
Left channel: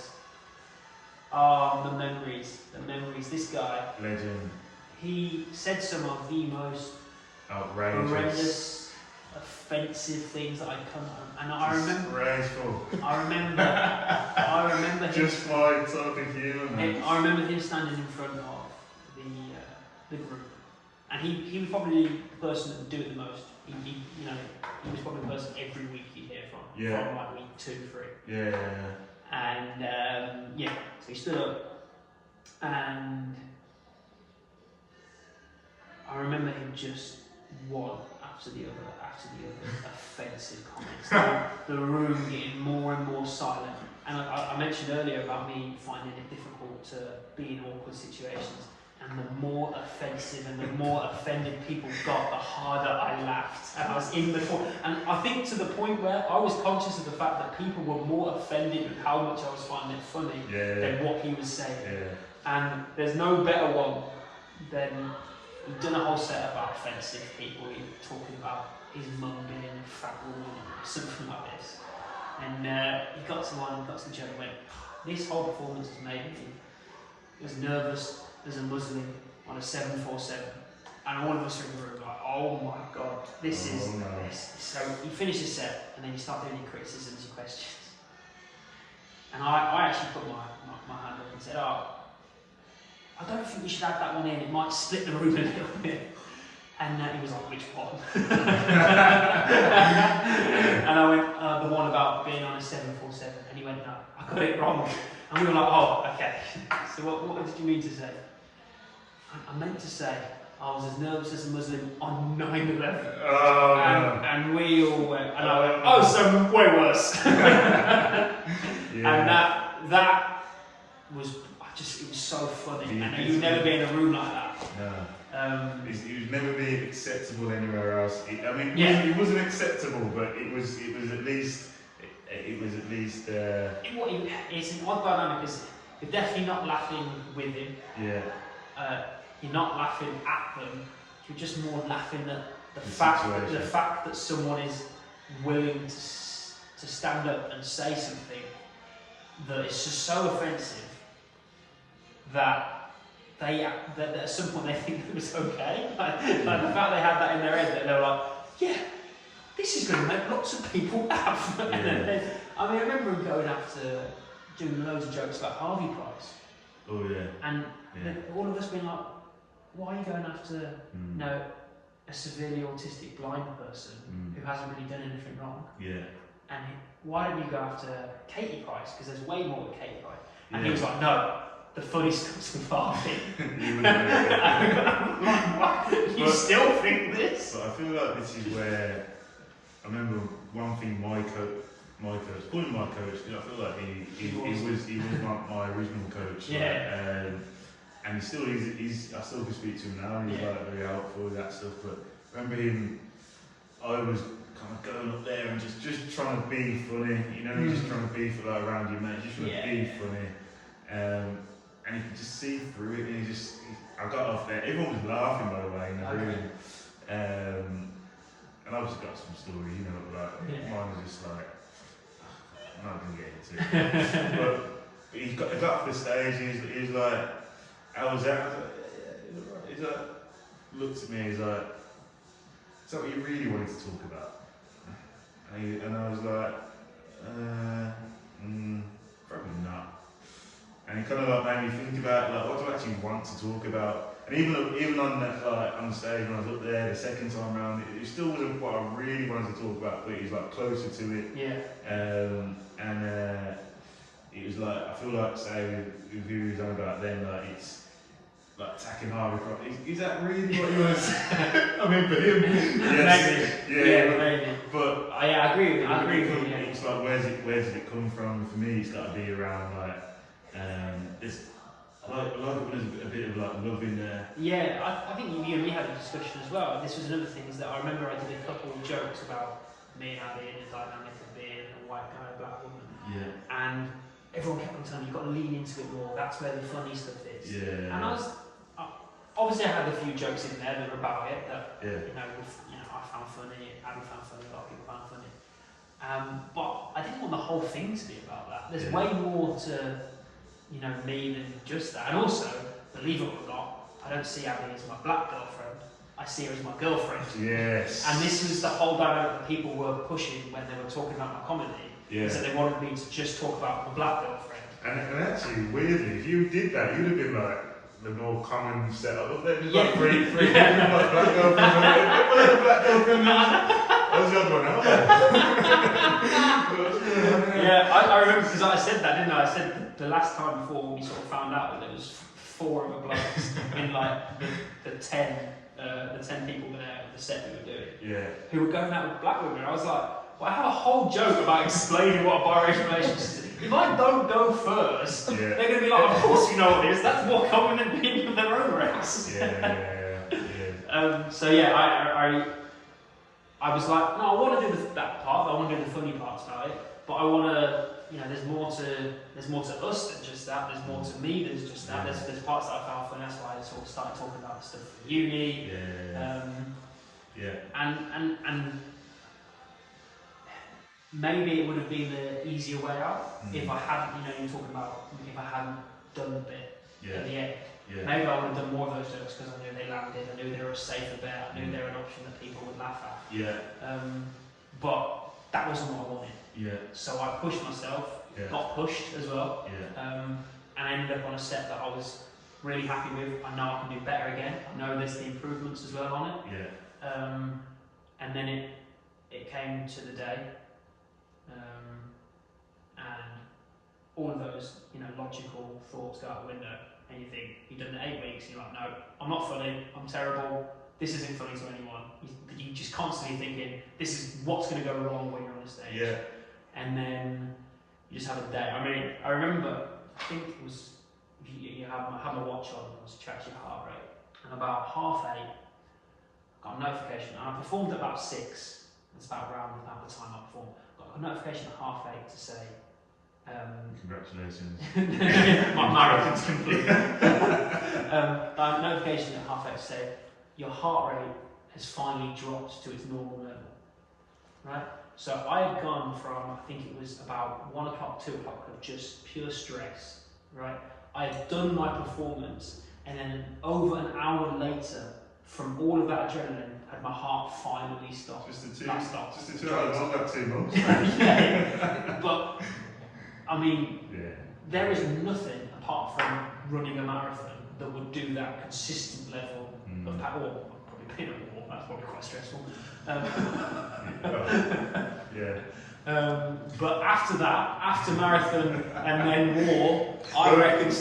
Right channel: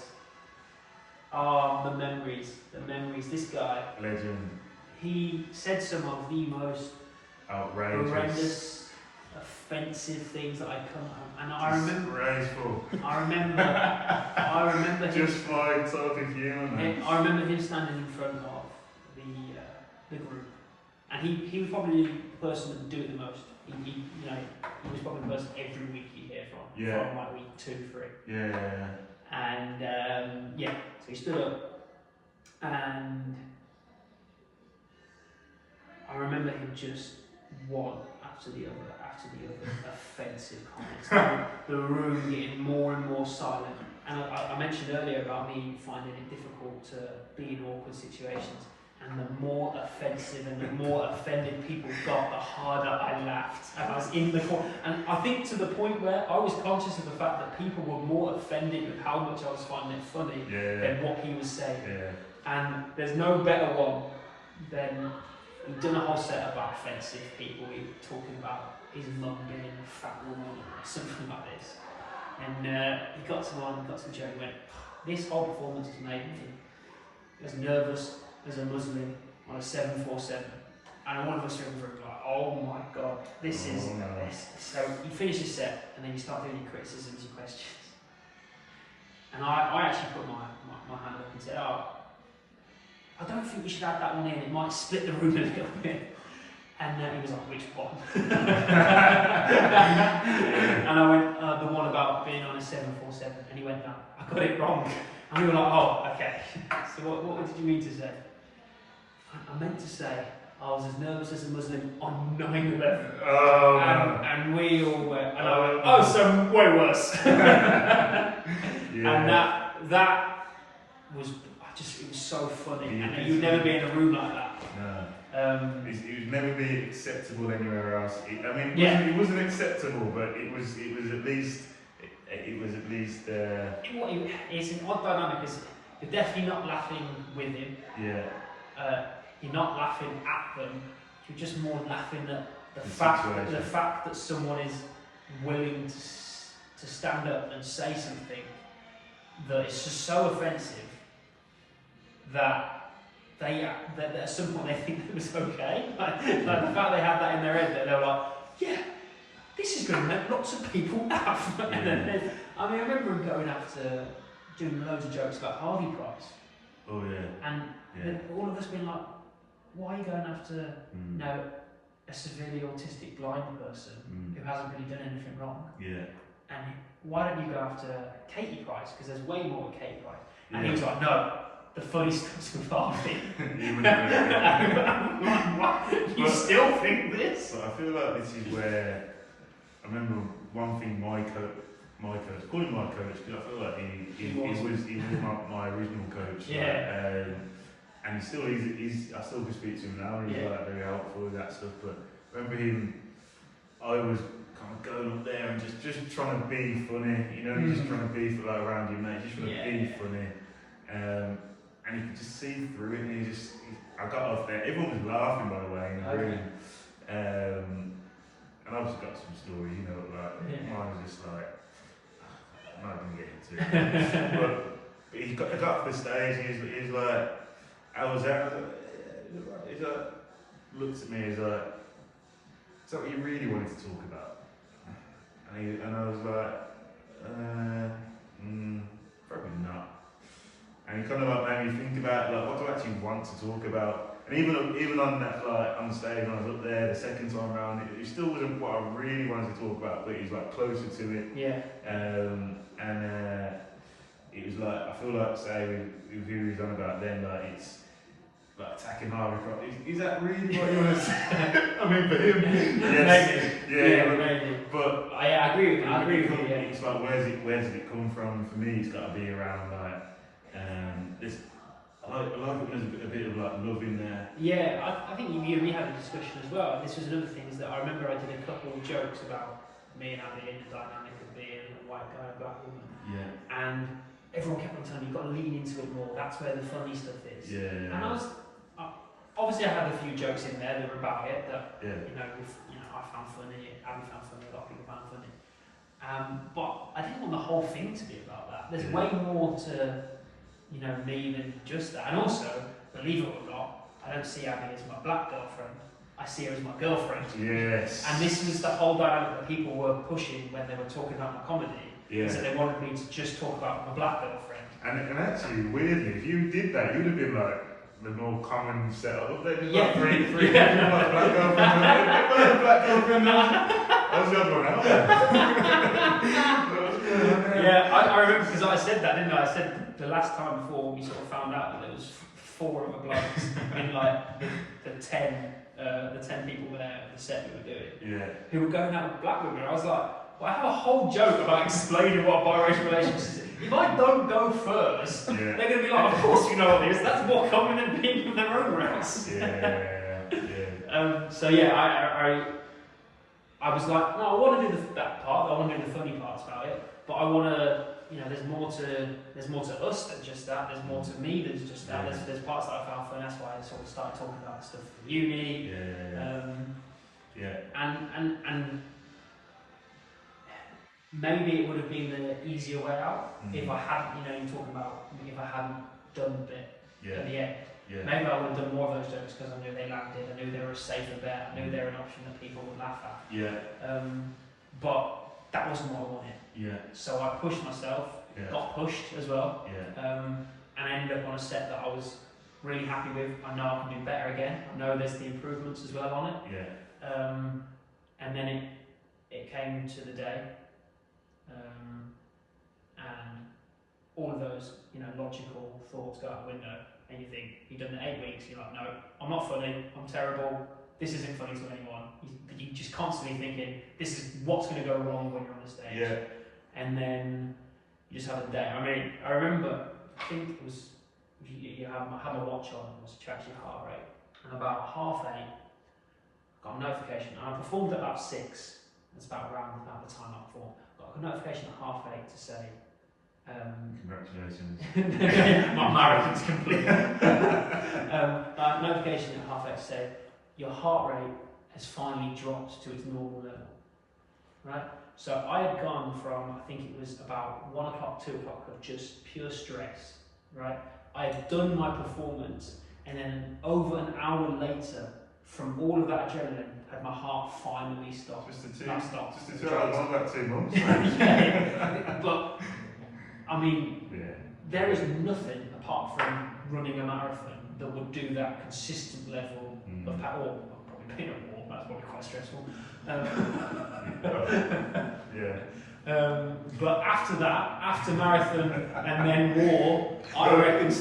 The memories. This guy, legend. He said some of the most outrageous, horrendous, offensive things that I come and I remember him just my type of humour, man. I remember him standing in front of the group, and he was probably the person that would do it the most. He was probably the person every week you'd hear from like week 2, 3. Yeah. And so he stood up, and I remember him just one after the other offensive comments. The room getting more and more silent. And I mentioned earlier about me finding it difficult to be in awkward situations. And the more offensive and the more offended people got, the harder I laughed. And I was in the corner. And I think to the point where I was conscious of the fact that people were more offended with how much I was finding it funny than what he was saying. Yeah. And there's no better one than he'd done a whole set about offensive people. He was talking about his mum being a fat woman or something like this. And he got to the joke and went, this whole performance has made me as nervous as a Muslim on a 747, and all of us in the room like, oh my god, this is. So you finish his set, and then you start doing your criticisms, your questions. And I actually put my hand up and said, I don't think we should add that one in. It might split the room a little bit. And he was like, which one? And I went, the one about being on a 747. And he went, no, I got it wrong. And we were like, oh, okay. So what did you mean to say? I meant to say I was as nervous as a Muslim on 9/11. Oh, and we all went, and I went, oh, so way worse. And that was, it was so funny. And you'd never be in a room like that. No. It would never be acceptable anywhere else. It wasn't acceptable, but it was at least. It's an odd dynamic because you're definitely not laughing with him. Yeah. You're not laughing at them. You're just more laughing at the fact that someone is willing to stand up and say something that is just so offensive that at some point they think it was okay. Like the fact they had that in their head that they were like, yeah, this is going to make lots of people laugh. Yeah. I remember him going after doing loads of jokes about Harvey Price. Oh yeah. And all of us being like, why are you going after a severely autistic blind person who hasn't really done anything wrong? Yeah. And why don't you go after Katie Price? Because there's way more with Katie Price. And he was like, no, the funny stuff's with Harvey. I'm like, what? You still think this? But I feel like this is where I remember one thing my coach, call him my coach because I feel like he was my original coach. Yeah. And he still is. I still can speak to him now. He's like very helpful with that stuff. But I remember him. I was kind of going up there and just trying to be funny. You're just trying to be around your mate. Just trying to be funny. And you could just see through it. And I got off there. Everyone was laughing, by the way, in the room. And I've just got some story, mine was just like, I'm not going to get into it. but he got off the stage, he was like, I was like, he's like, looked at me, he's like, is that what you really wanted to talk about? And I was like, probably not. And he kind of like made me think about what do I actually want to talk about? And even on that, on the stage when I was up there the second time round, it still wasn't what I really wanted to talk about, but it was like closer to it. Yeah. It was like, I feel like, say, with who he's on about then, it's like attacking Harvey Price. Is that really what he was? I mean, for him, yes. Maybe. But I agree with you. It's like, where does it come from? For me, it's got to be around I like it when there's a bit of love in there. Yeah, I think you and me had a discussion as well. And this was another thing is that I remember I did a couple of jokes about me and Abby in the dynamic of being a white guy, a black woman. Yeah. And everyone kept on telling me, you've got to lean into it more, that's where the funny stuff is. Yeah. And obviously I had a few jokes in there that were about it, that I found funny, Abby found funny, a lot of people found funny. But I didn't want the whole thing to be about that. There's way more to, me than just that. And also, believe it or not, I don't see Abby as my black girlfriend. I see her as my girlfriend. Yes. And this is the whole dynamic that people were pushing when they were talking about my comedy. Yeah. So they wanted me to just talk about my black girlfriend. And actually, weirdly, if you did that, you'd have been like the more common setup. Up there, just Yeah. like three like black girlfriend. What a black girlfriend. That was the other one. Yeah, I remember because I said that, didn't I? I said the last time before we sort of found out that there was 4 other blokes in like the 10 people there at the set we were doing. Yeah. Who were going out with black women. I was like, well, I have a whole joke about explaining what a biracial relationship is. If I don't go first, they're going to be like, of course you know what it is. That's more common than being of their own race. Yeah. So yeah, I was like, no, I want to do that part. I want to do the funny parts about it. But I want to, there's more to us than just that. There's more to me than just that. There's parts that I found funny. That's why I sort of started talking about the stuff in uni. And maybe it would have been the easier way out if I hadn't, you're talking about if I hadn't done the bit at the end. Yeah. Maybe I would have done more of those jokes because I knew they landed, I knew they were a safer bet, I knew they were an option that people would laugh at. Yeah. But that wasn't what I wanted. Yeah. So I pushed myself, got pushed as well, Yeah. and I ended up on a set that I was really happy with. I know I can do better again. I know there's the improvements as well on it. Yeah. And then it came to the day. And all of those, logical thoughts go out the window, and you think, you've done the 8 weeks, and you're like, no, I'm not funny, I'm terrible, this isn't funny to anyone. You're just constantly thinking, this is what's going to go wrong when you're on the stage. Yeah. And then you just have a day. I mean, I remember, I think it was, you have my watch on, it was to track your heart rate, and about 8:30, I got a notification, and I performed at about 6, that's about around the time I performed. A notification at 8:30 to say, congratulations. My marathon's complete. A notification at 8:30 to say, your heart rate has finally dropped to its normal level. Right? So I had gone from, I think it was about 1 o'clock, 2 o'clock of just pure stress. Right? I had done my performance, and then over an hour later, from all of that adrenaline, had my heart finally stopped. Just the 2 hours, not like 2 months. But I mean, there is nothing apart from running a marathon that would do that consistent level of or probably being at war. That's probably quite stressful. But after that, after marathon and then war, I reckon Ricky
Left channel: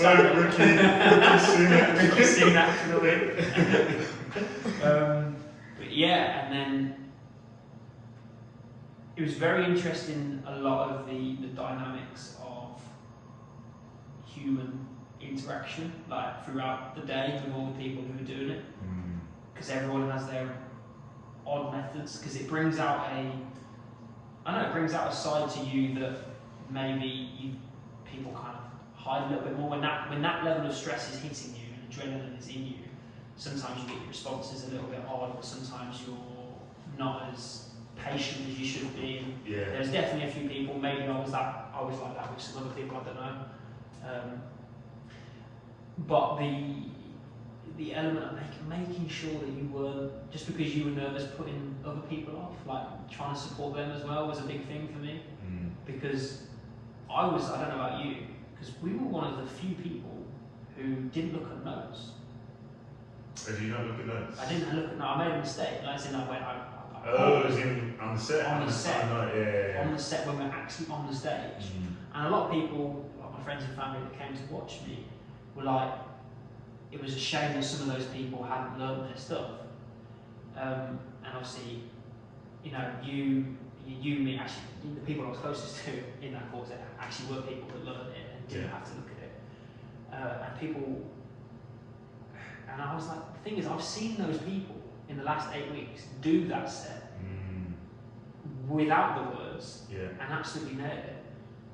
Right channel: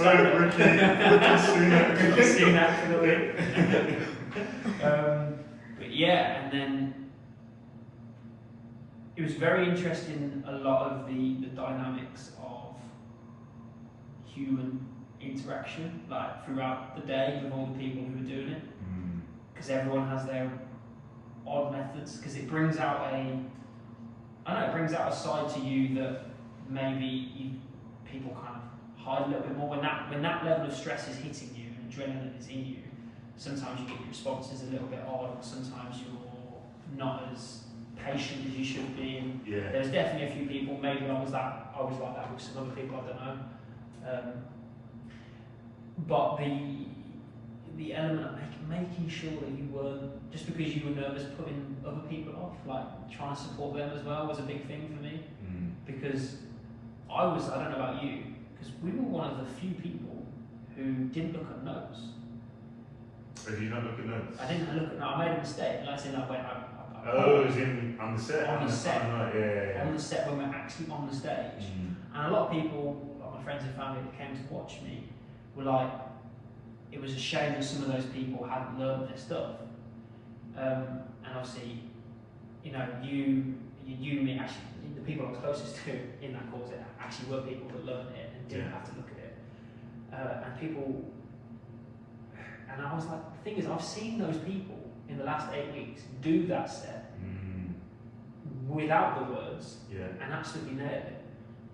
Sunak for the win. And then it was very interesting, a lot of the dynamics of human interaction, like throughout the day with all the people who are doing it, because everyone has their odd methods, because it brings out it brings out a side to you that maybe people kind of hide a little bit more. When that level of stress is hitting you and adrenaline is in you, sometimes you get your responses a little bit odd, or sometimes you're not as patient as you should be. And there's definitely a few people, maybe I was like that with some other people, I don't know. But the element of making sure that you weren't, just because you were nervous, putting other people off, like trying to support them as well, was a big thing for me. Because I don't know about you, because we were one of the few people who didn't look at notes. Did you not look at notes? I didn't look at notes. I made a mistake. Like I said, it was on the set? On the set. On the set when we're actually on the stage. And a lot of people, like my friends and family that came to watch me, were like, it was a shame that some of those people hadn't learned their stuff. And obviously, you, me, actually, the people I was closest to in that quartet actually were people that learned it and didn't have to look at it. And people, and I was like, the thing is, I've seen those people in the last 8 weeks do that set without the words Yeah. and absolutely nail it.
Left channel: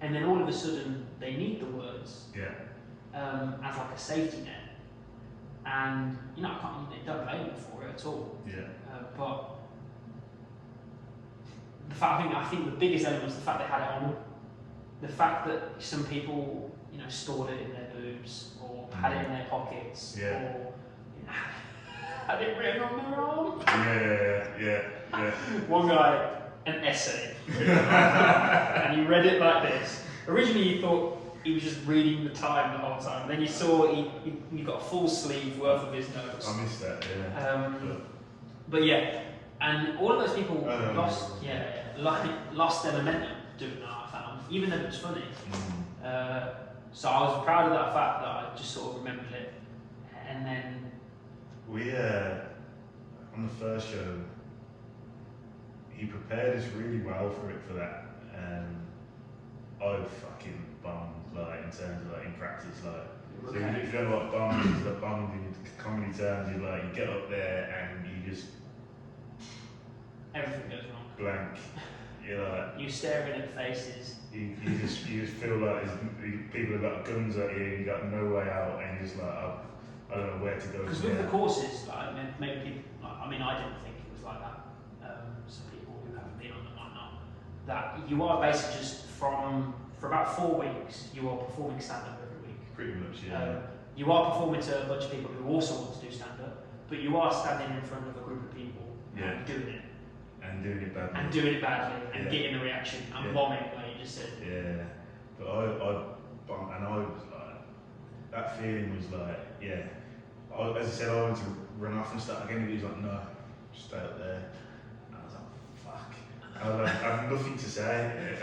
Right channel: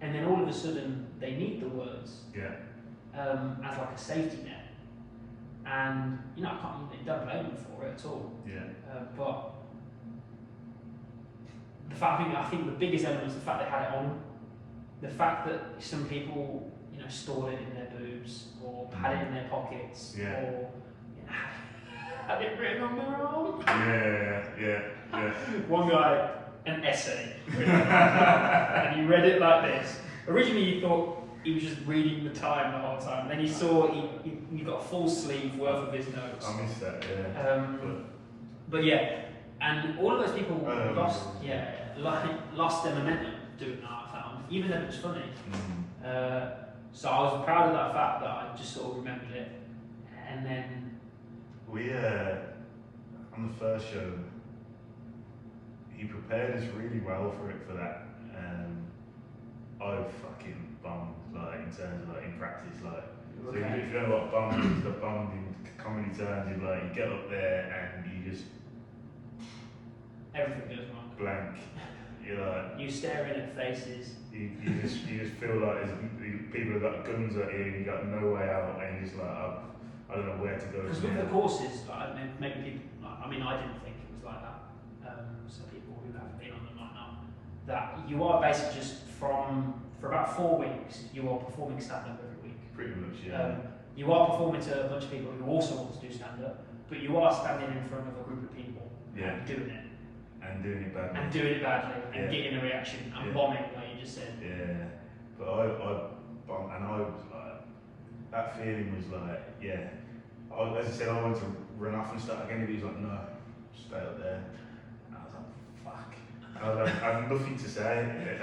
And then all of a sudden they need the words Yeah. as like a safety net. And you know, don't blame them for it at all. Yeah. But the fact, I think the biggest element was the fact they had it on. The fact that some people, you know, stored it in their boobs or had it in their pockets Yeah. or you know, had it written on their arm. Yeah. One guy, an essay, written on his arm, and he read it like this. Originally, you thought he was just reading the time the whole time. Then you saw he got a full sleeve worth of his notes. I missed that. Yeah. But yeah, and all of those people lost their momentum doing that. I found, even though it was funny. So I was proud of that fact that I just sort of remembered it, and then we on the first show, he prepared us really well for that. I fucking bombed, like in terms of like in practice, like. So if you don't know what bombed is, the bombed in comedy terms is like you get up there and you just everything goes wrong. Blank. You're like you staring at faces. You just feel like people have got guns at you and you got no way out and you're just like I don't know where to go. Because with the courses, like, maybe people, like, I mean, I didn't think it was like that. Some people who haven't been on them might know that you are basically just for about 4 weeks you are performing stand-up every week. Pretty much, yeah. You are performing to a bunch of people who also want to do stand-up, but you are standing in front of a group of people and doing it. And doing it badly. And getting the reaction and bombing, like you just said. Yeah. But I bombed, and I was like, that feeling was like, as I said, I wanted to run off and start again, but he was like, no, stay up there. And I was like, fuck. And I was like, I had nothing to say. I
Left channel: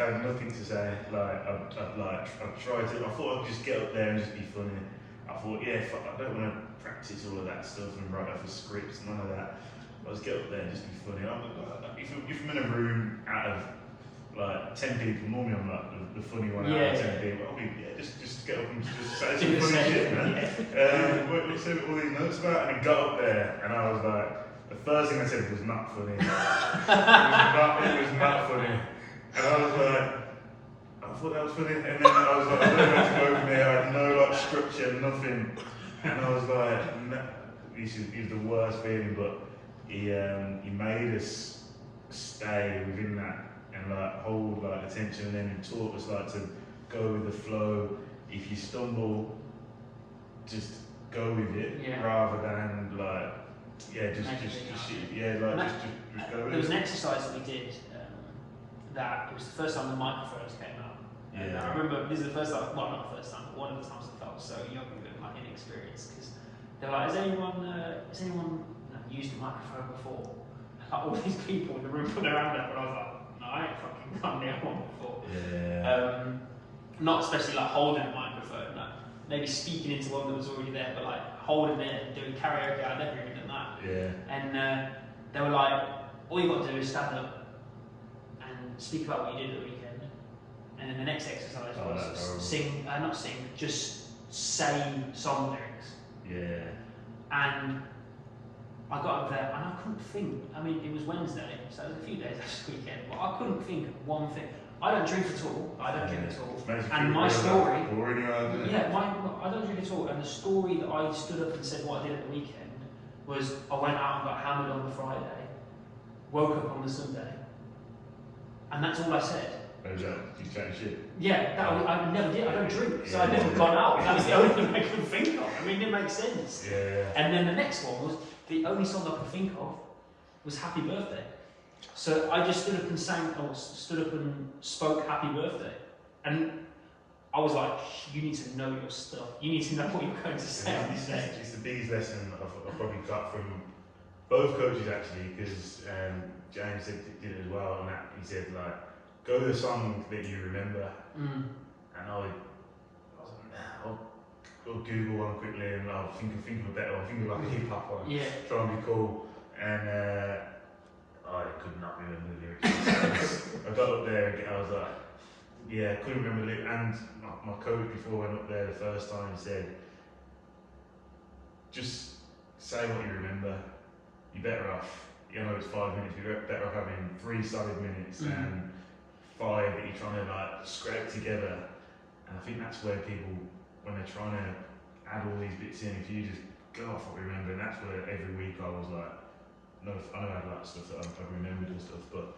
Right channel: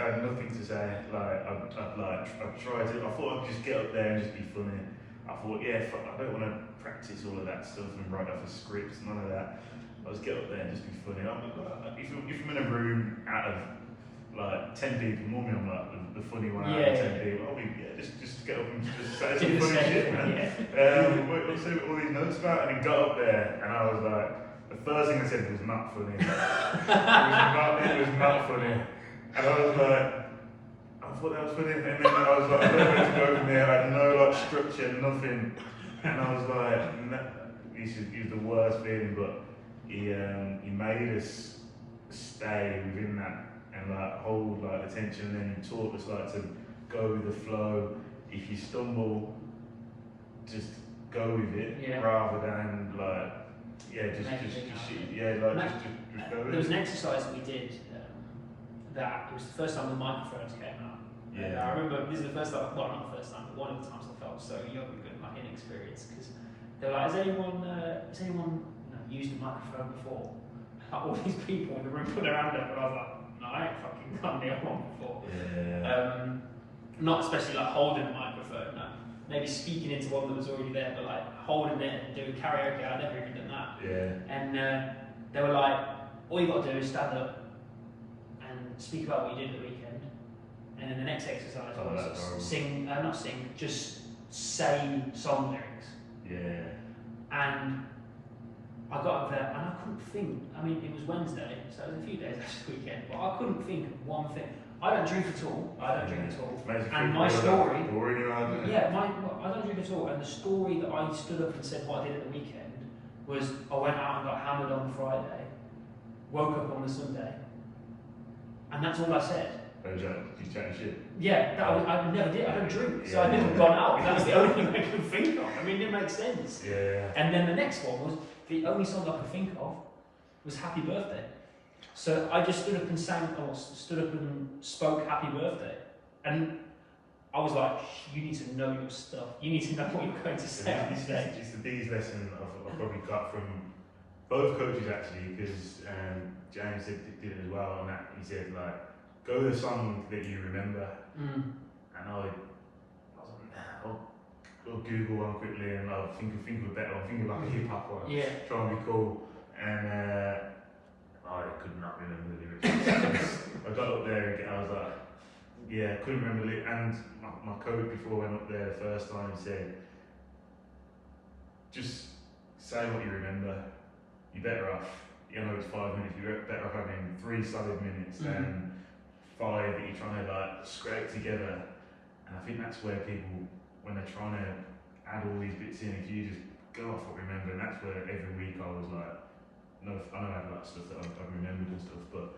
tried to, I thought I'd just get up there and just be funny. I thought, fuck, I don't want to practice all of that stuff and write off the scripts, none of that. I was get up there and just be funny. If I'm in a room out of like 10 people, normally I'm like the funny one out of 10 people. I'll be just get up and just say some funny shit, man. What say all these notes about? And he got up there and I was like, the first thing I said was not funny. It was not funny. And I was like, I thought that was funny. And then I was like, I don't know where to go from there. I had no like structure, nothing. And I was like, no, this is the worst feeling, but he made us stay within that and like hold like attention, and then he taught us like to go with the flow. If you stumble, just go with it rather than like just go with it. There was an exercise that we did that it was the first time the microphones came out. And I remember this is the first time, well not the first time, but one of the times I felt so young and like inexperienced, because they were like, has anyone used a microphone before? Like all these people in the room put their hand up, and I was like, no, I ain't fucking done the other one before. Not especially like holding a microphone, like maybe speaking into one that was already there, but like holding it and doing karaoke. I'd never even done that. And they were like, all you got to do is stand up and speak about what you did at the weekend. And then the next exercise was just say song lyrics. And I got up there and I couldn't think. I mean, it was Wednesday, so it was a few days after the weekend, but I couldn't think of one thing. I don't drink at all. And my story, I don't drink at all. And the story that I stood up and said what I did at the weekend was I went out and got hammered on the Friday, woke up on the Sunday, and that's all I said. You chatting shit? I never did. I don't drink, so I've never gone out. That's the only thing I could think of. I mean, it makes sense. And then the next one was the only song I could think of was "Happy Birthday." So I just stood up and spoke "Happy Birthday," and I was like, "You need to know your stuff. You need to know what you're going to say on stage." It's the biggest lesson I've probably got from both coaches actually, because James did it as well, and that he said like, go with a song that you remember. And I was like, nah, I'll Google one quickly and I'll think of a better one, think of like a hip hop one, try and be cool. And I could not remember the lyrics. I got up there and I was like, couldn't remember the lyrics. And my coach before I went up there the first time said, just say what you remember, you're better off. you know it's 5 minutes. You're better off having 3 solid minutes than 5 that you're trying to like scrape together. And I think that's where people, when they're trying to add all these bits in, if you just go off what we remember, and that's where every week I was like, no, I know I had a lot of stuff that I've remembered and stuff, but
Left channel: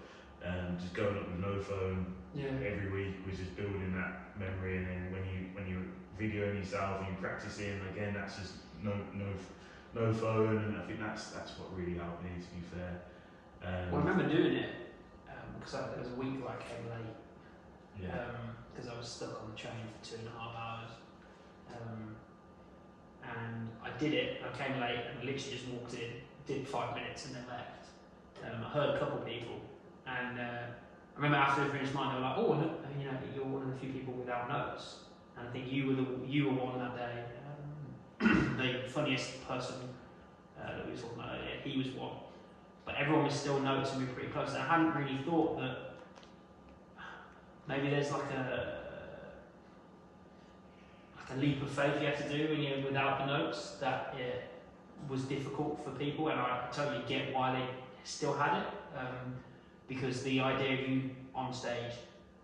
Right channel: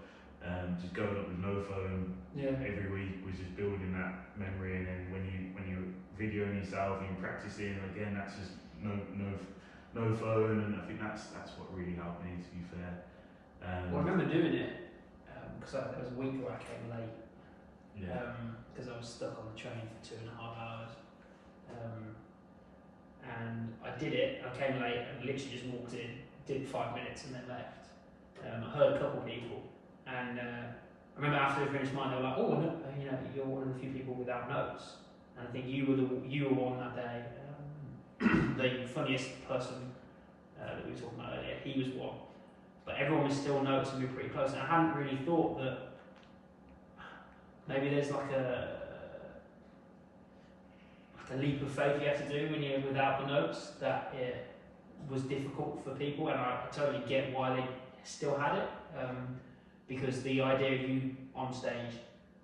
just going up with no phone every week was just building that memory. And then when you're videoing yourself and you're practicing again, that's just no phone. And I think that's what really helped me, to be fair. Well, I remember doing it because there was a week where I came late. Because I was stuck on the train for 2.5 hours. And I did it, I came late and literally just walked in, did 5 minutes and then left. I heard a couple of people, and I remember after they finished mine, they were like, "Oh, no, you know, you're one of the few people without notes." And I think you were one that day. The funniest person that we were talking about earlier, he was one. But everyone was still notes and we were pretty close. And I hadn't really thought that maybe there's like a leap of faith you have to do when you're without the notes, that it was difficult for people, and I totally get why they still had it, because the idea of you on stage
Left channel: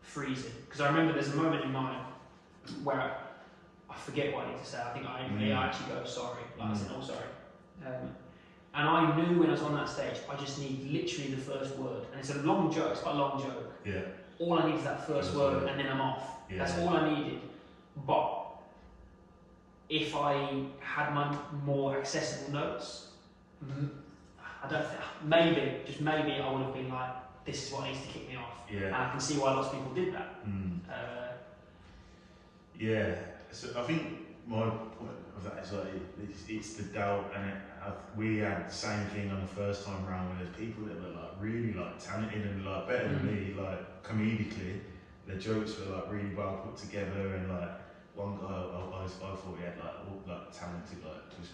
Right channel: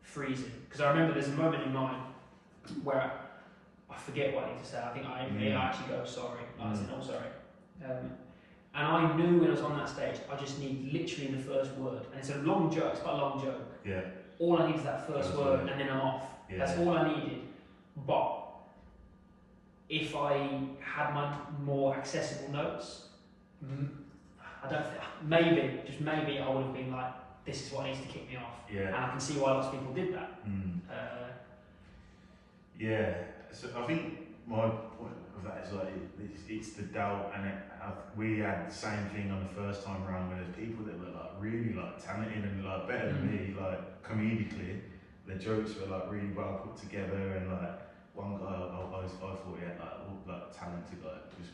freezing, because I remember there's a moment in mine where I forget what I need to say. I think I actually go sorry, like I said, "Oh, sorry," and I knew when I was on that stage I just need literally the first word, and it's a long joke, it's quite a long joke. All I need is that first word and then I'm off. That's all I needed. But if I had my more accessible notes, I don't think, maybe I would have been like, this is what needs to kick me off. And I can see why lots of people did that. So I think my point of that is like, it's the doubt, and we had the same thing on the first time around, where there's people that were like really like talented and like better than me, like comedically. Their jokes were like really well put together, and like one guy I thought he had like talented, like just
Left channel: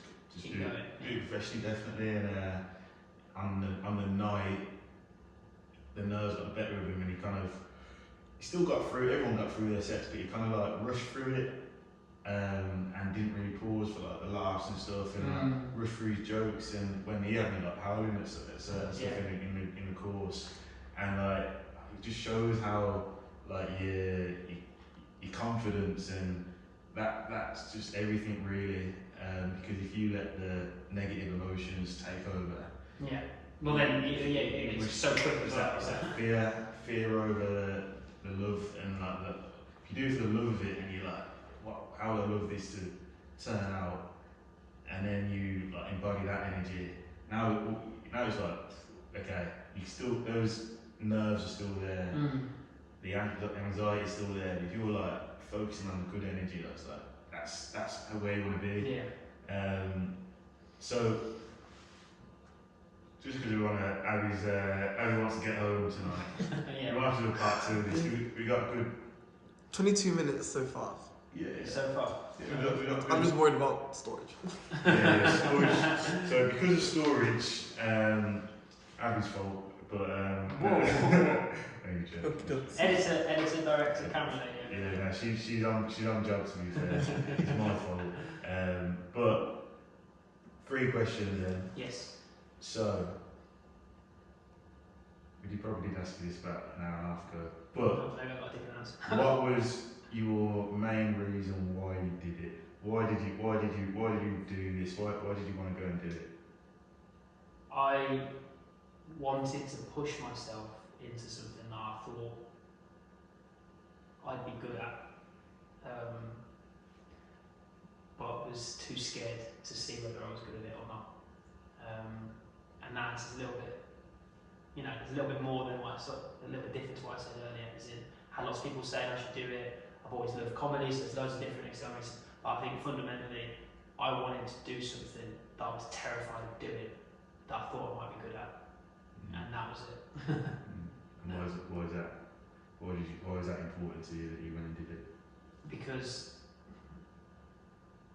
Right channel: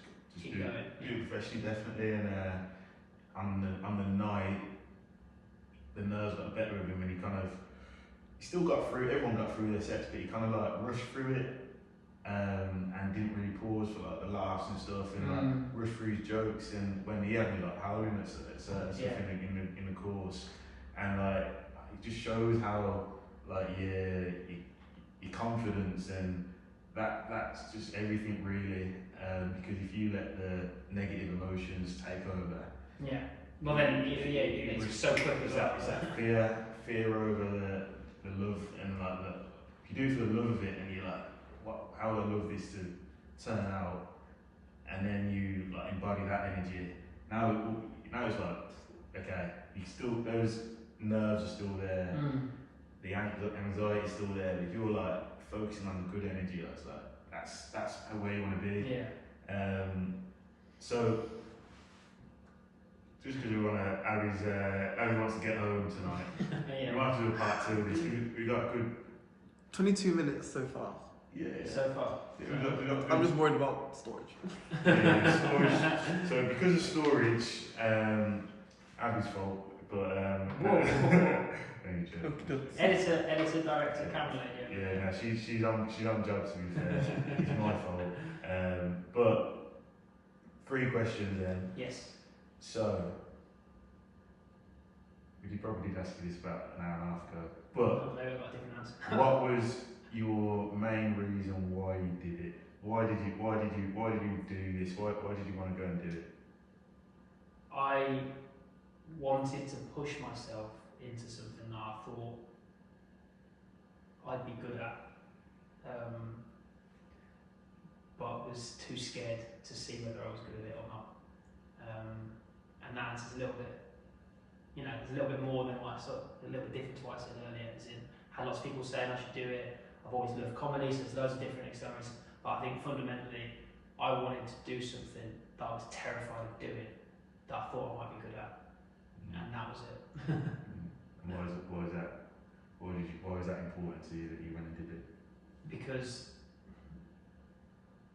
do it professionally, definitely. And on the night, the nerves got the better of him, and he still got through. Everyone got through their sets, but he kind of like rushed through it, and didn't really pause for like the laughs and stuff, and like rushed through his jokes. And when he had me like howling at certain stuff in the course, and like it just shows how like your confidence, and that's just everything really. Because if you let the negative emotions take over, well then it's so quick as that. It's that fear over the love, and like if you do it for the love of it, and you're like, how would I love this to turn out? And then you like embody that energy. Now it's like, okay, those nerves are still there, the anxiety is still there. But if you're like focusing on the good energy, that's where you want to be. So just because we want to, Abby wants to get home tonight. We might have to do a part 2 of this. We got a good 22 minutes so far. So far. We got good. I'm just worried about storage. Storage. So because of storage, Abby's fault. But editor, director, camera lady. She's on job, to be fair. It's my fault. But 3 questions then. Yes. So we probably did ask you this about an hour and a half ago. But maybe I got a different answer. what was your main reason why you did it? Why did you do this? Why did you want to go and do it? I wanted to push myself into something that I thought I'd be good at, but was too scared to see whether I was good at it or not. And that answer's a little bit, there's a little bit more than what a little bit different to what I said earlier. As in, I had lots of people saying I should do it. I've always loved comedy, so there's loads of different examples. But I think fundamentally, I wanted to do something that I was terrified of doing, that I thought I might be good at, and that was it. And why is that? Why is that important to you that you went and did it? Because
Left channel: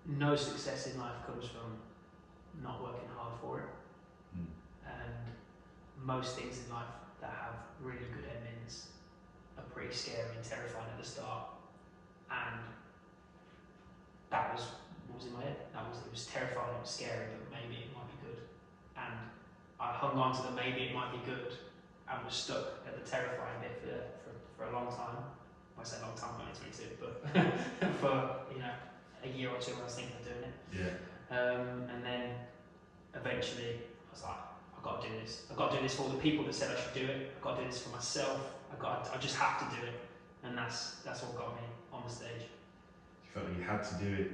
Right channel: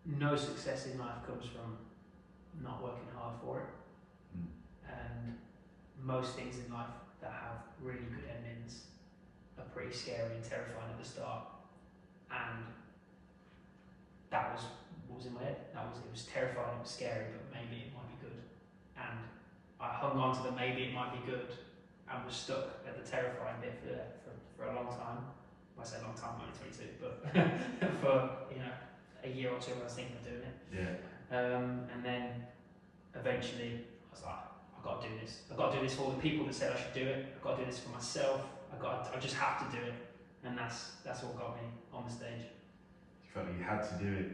no success in life comes from not working hard for it, and most things in life that have really good endings are pretty scary and terrifying at the start, and that was what was in my head. It was terrifying, it was scary, but maybe it might be good. And I hung on to the maybe it might be good and was stuck at the terrifying bit for a long time. I say a long time, I'm only 22, but for a year or two I was thinking of doing it. And then eventually I was like, I've got to do this. I've got to do this for all the people that said I should do it. I've got to do this for myself. I just have to do it. And that's what got me on the stage. You felt like you had to do it.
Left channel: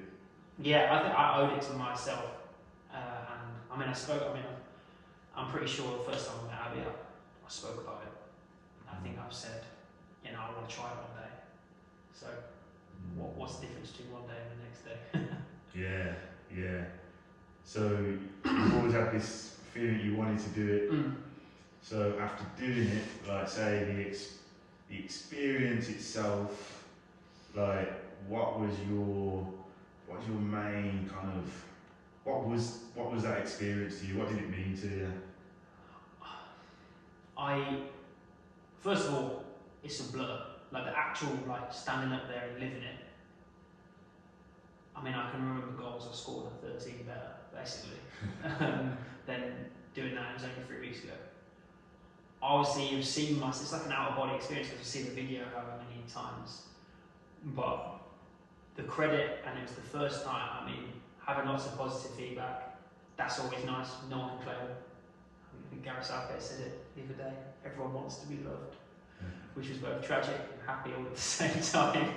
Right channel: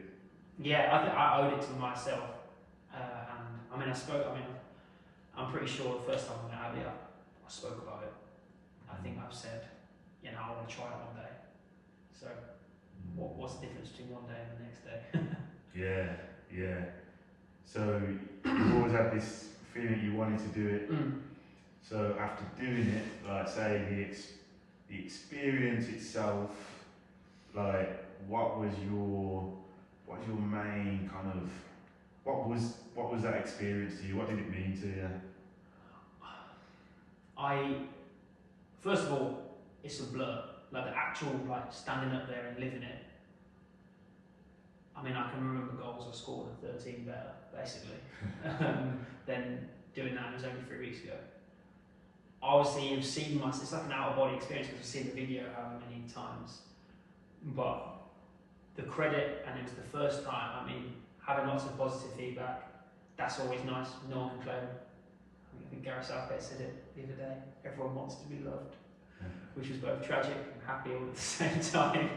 Yeah, I think I owed it to myself. I'm pretty sure the first time I met Abby, I spoke about it. I think I've said, I want to try it one day. So, what's the difference between one day and the next day? Yeah. So, you've always had this feeling you wanted to do it. So, after doing it, like say the experience itself, like what was your main kind of what was that experience to you? What did it mean to you? First of all, it's a blur. Like the actual standing up there and living it. I can remember goals I scored at 13 better, basically, than doing that. It was only 3 weeks ago. Obviously, you've seen it's like an out of body experience because you've seen the video however many times. But the credit, and it was the first time, having lots of positive feedback, that's always nice. No one can claim. I think Gareth Southgate said it the other day. Everyone wants to be loved, which was both tragic and happy all at the same time.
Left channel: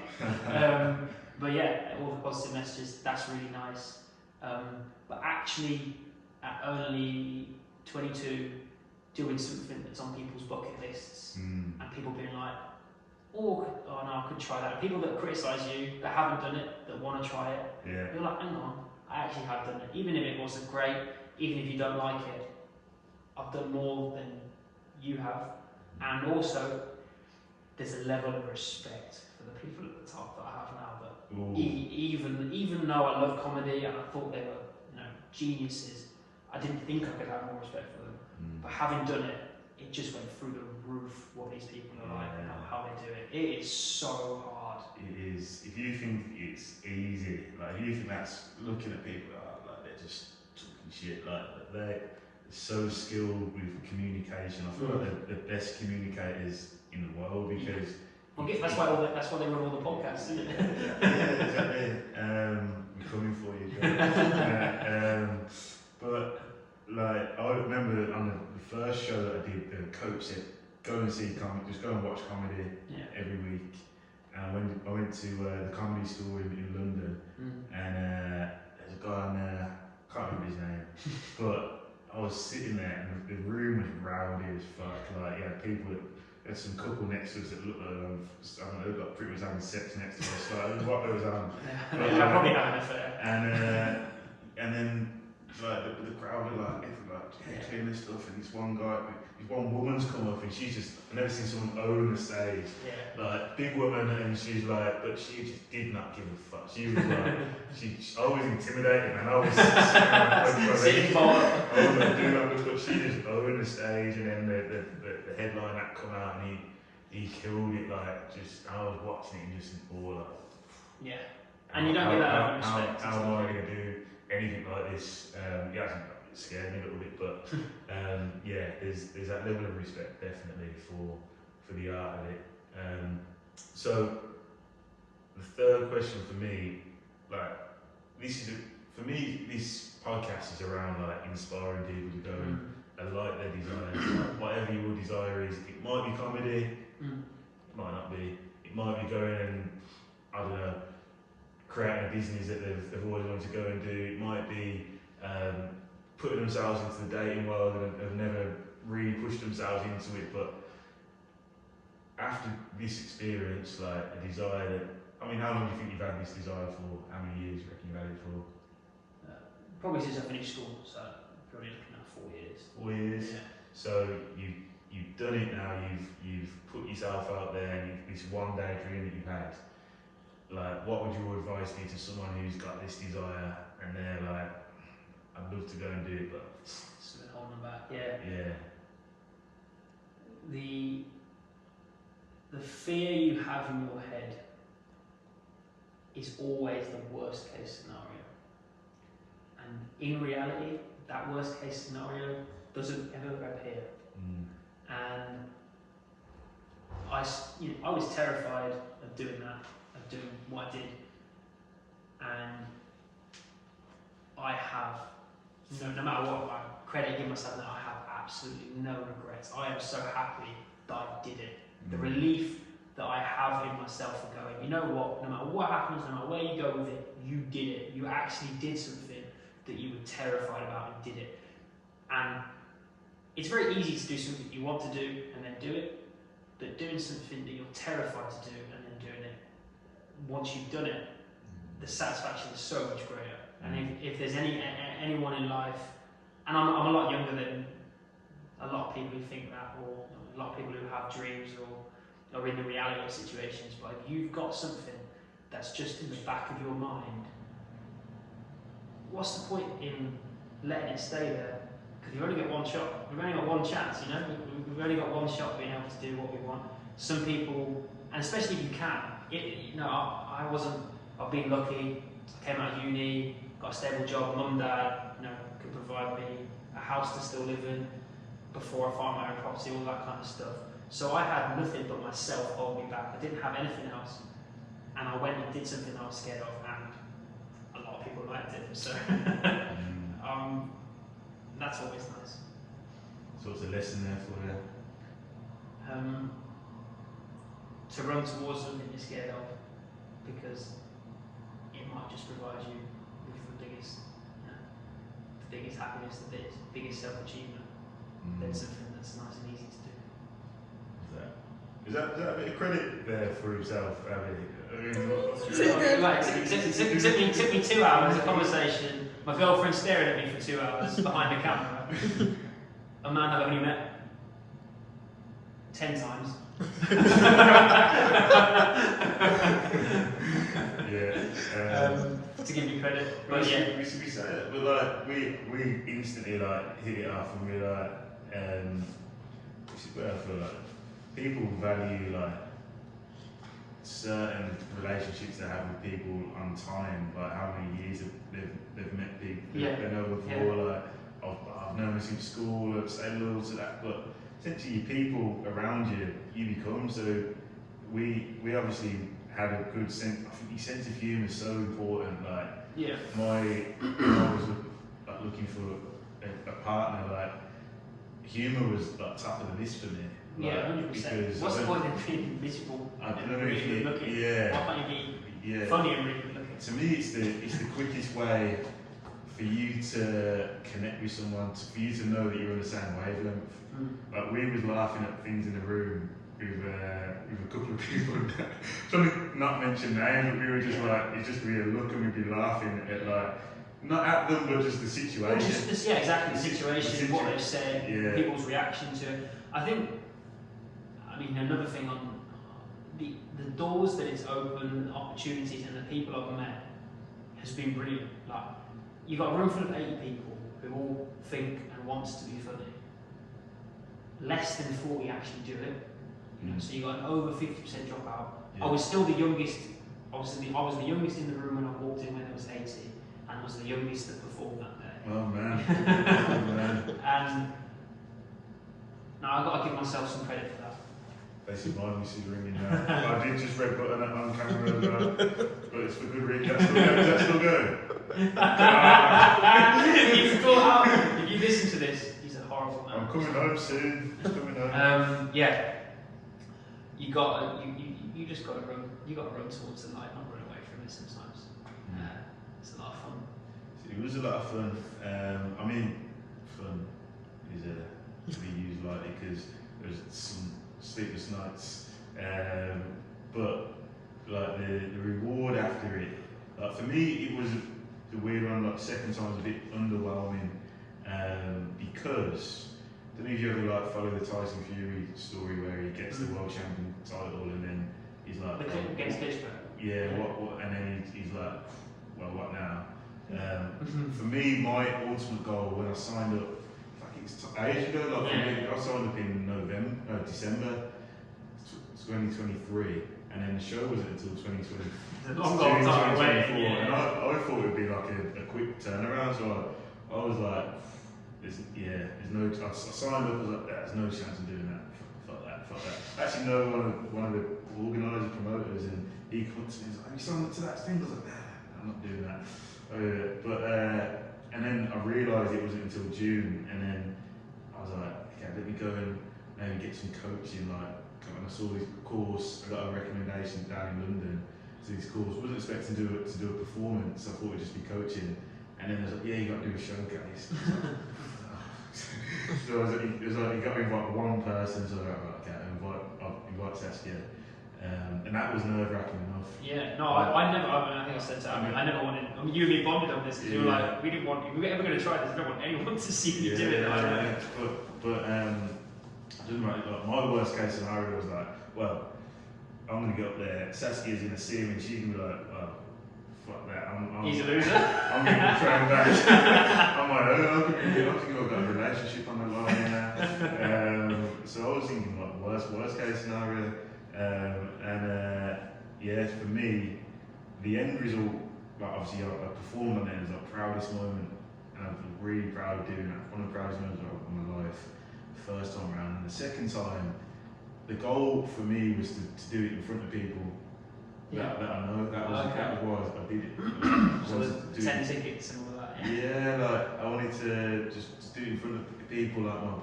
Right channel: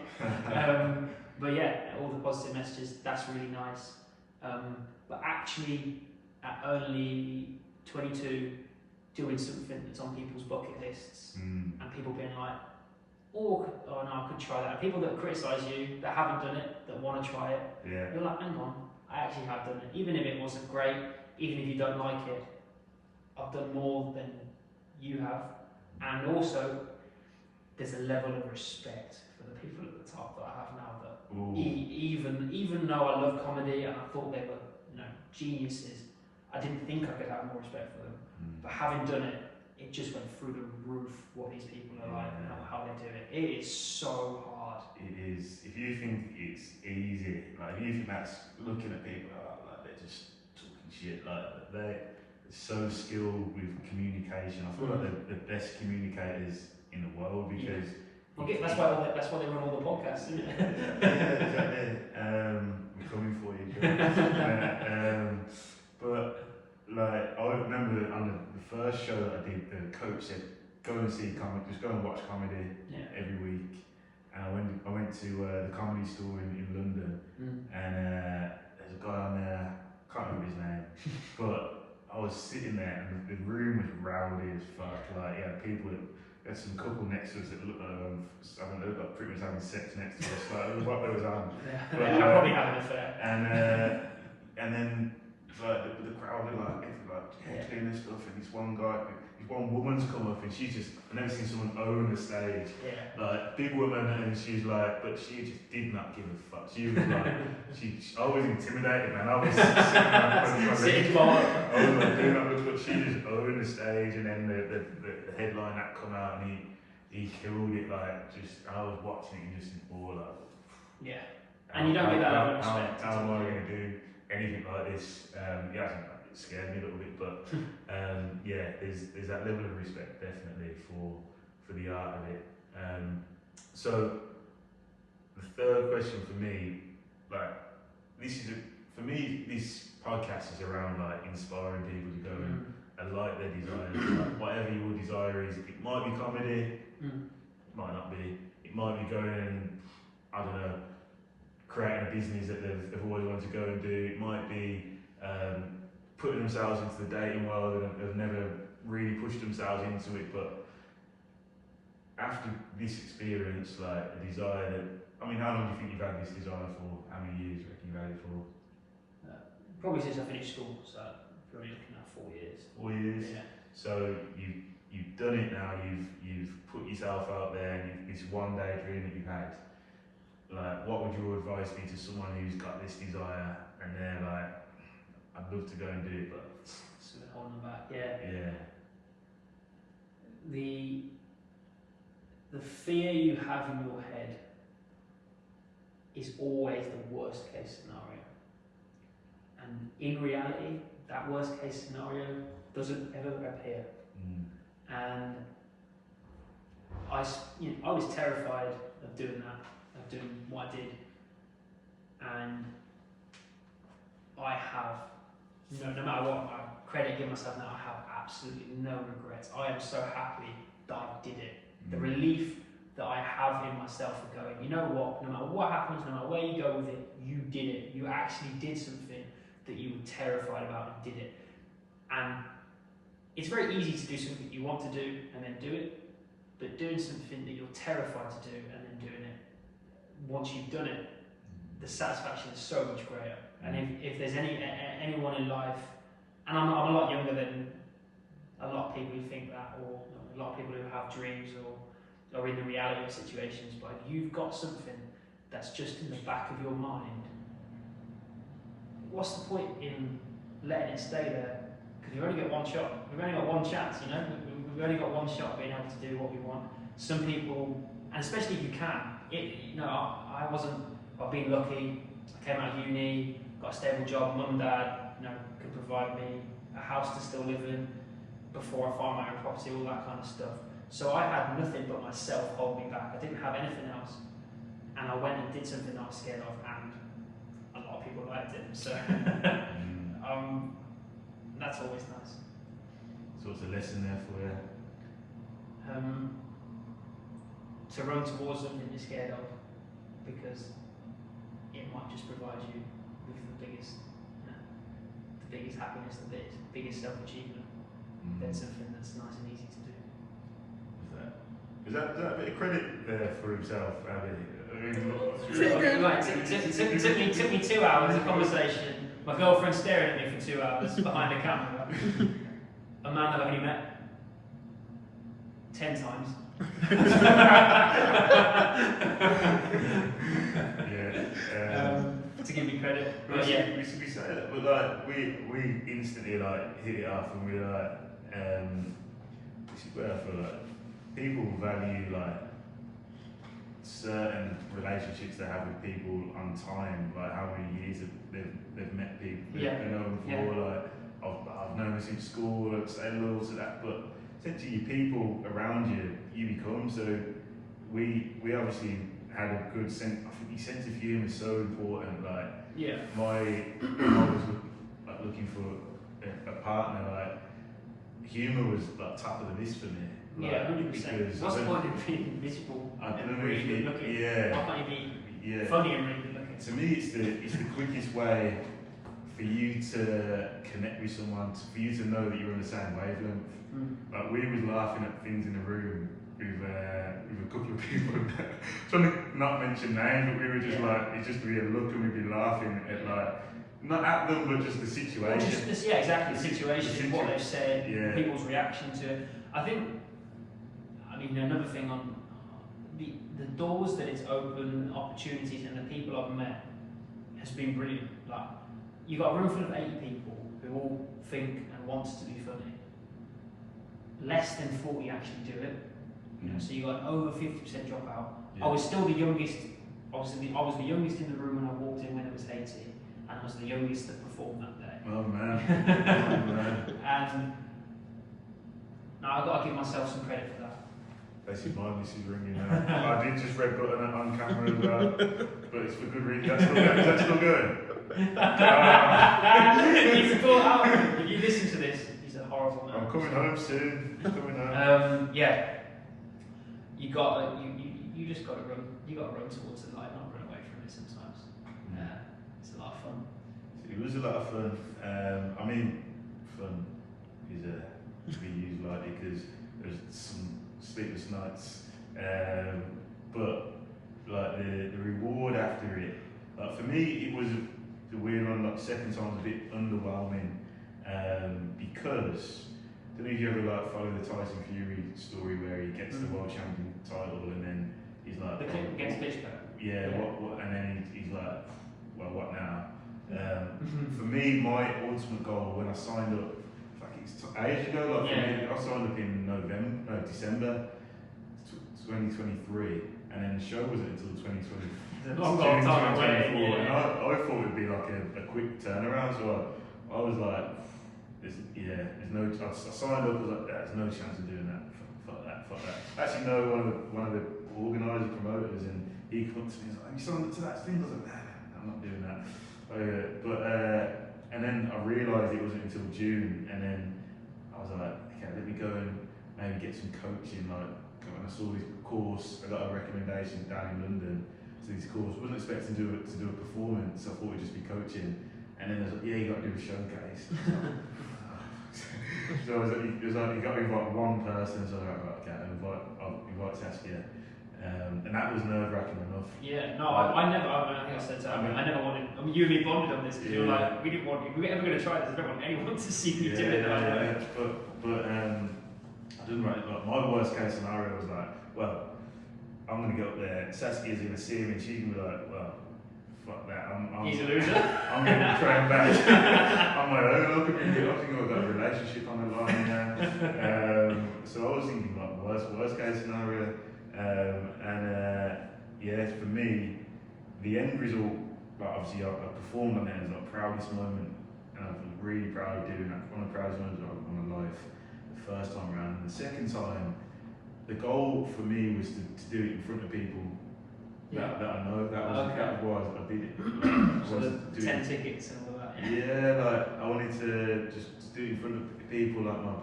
But yeah, all the positive messages, that's really nice. But actually, at only 22, doing something that's on people's bucket lists, and people being like, oh no, I could try that. And people that criticise you, that haven't done it, that want to try it, you're like, hang on, I actually have done it. Even if it wasn't great, even if you don't like it, I've done more than you have. And also, there's a level of respect for the people at the top that I have now. That even though I love comedy and I thought they were geniuses, I didn't think I could have more respect for them. But having done it, it just went through the roof what these people are like and how they do it. It is so hard. It is. If you think it's easy, if you think that's looking at people like they're just talking shit, but they're so skilled with communication. I feel like they're the best communicators in the world because. Well, that's why they run all the podcasts, isn't it? Yeah, exactly. We're coming for you, guys. But I remember on the first show that I did, the coach said, "Go and see comedy. Just go and watch comedy every week." And I went to the Comedy Store in London, and there's a guy on there. I can't remember his name, but I was sitting there, and the room was rowdy as fuck. People. There's some couple next to us that looked like pretty much having sex next to us. It was what they was on. I'm probably having an affair. And then the crowd were heckling and stuff, and this one woman's come up, and I've never seen someone own the stage. Big woman, and she's but she just did not give a fuck. She was I was intimidated, man. I was sitting around, I was doing that, but she just owned the stage, and then the headline that come out, and he killed it. I was watching it and just in awe, and you don't get that out of respect. How am I going to do anything like this? It scared me a little bit, but there's that level of respect definitely for the art of it. So the third question for me, this podcast is around inspiring people to go and like their desires, whatever your desire is. It might be comedy, it might not be. It might be going and creating a business that they've always wanted to go and do. It might be putting themselves into the dating world and have never really pushed themselves into it. But after this experience, a desire that, how long do you think you've had this desire for? How many years do you reckon you've had it for? Probably since I finished school, so probably looking at 4 years. 4 years? Yeah. So you've done it now, you've put yourself out there, and this one day dream that you've had. What would your advice be to someone who's got this desire and they're I'd love to go and do it, but something holding them back? Yeah. The fear you have in your head is always the worst case scenario. And in reality, that worst case scenario doesn't ever appear. Mm. And I was terrified of doing that, of doing what I did, and I have no matter what I credit give myself now, I have absolutely no regrets. I am so happy that I did it. The relief that I have in myself for going, you know what, no matter what happens, no matter where you go with it, you did it. You actually did something that you were terrified about and did it. And it's very easy to do something you want to do and then do it, but doing something that you're terrified to do and then doing it, once you've done it, the satisfaction is so much greater. And if there's anyone in life, and I'm a lot younger than a lot of people who think that, or a lot of people who have dreams or are in the reality of situations, but if you've got something that's just in the back of your mind, what's the point in letting it stay there? Because you've only got one shot, we've only got one chance, you know, we've only got one shot being able to do what we want. Some people, and especially if you can, I've been lucky, I came out of uni, got a stable job, mum, dad, could provide me a house to still live in before I find my own property, all that kind of stuff. So I had nothing but myself hold me back. I didn't have anything else. And I went and did something I was scared of, and a lot of people liked it. So that's always nice. So it's a lesson there for you? To run towards something you're scared of, because it might just provide you with the biggest happiness, the biggest self-achievement. That's something that's nice and easy to do. Is that a bit of credit there for himself, Ali? It took me 2 hours of conversation, my girlfriend staring at me for 2 hours behind the camera, a man I've only met 10 times. To give me credit. But we say that, but like we instantly like hit it off, and we're like, this is where I feel like people value like certain relationships they have with people on time, like how many years they've met people they know before. Like I've known them since school, I've stayed loyal to that, but essentially people around you become. So we obviously had a good sense. I think your sense of humour is so important. Like, I was looking for a partner. Like, humour was like top of the list for me. Like, 100%. What's the point in being miserable? I don't know if you. Why can't you be funny and really good looking? To me, it's the quickest way for you to connect with someone, for you to know that you're on the same wavelength. Like, we was laughing at things in the room with a couple of people. Trying to not mention names, but we were just like, it's just be a look, and we'd be laughing at like, not at them, but just the situation. Exactly, the situation, what they've said, people's reaction to it. I mean, another thing on the doors that it's opened, opportunities, and the people I've met has been brilliant. Like, you've got a room full of 80 people who all think and want to be funny. Less than 40 actually do it. So you got an over 50% dropout. I was still the youngest. Obviously, I was the youngest in the room when I walked in when there was 80, and I was the youngest that performed that day. Oh man! And now I've got to give myself some credit for that. Basically, my miss is ringing now. I did just red button it on camera, but it's for good reason. That's still going. Is that still going? You've thought out. If you listen to this, he's a horrible man. I'm coming home soon. Coming home. You just got to run. You got to run towards the light, not run away from it sometimes. It's a lot of fun. It was a lot of fun. I mean, fun is to be used lightly because there's some sleepless nights, but like the reward after it. For me, it was the weird one. Like, second time was a bit underwhelming because. I don't know if you ever like follow the Tyson Fury story where he gets the world champion title and then he's like, the clip against Klitschko. What? And then he's like, well, what now? For me, my ultimate goal when I signed up, it's ages ago. Like, for me, I signed up in December 2023, and then the show wasn't until 2020. It's a long time away. And I thought it'd be like a quick turnaround. So I was like. there's no. I signed up. I was like, there's no chance of doing that. Fuck that. I actually know one of the organisers, promoters, and he comes to me. He's like, "Have you signed up to that thing?" I was like, "Nah, I'm not doing that." And then I realised it wasn't until June, and then I was like, "Okay, let me go and maybe get some coaching." Like, when I saw this course, I got a recommendation down in London to this course. I wasn't expecting to do a performance. I thought it'd just be coaching. And then it was like, "Yeah, you got to do a showcase." So it was like you got to invite one person. So I was like, "Right, okay, I'll invite Saskia," and that was nerve wracking enough. Yeah, no, I never. I think I said to Abby, I never wanted. I mean, you and me bonded on this because you were like, we didn't want. If we're ever going to try this, I don't want anyone to see me do it. But I didn't write. Like, my worst case scenario was like, well, I'm going to get up there. Saskia's going to see me, and she's going to be like, well. Fuck that, He's a loser. I'm going to train back on my own. I'm thinking I've got a relationship on the line there. So I was thinking like worst case scenario. For me, the end result, like obviously I performed on it as the proudest moment, and I was really proud of doing that. One of the proudest moments of my life, the first time around. And the second time, the goal for me was to do it in front of people. That I know, that was why I did it. So the 10 tickets and all of that. Yeah, like I wanted to just do it in front of people, like my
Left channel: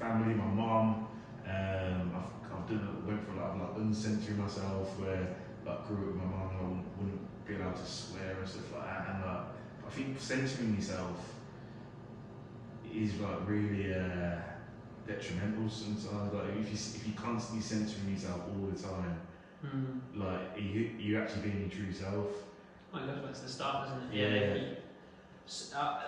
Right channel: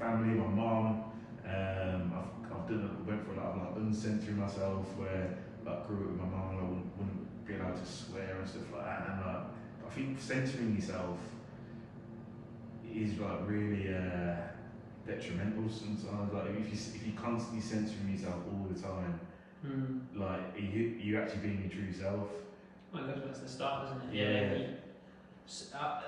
family, my mum. Went for like uncensoring myself, where like grew up with my mum, I wouldn't be allowed to swear and stuff like that. And like, I think censoring yourself is like really detrimental sometimes. Like if you constantly censoring yourself all the time. Like you actually being your true self. Well, that's the start, isn't it? Yeah.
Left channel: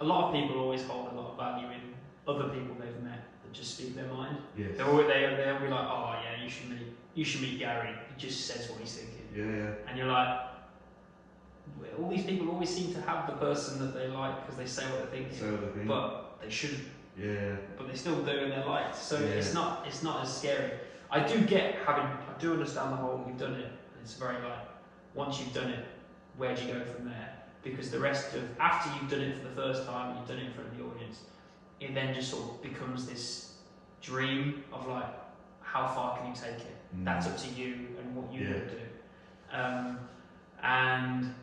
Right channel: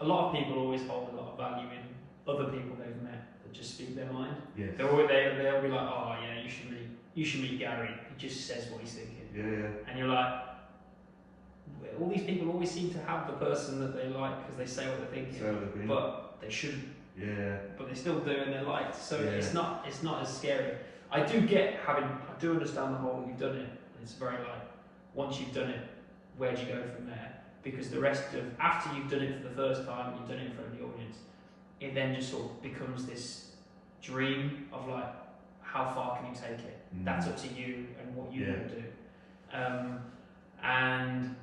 A lot of people always hold a lot of value in other people they've met that just speak their mind. Yes. They'll be like, "Oh yeah, you should meet Gary. He just says what he's thinking." Yeah. And you're like, all these people always seem to have the person that they like because they say what they're thinking, but they shouldn't. Yeah. But they still do, and they're liked. So it's not as scary. I do understand the whole, you've done it. It's very like, once you've done it, where do you go from there? Because the rest of, after you've done it for the first time and you've done it in front of the audience, it then just sort of becomes this dream of like, how far can you take it? That's up to you and what you want to do. And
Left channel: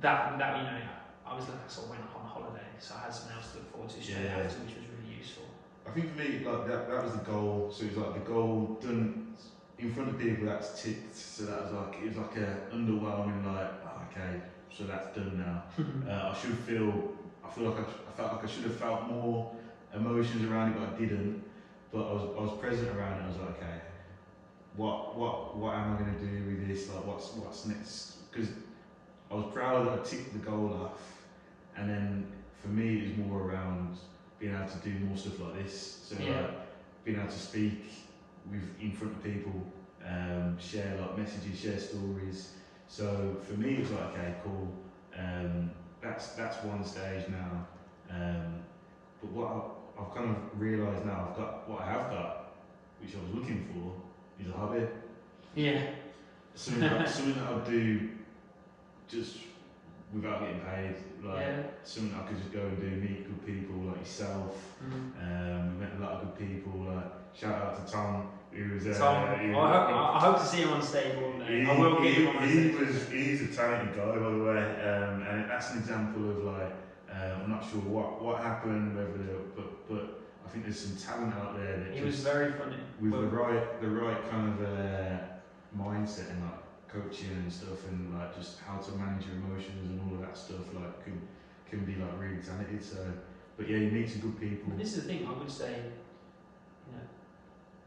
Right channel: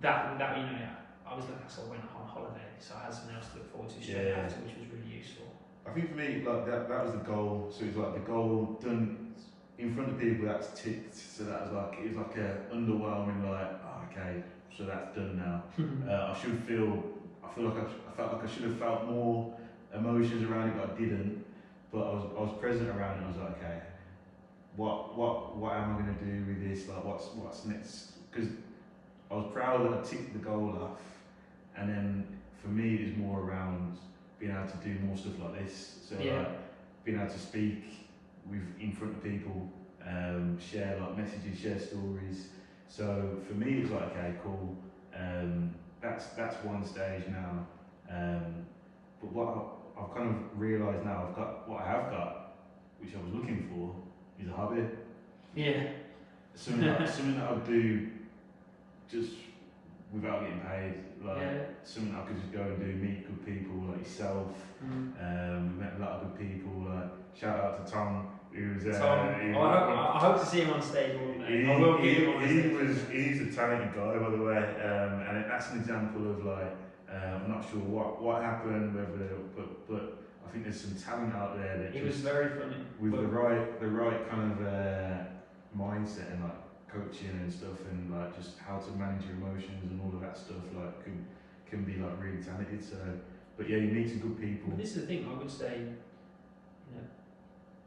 that I sort of went on holiday, so I had something else to look forward to straight after, which was really useful. I think for me, like that was the goal. So it was like the goal done in front of people. That's ticked. So that was like it was like a underwhelming. Like okay, so that's done now. I felt like I should have felt more emotions around it, but I didn't. But I was present around it. I was like, okay, what am I going to do with this? Like what's next? Because I was proud that I ticked the goal off, and then for me it was more around being able to do more stuff like this. So like being able to speak in front of people, share like messages, share stories. So for me it was like, okay, cool. That's one stage now. But what I've kind of realised now, what I have got, which I was looking for, is a hobby. Yeah. Something that I would do just without getting paid. Like something I could just go and do, meet good people like yourself. We met a lot of good people. Shout out to Tom, who was I hope to see him on stage one day. I will get him on stage. He's a talented guy, by the way, and that's an example of like I'm not sure what happened, but I think there's some talent out there that he was very funny with the right kind of mindset and like coaching and stuff, and like just how to manage your emotions and all of that stuff, like can be like really talented. So, but yeah, you meet some good people. But this is the thing. I would say,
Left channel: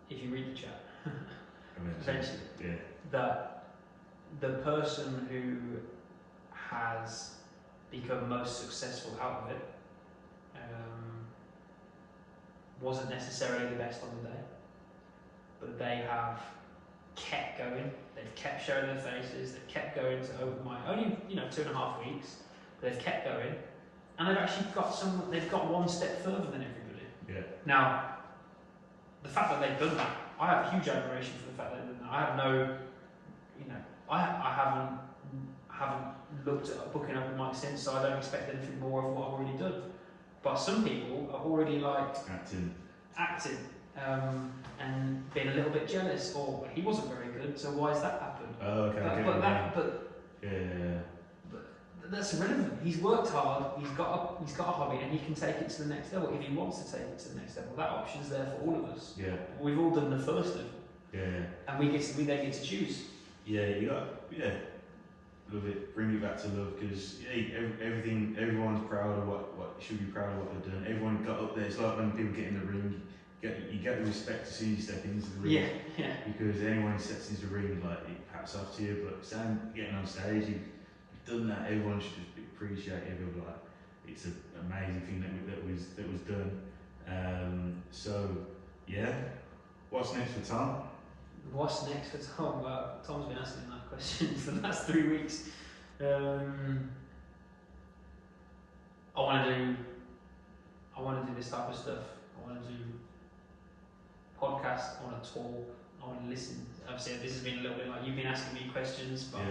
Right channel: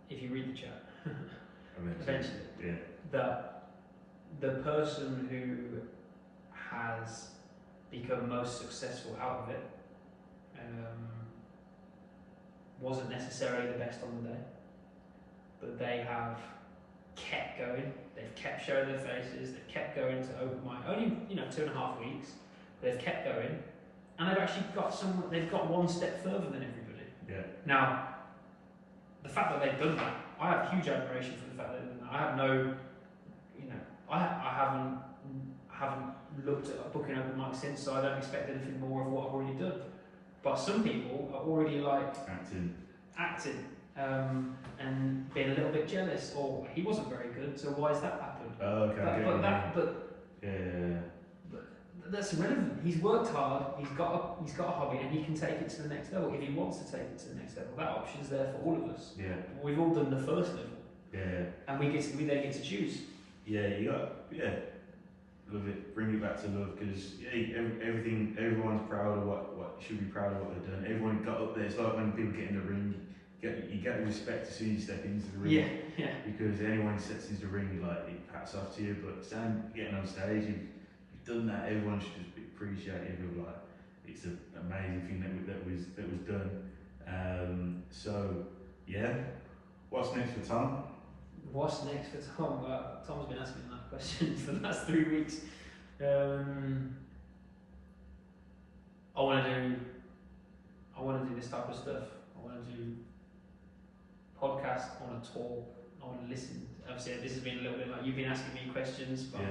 if you read the chat, eventually, that the person who has become most successful out of it wasn't necessarily the best on the day, but they have kept going. They've kept showing their faces. They've kept going to open mic. Only 2.5 weeks, but they've kept going, and they've actually They've got one step further than everybody. Yeah. Now, the fact that they've done that, I have huge admiration for the fact that they've done that. I have no, I haven't looked at booking open mic since, so I don't expect anything more of what I've already done. But some people are already like Acting. and being a little bit jealous, or he wasn't very good, so why has that happened? Oh, okay. I get what you mean. But Yeah. that's irrelevant. He's worked hard. He's got a hobby, and he can take it to the next level if he wants to take it to the next level. That option's there for all of us. Yeah. We've all done the first level. Yeah. And we then get to choose. Yeah, love it. Bring it back to love, because everyone's proud of what should be proud of what they've done. Everyone got up there. It's like when people get in the ring, you get the respect as soon as you step into the ring. Yeah. Because anyone who steps into the ring, like, it pats off to you. But getting on stage, you've done that. Everyone should just be appreciative of, like, it's an amazing thing that was done. So yeah, what's next for Tom? What's next for Tom? Well, Tom's been asking that question for the last 3 weeks. I want to do this type of stuff. I want to do podcasts. I want to talk. I want to listen. Obviously, this has been a little bit like you've been asking me questions, but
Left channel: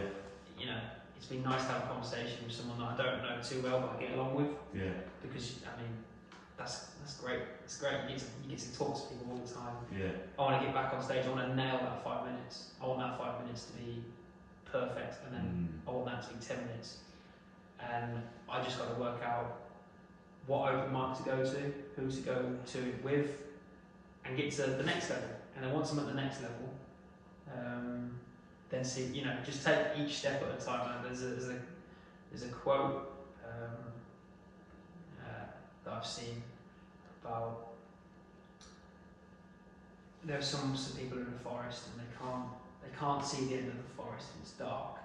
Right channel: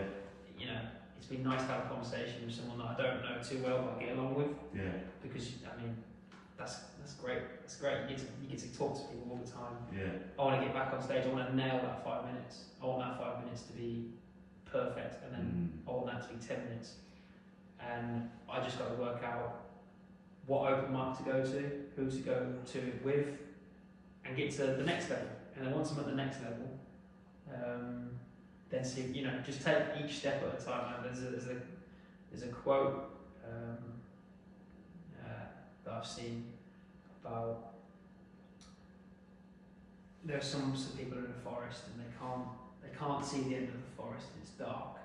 you know, it's been nice to have a conversation with someone that I don't know too well, but I get along with. Yeah. Because I mean, that's great. It's great. You get to talk to people all the time. Yeah. I want to get back on stage. I want to nail that 5 minutes. I want that 5 minutes to be perfect, and then I want that to be 10 minutes. And I just got to work out what open mic to go to, who to go to it with, and get to the next level. And then once I'm at the next level, then see, you know, just take each step at a time. There's a quote that I've seen about there's some people in the forest and they can't see the end of the forest and it's dark.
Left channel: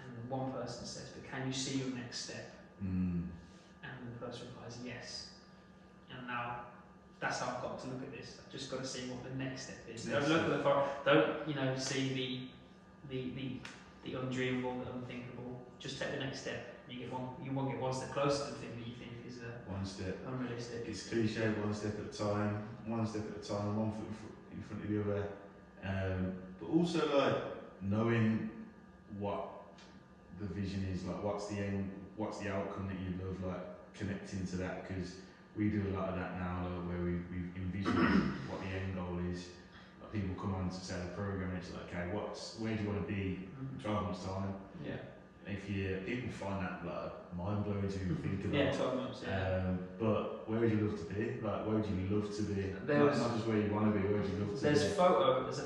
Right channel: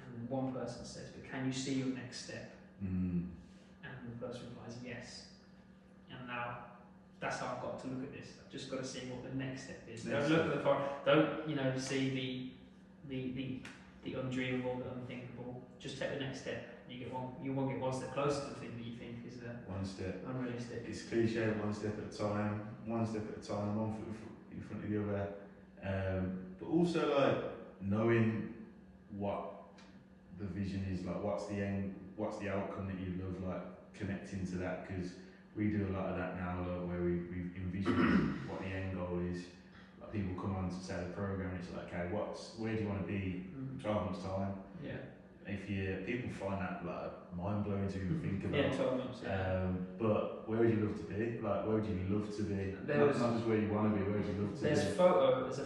And one person says, "But can you see your next step?" And the person replies, "Yes." And now that's how I've got to look at this. I've just got to see what the next step is. Don't look at the forest. Don't see the undreamable, the unthinkable. Just take the next step. You won't get one step closer to the thing that you think is one step unrealistic. It's cliche, one step at a time, one foot in front of the other. But also, like, knowing what the vision is, like, what's the end, what's the outcome that you love, like, connecting to that, because we do a lot of that now, like, where we envision what the end goal is. Like, people come on to say the program, and it's like, okay, where do you want to be in 12 months' time? Yeah. People find that, like, mind blowing to even think about. Yeah, 12 months. Yeah. But where would you love to be? Like, where would you love to be? Not just where you want to be. Where would you love to be? There's a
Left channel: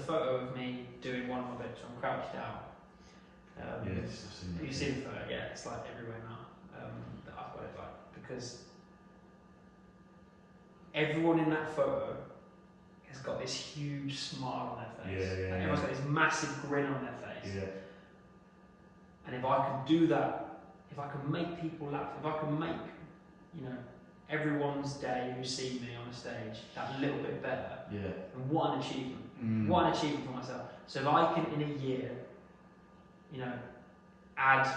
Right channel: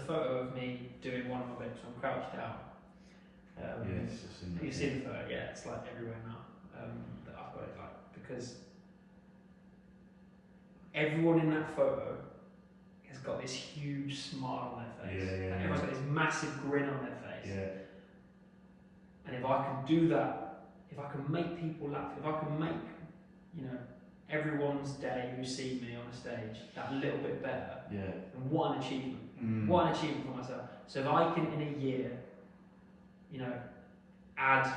photo of me doing one of my bits. I'm crouched down. Yes, I've seen that. You've seen the photo, yeah. It's like everywhere now. That I've got it, like, because everyone in that photo has got this huge smile on their face. Yeah. Everyone's got this massive grin on their face. Yeah. And if I can do that, if I can make people laugh, if I can make, you know, everyone's day who see me on a stage that little bit better, and what an achievement. What an achievement for myself. So if I can, in a year, you know, add,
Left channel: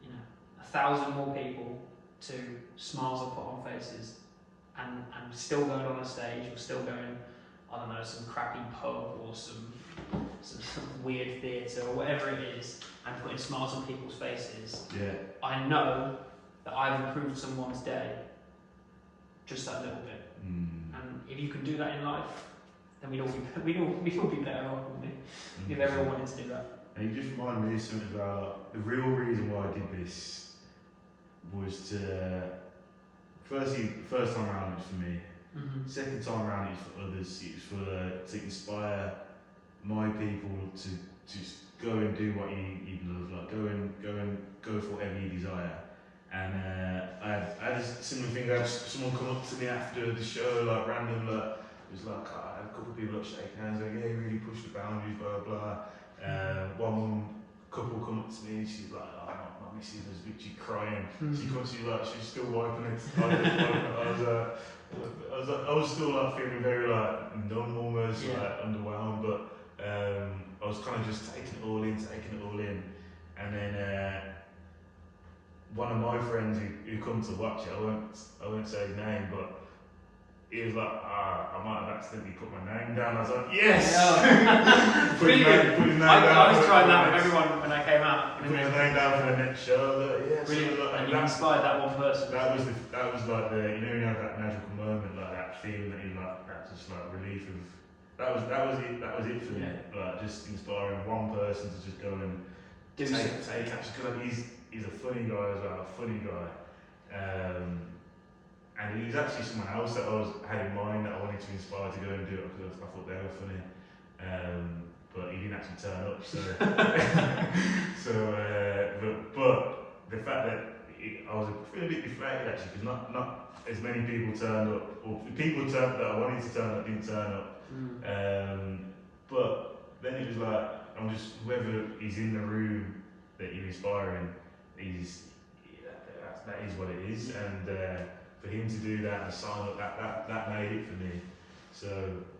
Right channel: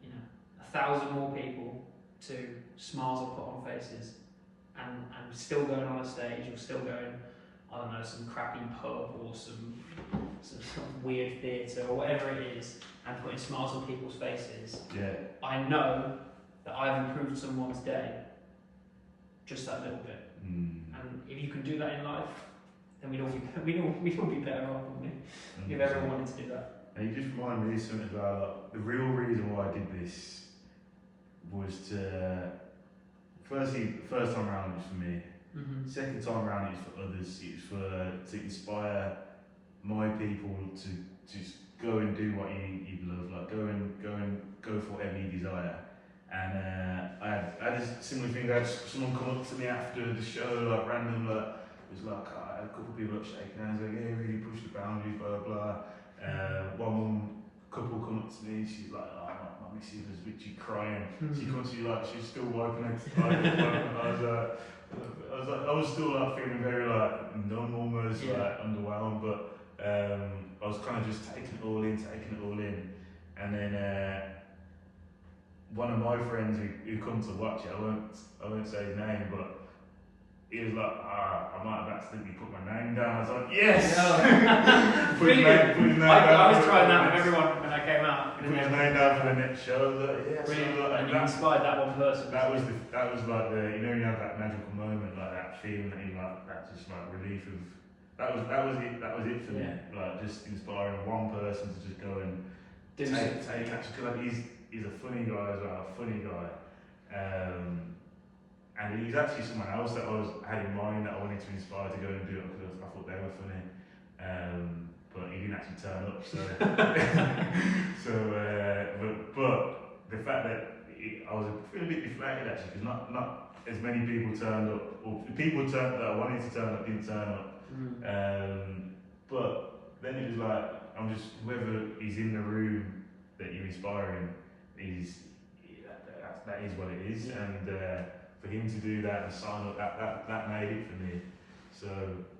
you know, 1,000 more people to smiles I've put on faces, and still going on a stage, or still going, I don't know, some crappy pub or some weird theatre or whatever it is, and putting smiles on people's faces, I know that I've improved someone's day just that little bit. And if you can do that in life, then we'd all be better off, wouldn't we? If everyone wanted to do that. And you just remind me of something about, like, the real reason why I did this was to, firstly, the first time around it was for me. Second time around it's for others. It's to inspire my people to just go and do what you love, like go for whatever you desire. And I had a similar thing. I had someone come up to me after the show, like, random, like, it was like, I had a couple of people like shaking hands, like, yeah, really pushed the boundaries, blah blah blah. One couple come up to me, she's like, oh, my missus was literally crying. She comes to me, like, she's still wiping her eyes. I was still, like, feeling very, like, numb almost, like, underwhelmed, but I was kind of just taking it all in, and then one of my friends who come to watch it, I won't say his name, but he was like, I might have accidentally put my name down. I was like, yes! Put his name down. I was trying that with everyone when I came out. Put his name down for the next show. I was like, yes. Brilliant. Like, and you inspired that one person. That was like the, you know, you have that magical moment, like that feeling that you like, that just like relief of, that was it for me. Like just inspiring one person to just go and take action. Because like, he's a funny guy as well, and he was actually someone else that I had in mind that I wanted to inspire to go and do it because I thought they were funny. But he didn't actually turn up, so but the fact that I was feeling a bit deflated actually because not as many people turned up, or people that I wanted to turn up didn't turn up. But then it was like, I'm just, whoever is in the room that you're inspiring that is what it is, and for him to do that and sign up, that made it for me. So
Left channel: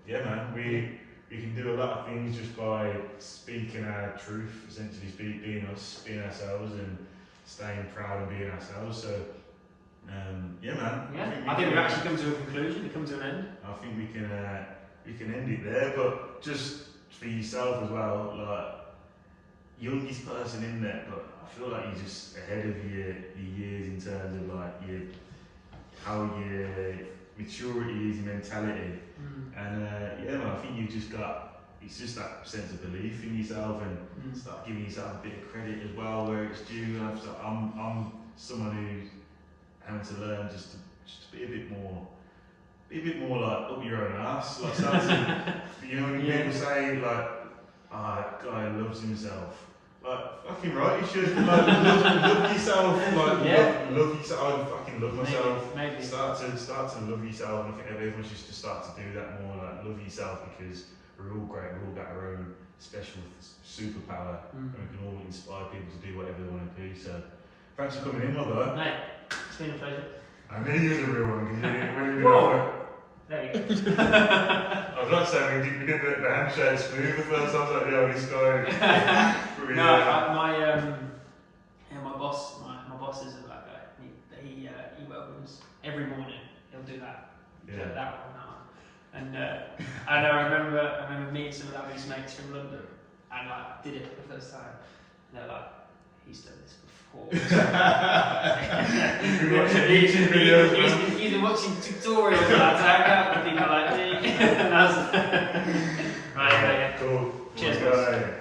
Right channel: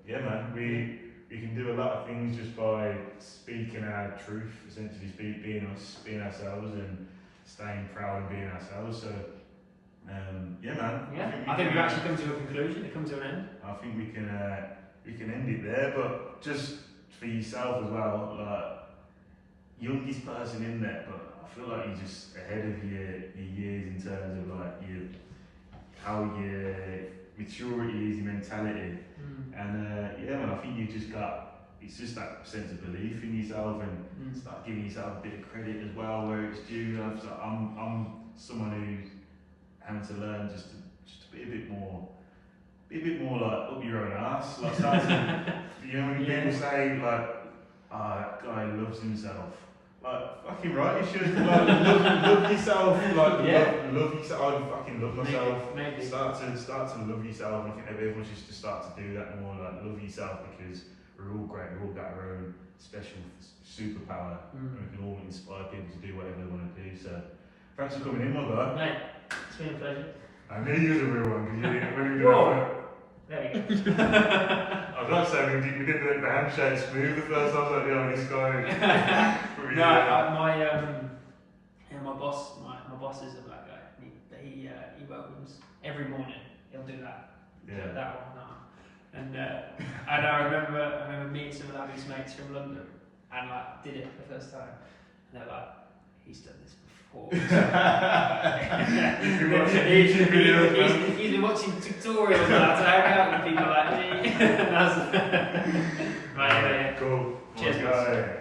yeah, man, we can do a lot of things just by speaking our truth, essentially being us, being ourselves, and staying proud and being ourselves. So yeah, man. Yeah, I think we've actually come to a conclusion. We come to an end. I think we can end it there, but just for yourself as well, like youngest person in there, but I feel like you're just ahead of your years in terms of like how your maturity is, your mentality, and yeah, man, I think you just got, it's just that sense of belief in yourself and start giving yourself a bit of credit as well where it's due. I'm someone who's having to learn just to be a bit more like up your own ass, like start to, you know when people say like, that guy loves himself. Like, fucking right, you should. Like, love yourself. Like, love yourself. I fucking love myself. Maybe. Start to love yourself. And I think everyone should just start to do that more. Like, love yourself, because we're all great. We've all got our own special superpower, and we can all inspire people to do whatever they want to do. So, thanks for coming in, my guy. Mate, it's been a pleasure. I knew you was a real one. Because you Whoa. There we go. I was like saying we did the handshake smooth the first time. I was like, yo, this guy. My boss is a black guy. He welcomes every morning. He'll do that. Yeah. That one. And I remember meeting some of his mates from London, and like did it for the first time. And they're like, he's done this before. He's been watching YouTube videos. He's been watching tutorials about how to hang out with people like me. And that's right. Cool. Cheers, guys.